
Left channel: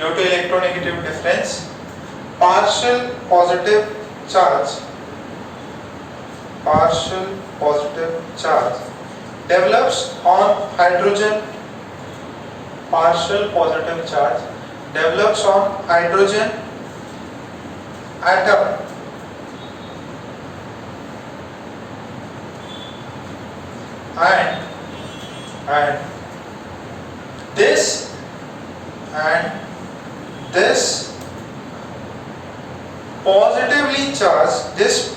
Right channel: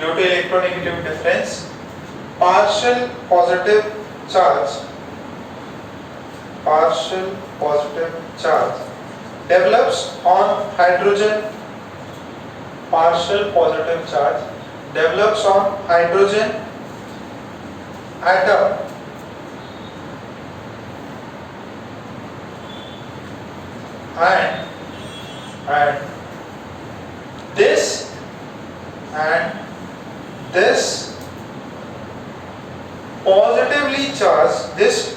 due to electronegativity difference, partial positive charge develops on hydrogen, partial positive charge develops on hydrogen atom and this positively charged, this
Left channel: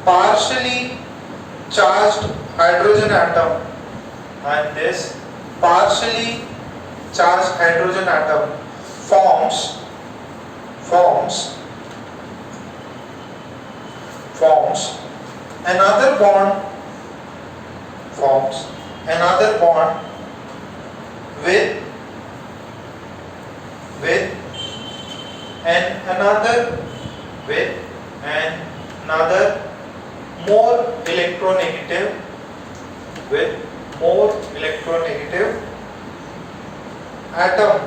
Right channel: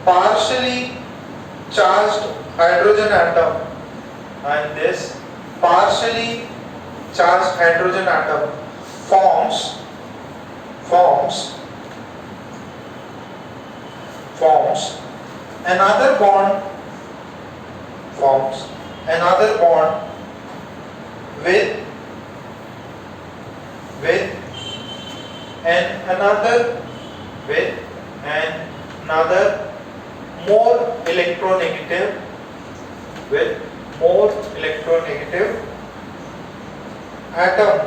partially charged hydrogen atom and this partially charged hydrogen atom forms another bond with another more electronegative atom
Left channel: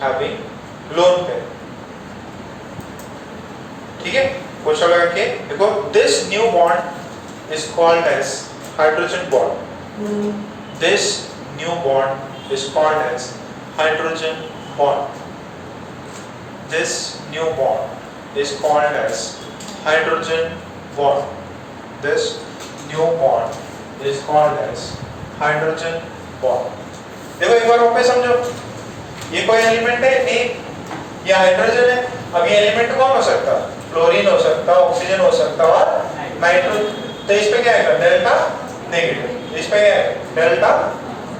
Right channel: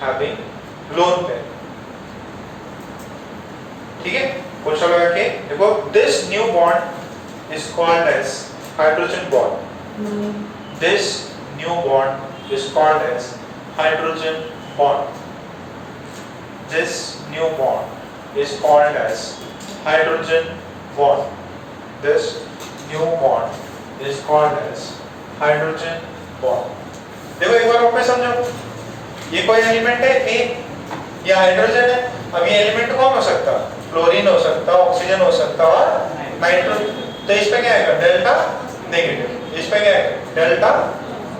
having lone pair, ठीक है। Question लगा के देखो, this new bond is called as hydrogen bond. This new bond is called as hydrogen bond. This new bond is called as hydrogen bond. This new bond is called as hydrogen bond. देखो एक बार वापस समझो, ये कोई element है, ये hydrogen है। अब ये एलिमेंट कौन हो सकता है, फ्लोरीन हो सकता है, ऑक्सीजन हो सकता है और नाइट्रोजन। तो इस पे क्या आएगा, डेल्टा नेगेटिव, इस पे क्या आएगा, डेल्टा,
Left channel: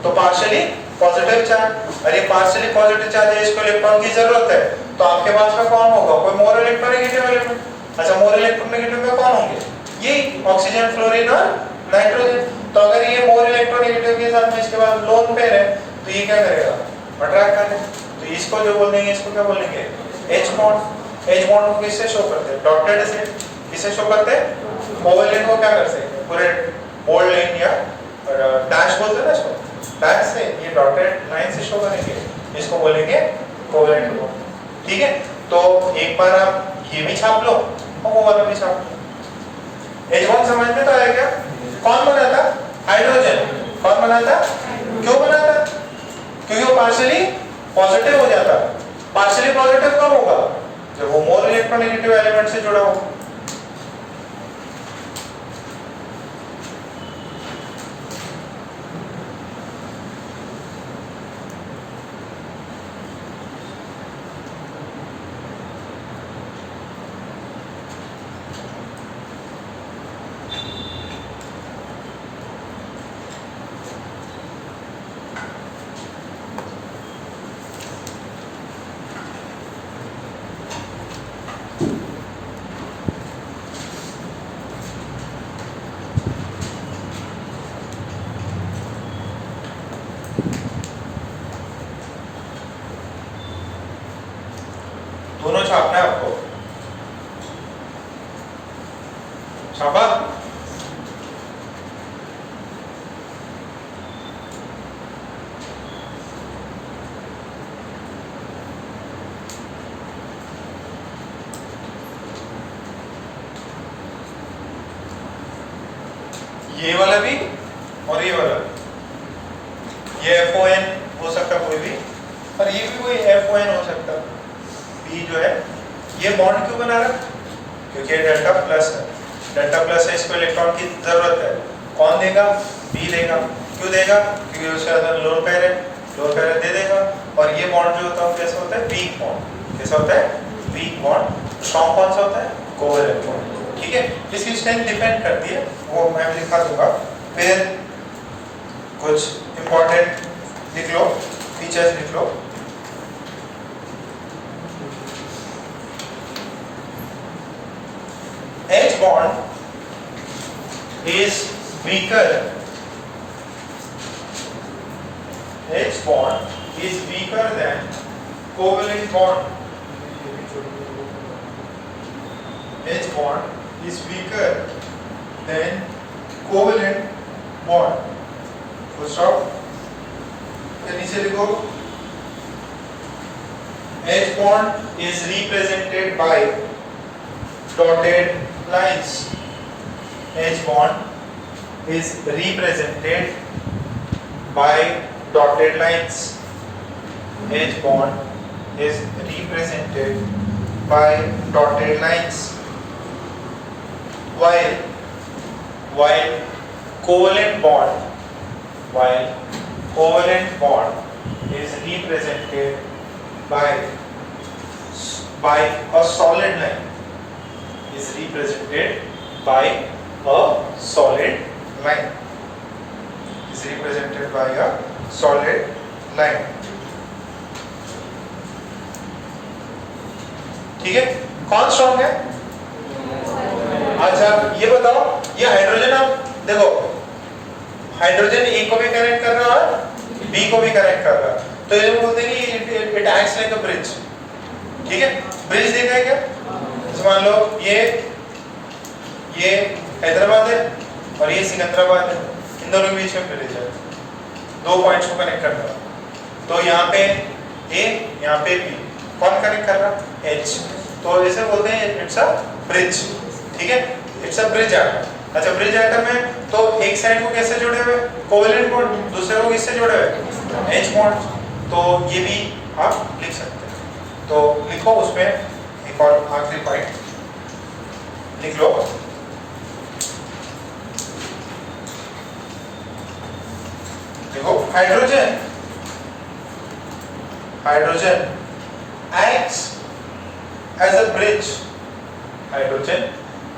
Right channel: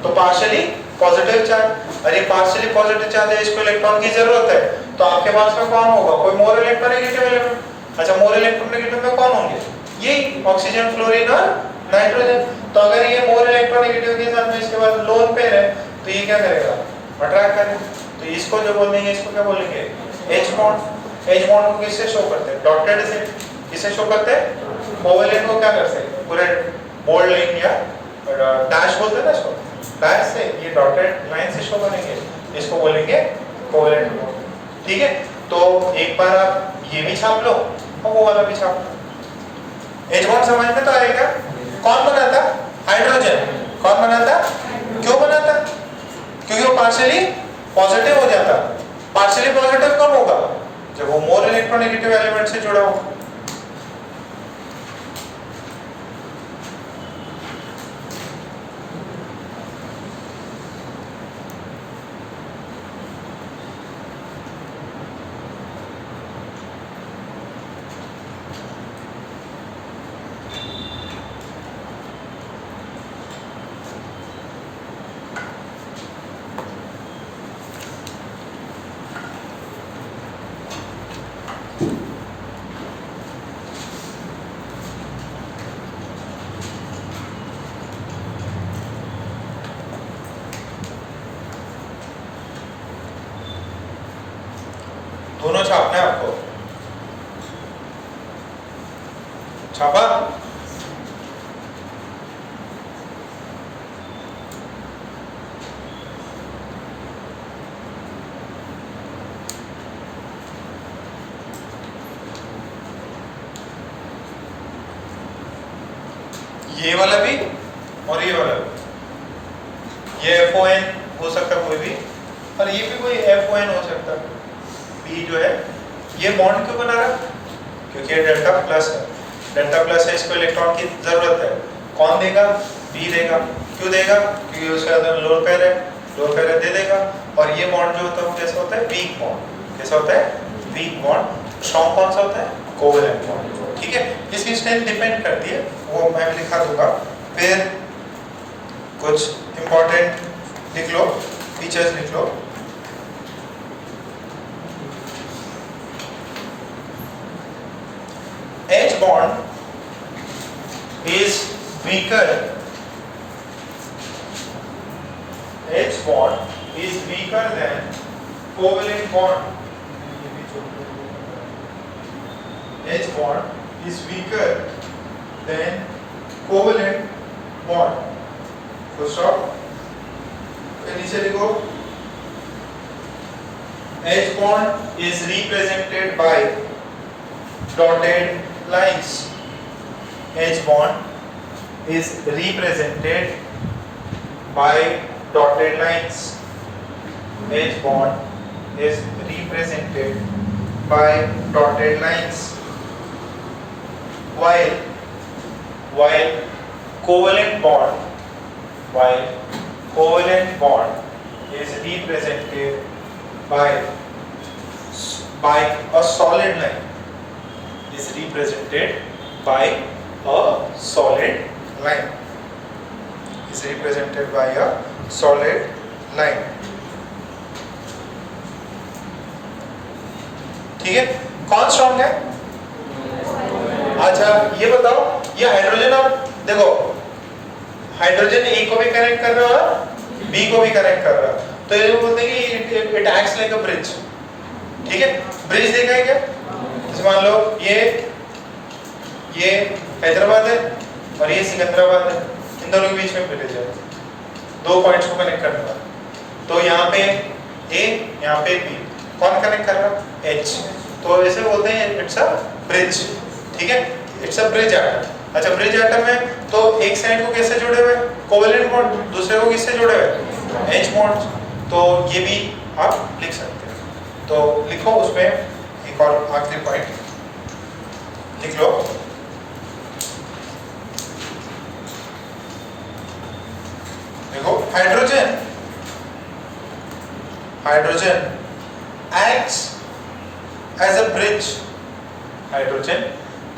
तो पार्शियली पॉजिटिव चार्ज, और ये पार्शियली पॉजिटिव चार्ज है, इसको इलेक्ट्रॉन की जरूरत है, तो आपके पास में कौन होगा, कोई मोर इलेक्ट्रोनेगेटिव एलिमेंट। अच्छा, मोर इलेक्ट्रोनेगेटिव में कौन होंगे, ये ऑक्सीजन, फ्लोरीन और नाइट्रोजन। तो अगर ये मोर इलेक्ट्रोनेगेटिव के साथ में इसके बाद लोन पेयर है, तो ये क्या करेगा, अट्रैक्ट करेगा, तो इसको जो बोल देंगे, इसको क्या बोलेंगे, एच बॉन्ड। एच बॉन्ड को किससे शो करते हैं, डॉटेड से। किससे शो करते हैं, कोवेलेंट को क्या करते हैं, पूरे बोल्ड लाइन या डैश बोलते हैं ना इसको, डैश से, ये डॉटेड लाइन से शो करेंगे, इसको बोलेंगे कोवेलेंट बॉन्ड, ठीक है। तो एक बार आप ये भी छाप लो और वो वाला भी छाप लो। एच बॉन्ड समझ में तो आया क्या, कौन बनाता, हाइड्रोजन। कौन बनाता, क्यों बनाता, क्योंकि वो पार्शियली पॉजिटिव हो जाता। पार्शियली पॉजिटिव कब होगा, जब वो मोर इलेक्ट्रोनेगेटिव एलिमेंट से जुड़ा होगा। छापना है आपको, छापा। ये वाला भी और ये वाला भी, ये FON हो सकता कोई भी, और ये भी कोई FON हो सकता। B जो है ये बॉन्ड क्यों बना रहा है? क्योंकि ये डेल्टा प्लस है, डेल्टा प्लस है, इसको इलेक्ट्रॉन की जरूरत है। कौन देगा? B देगा। क्यों देगा? क्योंकि उसके अंदर लोअर पेयर है, लोअर पेयर दे देगा। और ये बॉन्ड जो होता है कैसा होता है? Weak bond. कैसा होता है? Weak bond. स्ट्रॉन्ग कौन सा होता है? Covalent bond. ठीक है, इसकी स्ट्रेंथ डिपेंड करती है, वो मैं लिखा दूंगा। फिर कुछ इंपॉर्टेंट लिख लो, फीचर्स लिख लो। H bond is weaker. H bond is weaker than covalent bond. H bond is weaker than covalent bond. Full stop. नीचे लिखो, H bond is represented by dotted lines. H bond is represented by dotted lines. H bond is represented by dotted lines. While covalent bond is represented by a solid line. Is represented by a solid line. Is represented by a solid line. ठीक है, कौन strong है? अच्छा ये बताओ, ये hydrogen, आप देखो हाइड्रोजन ए को भी कनेक्ट कर रहा है और बी को भी कनेक्ट कर रहा है, तो ये बोलते हैं कि it acts like a bridge. ठीक है, ब्रिज देखा है क्या? मान लो ये हैदराबाद है और ये सिकंदराबाद है, इन दोनों के बीच में ब्रिज है, दो पॉइंट्स को कनेक्ट करता है। तो यहाँ पे ए, यहाँ पे बी, कौन कनेक्ट कर रहा है? एच। तो ऐसे बोलते हैं इट्स अ ब्रिज। ठीक है, इट्स अ ब्रिज एटम। अच्छा, ब्रिज एटम में तो एक साइड को कैसे जुड़े हुए? कोवेलेंट बॉन्ड, दूसरे को किससे जुड़े हुए? H bond. तो ये भी आप लिख सकते हैं। तो लिखो उसमें एक और आखिरी पॉइंट लिख लो। देखो hydrogen acts as a bridge. Hydrogen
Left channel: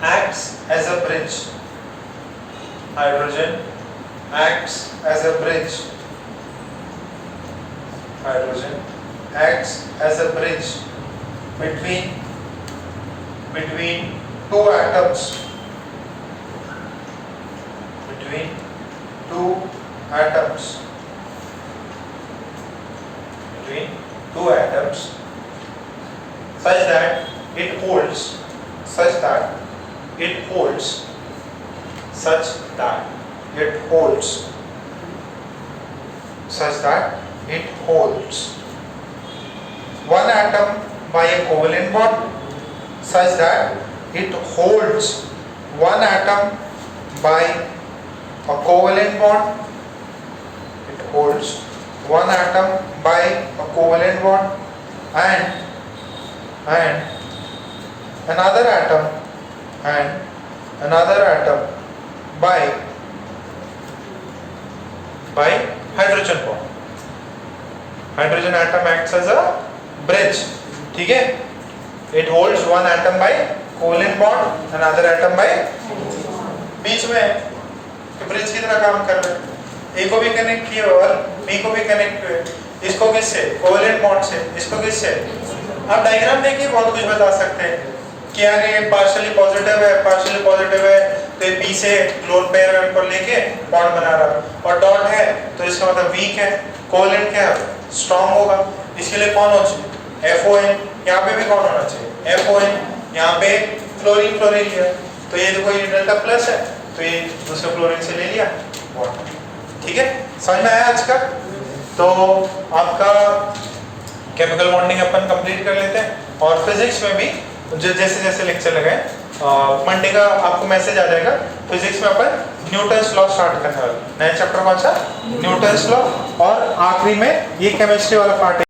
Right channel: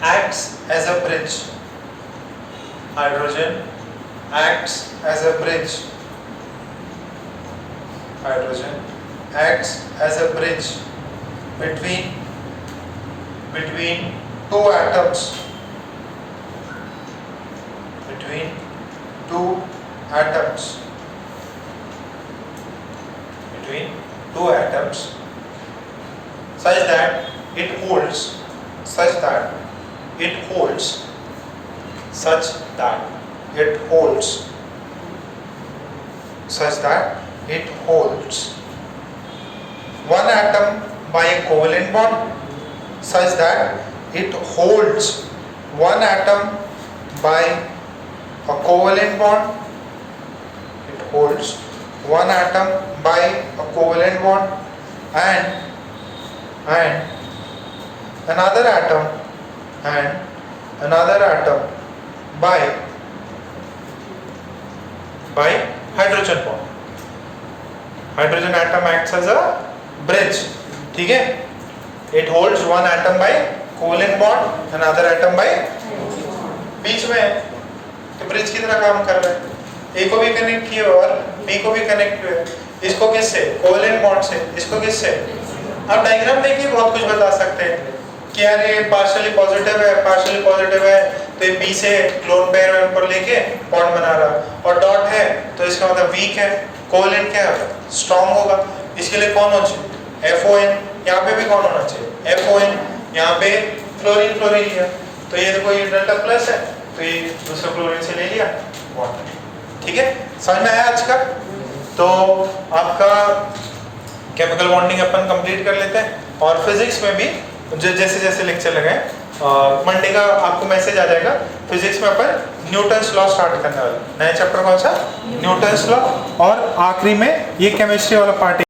acts as a bridge. Hydrogen acts as a bridge. Hydrogen acts as a bridge between two atoms. Between two atoms. Between two atoms, such that it holds, such that it holds, such that it holds, such that it holds one atom by a covalent bond, such that it holds one atom by a covalent bond. It holds one atom by a covalent bond and another atom by hydrogen bond. Hydrogen atom acts as a bridge. ठीक है, it holds one atom by covalent bond, another atom by बीच में तो bridge की तरह काम कर रहे हैं। ए को भी कनेक्ट किए और बी को भी कनेक्ट हुए। इसको किससे? कोवेलेंट बॉन्ड से। इसको किससे? आप डायग्राम देखिए, बहुत कुछ बता सकते हैं कि यार ये पार्शियली पॉजिटिव है, तो ये बी से लोन पेयर पर लेके बॉन्ड बना रहा, और डॉट है तो इसका मतलब वीक है। कोवेलेंट क्या है? स्ट्रॉन्ग होगा। इसके लिए कौन हो? FON यहाँ पे भी कौन होना चाहिए FON, यहाँ पे फ्लोरीन फ्लोरीन लिया, तो ये देखो ये डेल्टा प्लस है, तो ये दूसरे फ्लोरीन से ले लिया वाटर। ठीक है, समझ में आया आज का? तो आपका केमिकल बॉन्डिंग अपन कंप्लीट कर लेते हैं, और फिजिक्स में भी जो जैसे जैसे लेक्चर लगे मंडे का आपको मैसेज आ जाएगा। फिजिक्स में अपन न्यूटन्स लॉ स्टार्ट करने वाले, नया चैप्टर कौन सा? न्यूटन्स लॉ, और आखिरी में ये केमिस्ट्री वाला पार्ट